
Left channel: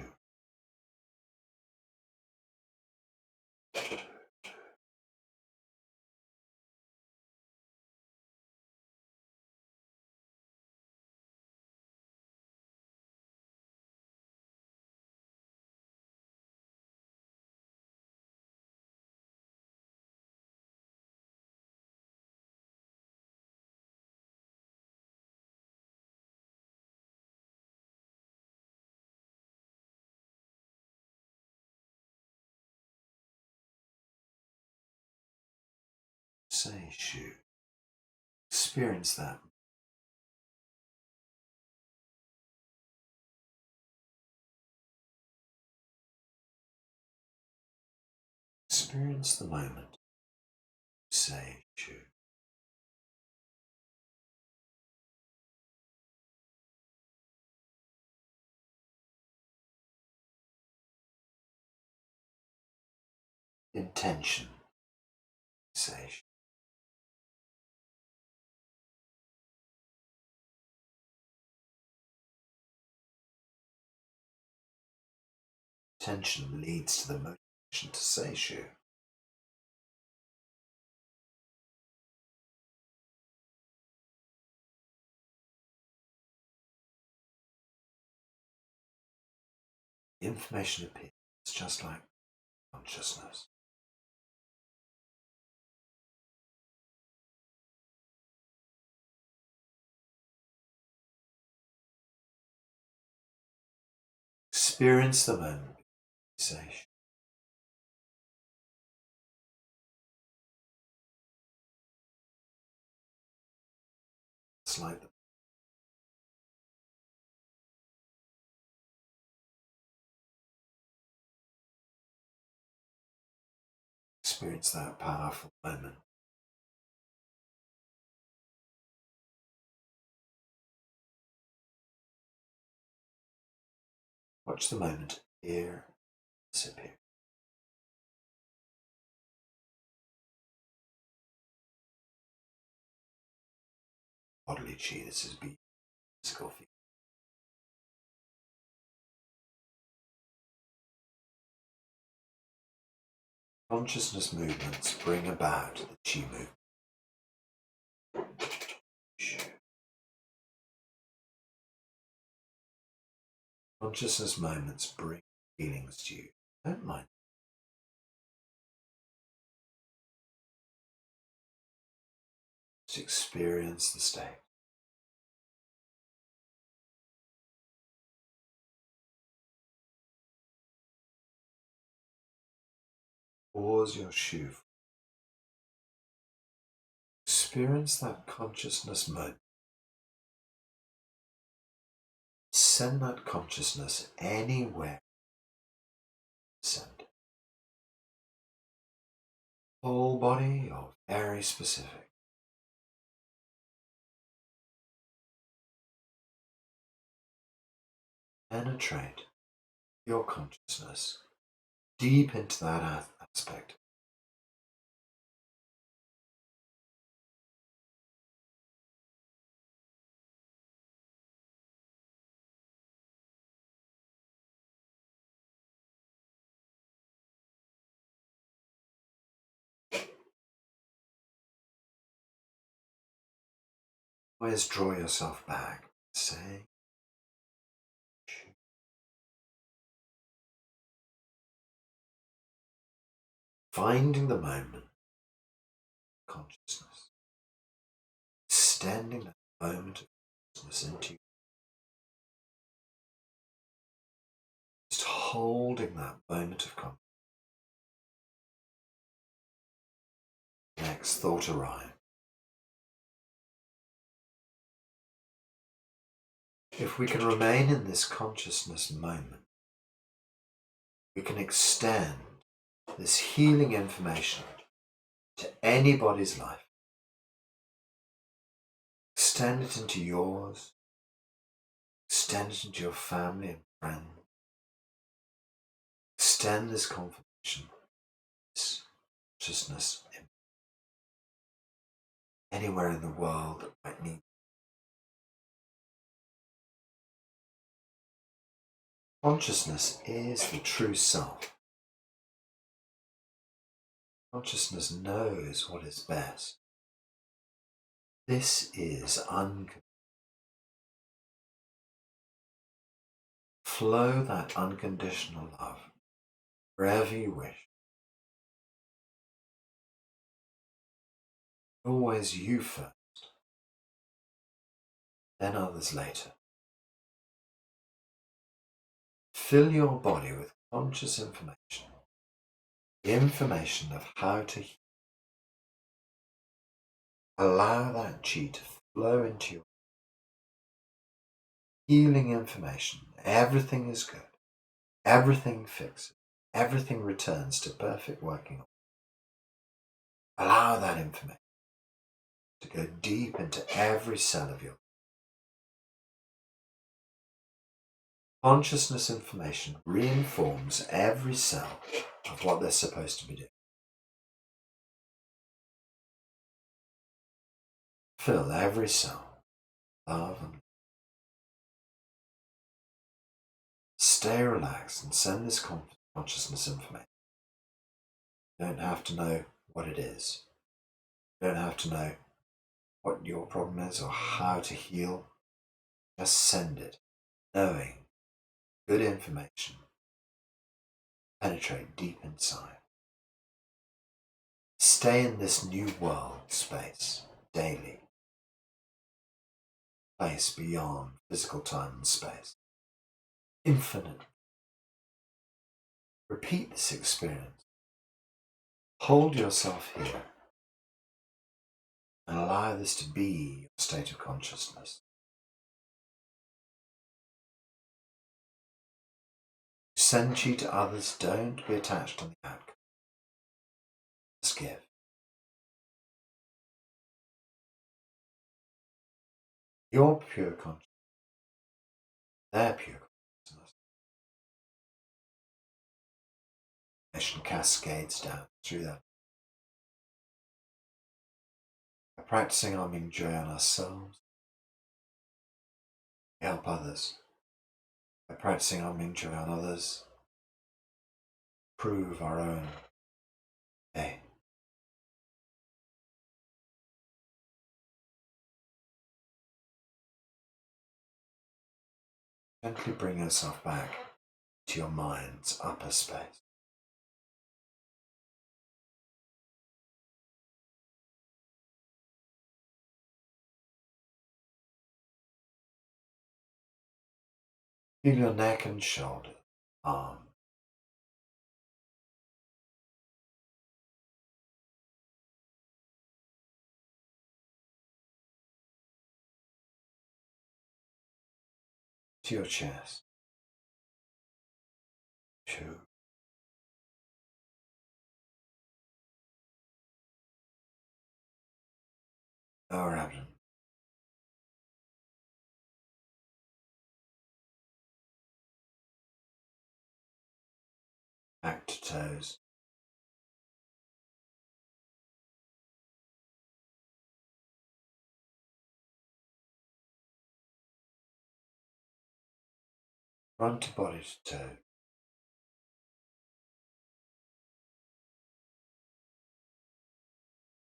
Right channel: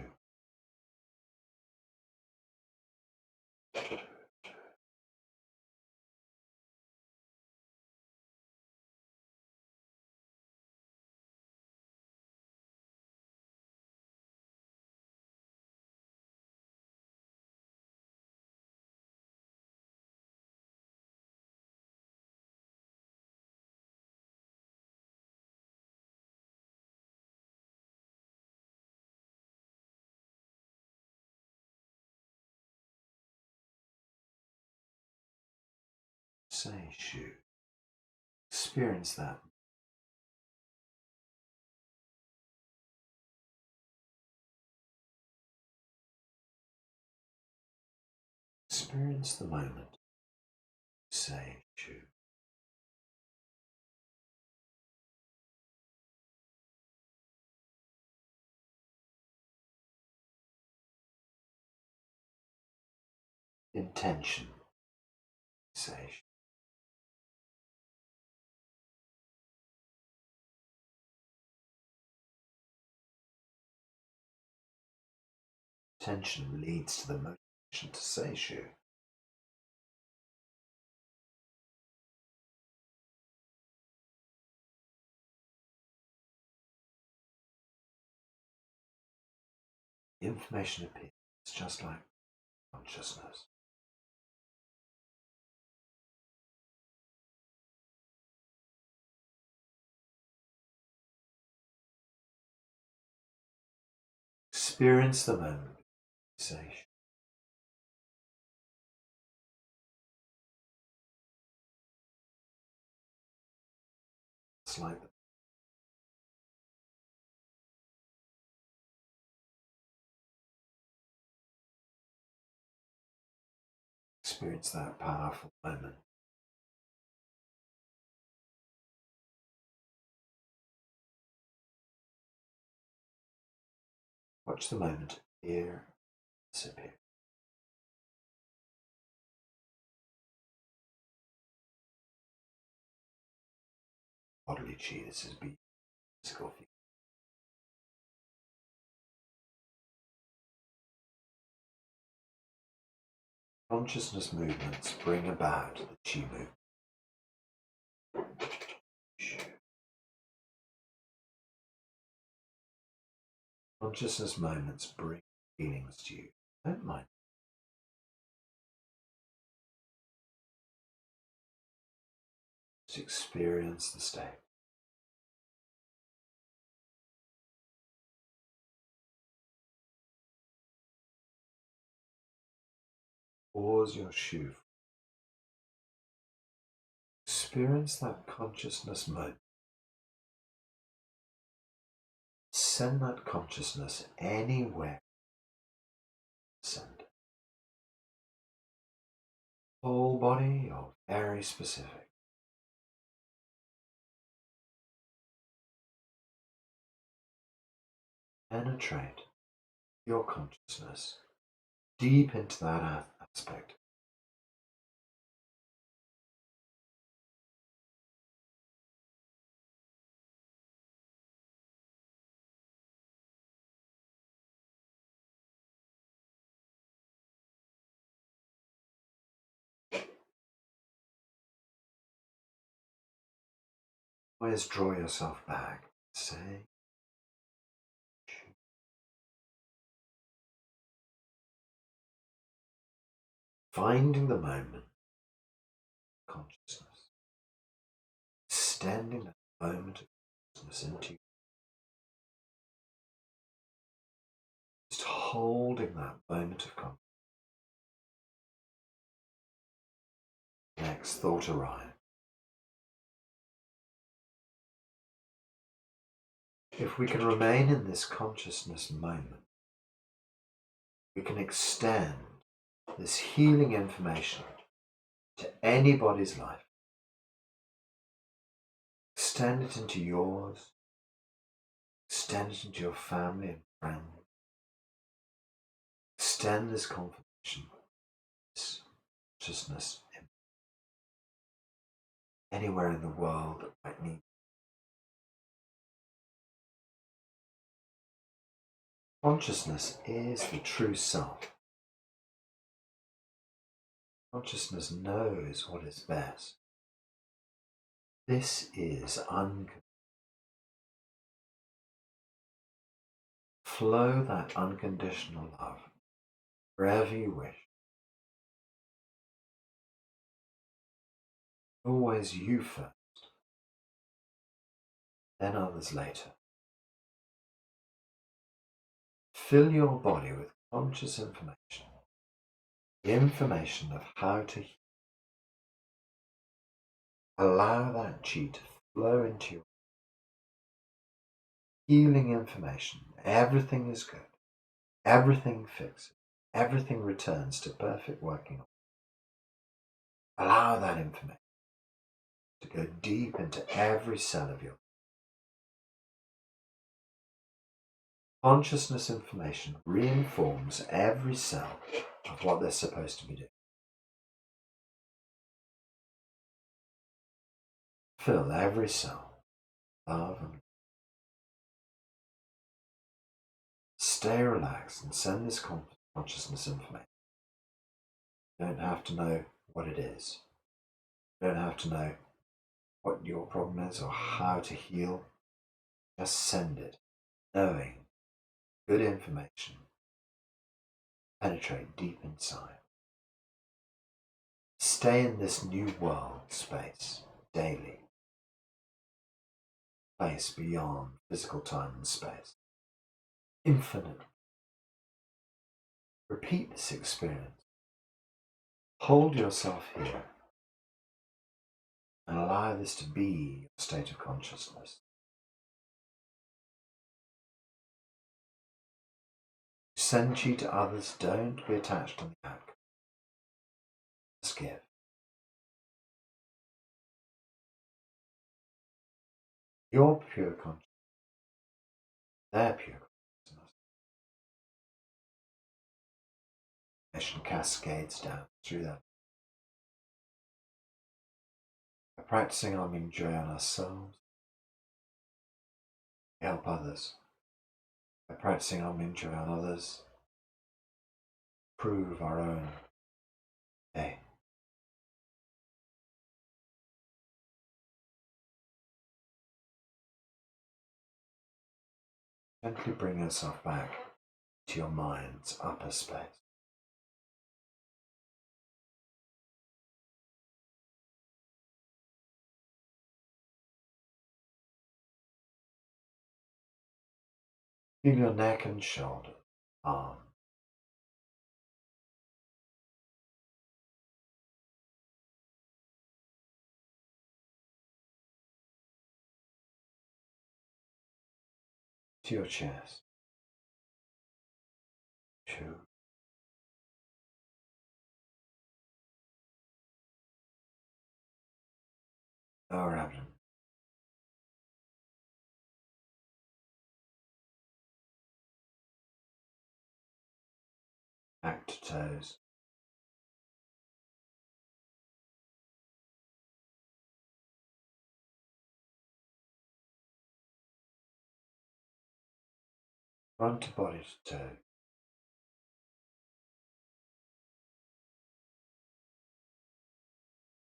Seishu. Experience that. Experience the moment. Seishu. Intention. Seishu. Intention leads to the motivation to Seishu. The information appears just like consciousness. Experience the moment. Seishu. It's like the experience that powerful moment. Watch the moment appear, disappear. Bodily chi, this is physical feeling. Consciousness movements bring about the chi movement. Consciousness moments bring feelings to you. Don't mind. Just experience the state. Pause your shu. Experience that consciousness moment. Send that consciousness anywhere. Send. Whole body or very specific. Penetrate your consciousness deep into that aspect. Always draw yourself back. Say, finding the moment, consciousness, extending that moment of consciousness into you, just holding that moment of consciousness. Next thought arrives. If we can remain in this consciousness moment, we can extend this healing information to anybody's life. Extend it into yours. Extend it into your family and friends. Extend this confirmation, this consciousness anywhere in the world that might need. Consciousness is the true self. Consciousness knows what is best. This is unconditional. Flow that unconditional love wherever you wish. Always you first, then others later. Fill your body with conscious information, the information of how to heal. Allow that chi to flow into your healing information. Everything is good. Everything fixes. Everything returns to perfect working. Allow that information to go deep into every cell of your consciousness. Information reinforms every cell of what they're supposed to be doing. Fill every cell with love and stay relaxed and send this consciousness information. You don't have to know what it is. You don't have to know what your problem is or how to heal. Just send it, knowing good information penetrate deep inside. Stay in this new world space daily, place beyond physical time and space, infinite. Repeat this experience. Hold yourself here and allow this to be your state of consciousness. Send chi to others, don't be attached to the outcome. Just give. Your pure consciousness, their pure consciousness. Information cascades down through that. By practicing our Ming Joy on ourselves, we help others. By practicing our Ming Joy on others, improve our own day. Gently bring yourself back to your mind's upper space. Feel your neck and shoulder, arm. To your chest. To lower abdomen. Back to toes. Front of body to toe.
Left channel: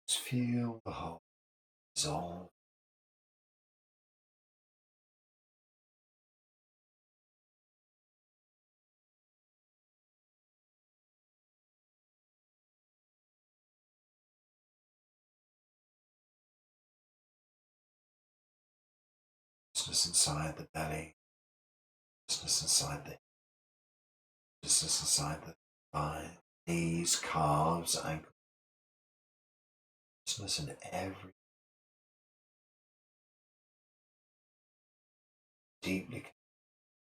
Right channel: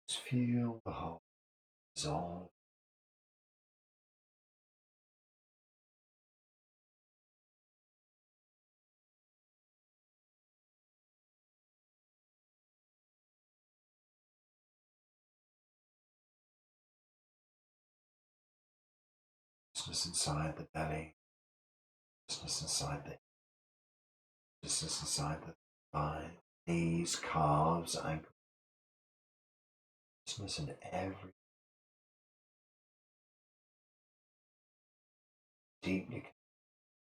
Just feel the whole dissolve. Consciousness inside the belly. Consciousness inside the consciousness inside the thigh, knees, calves, ankles. Consciousness in every deeply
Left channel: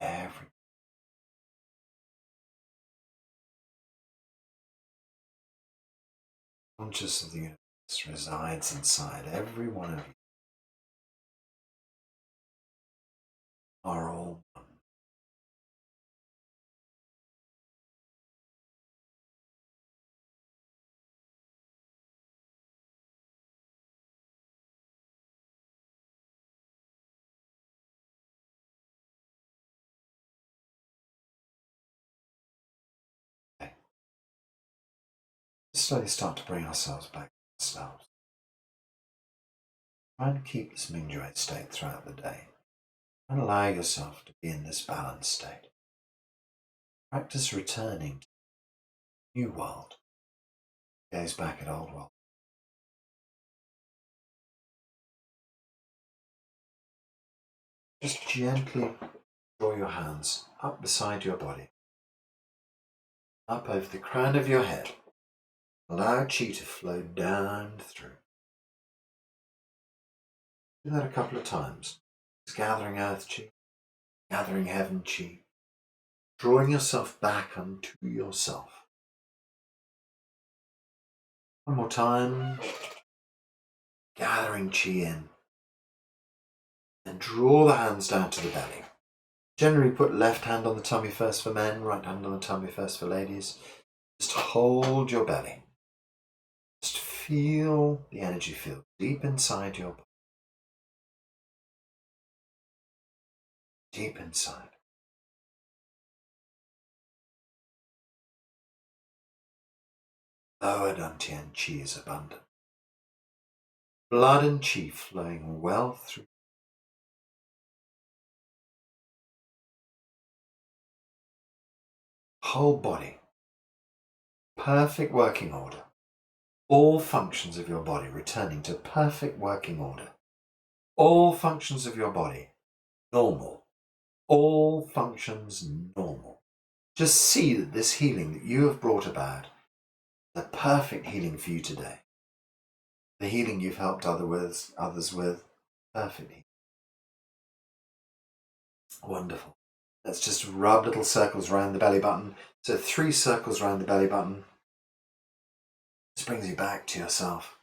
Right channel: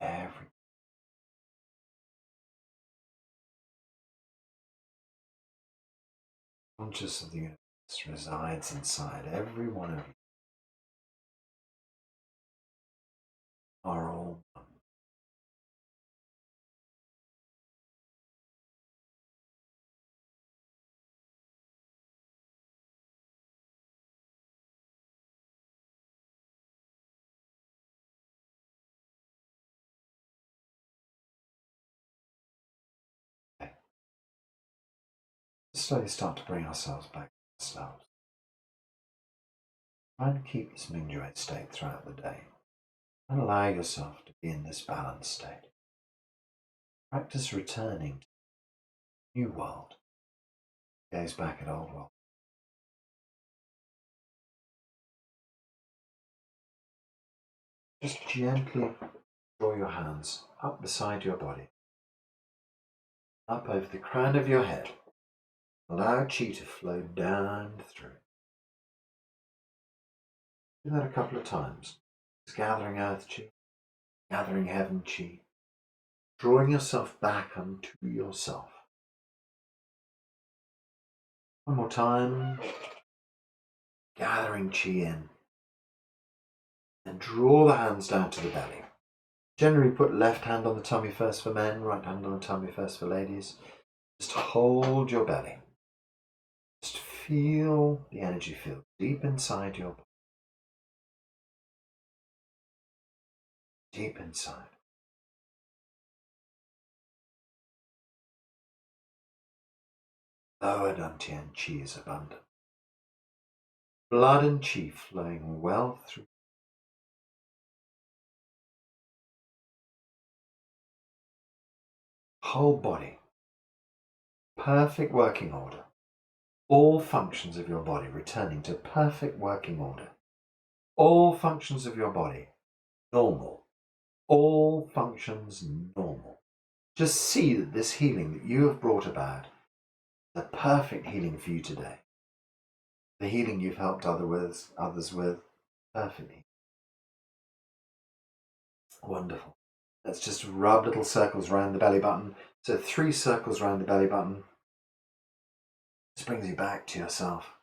every conscious of the universe resides inside every one of you. Are all one. Okay. Slowly start to bring ourselves back to ourselves. Try and keep this Mingjoy state throughout the day. And allow yourself to be in this balanced state. Practice returning to the new world. Gaze back at old world. Just gently draw your hands up beside your body, up over the crown of your head. Allow chi to flow down through. Do that a couple of times. Just gathering earth chi, gathering heaven chi, drawing yourself back unto yourself. One more time. Gathering chi in. And draw the hands down to the belly. Generally put left hand on the tummy first for men, right hand on the tummy first for ladies. Just hold your belly. Just feel the energy field deep inside your body. Deep inside. Lower dantian chi is abundant. Blood and chi flowing well through. Whole body. Perfect working order. All functions of your body returning to perfect working order. All functions of your body normal. All functions normal. Just see that this healing that you have brought about, the perfect healing for you today, the healing you've helped others with, perfectly. Wonderful. Let's just rub little circles around the belly button. So 3 circles around the belly button. This brings you back to yourself.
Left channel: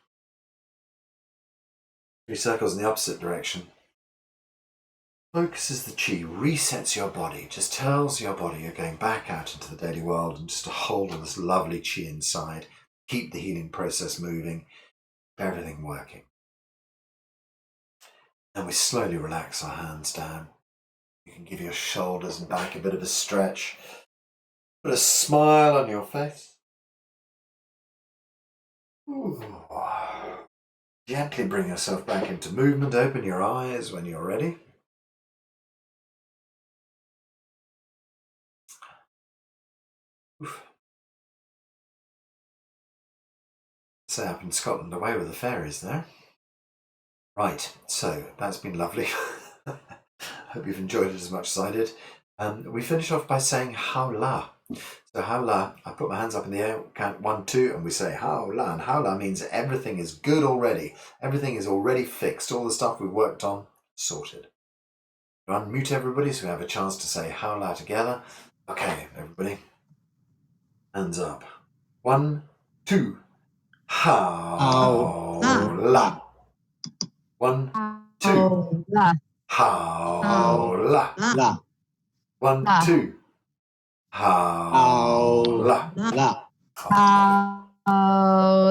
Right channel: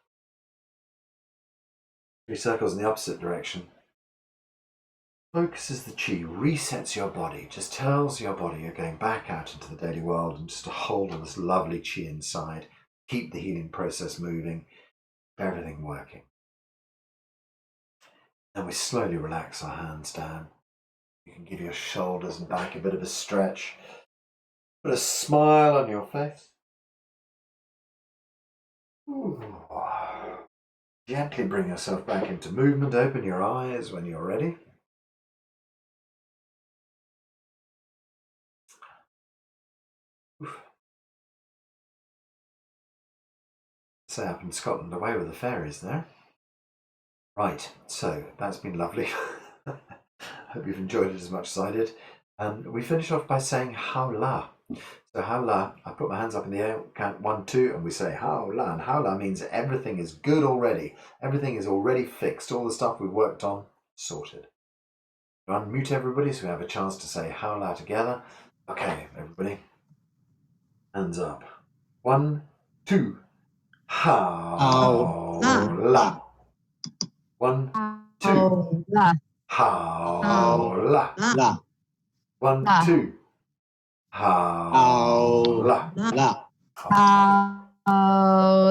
3 circles in the opposite direction. Focuses the chi, resets your body, just tells your body you're going back out into the daily world and just to hold this lovely chi inside. Keep the healing process moving, everything working. And we slowly relax our hands down. You can give your shoulders and back a bit of a stretch. Put a smile on your face. Ooh. Gently bring yourself back into movement. Open your eyes when you're ready. Say up in Scotland, away with the fairies there. Right, so that's been lovely. Hope you've enjoyed it as much as I did. We finish off by saying Hao La. So Hao La, I put my hands up in the air, count 1, 2, and we say Hao La. And Hao La means everything is good already. Everything is already fixed. All the stuff we've worked on, sorted. Unmute everybody so we have a chance to say Hao La together. Okay, everybody. Hands up. 1, 2. Hao La. 1, 2. Hao La. 1, 2. Hao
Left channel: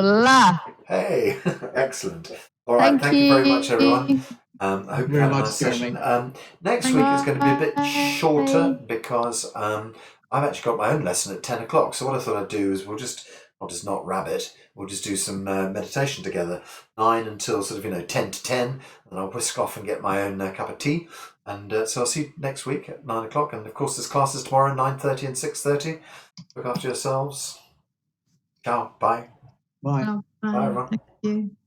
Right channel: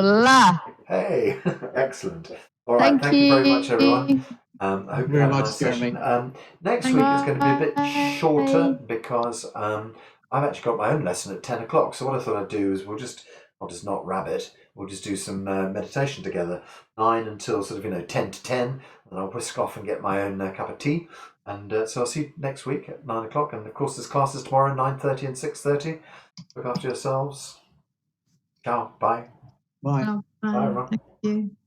La. Hey, excellent. All right, thank you very much, everyone. I hope you had a nice session. Next week is going to be a bit shorter because I've actually got my own lesson at 10 o'clock. So what I thought I'd do is I'll just not rabbit. We'll just do some meditation together, 9 until sort of 10 to 10, and I'll whisk off and get my own cup of tea. And so I'll see you next week at 9 o'clock. And of course, there's classes tomorrow, 9:30 and 6:30. Look after yourselves. Ciao. Bye. Bye. Bye, everyone. Thank you.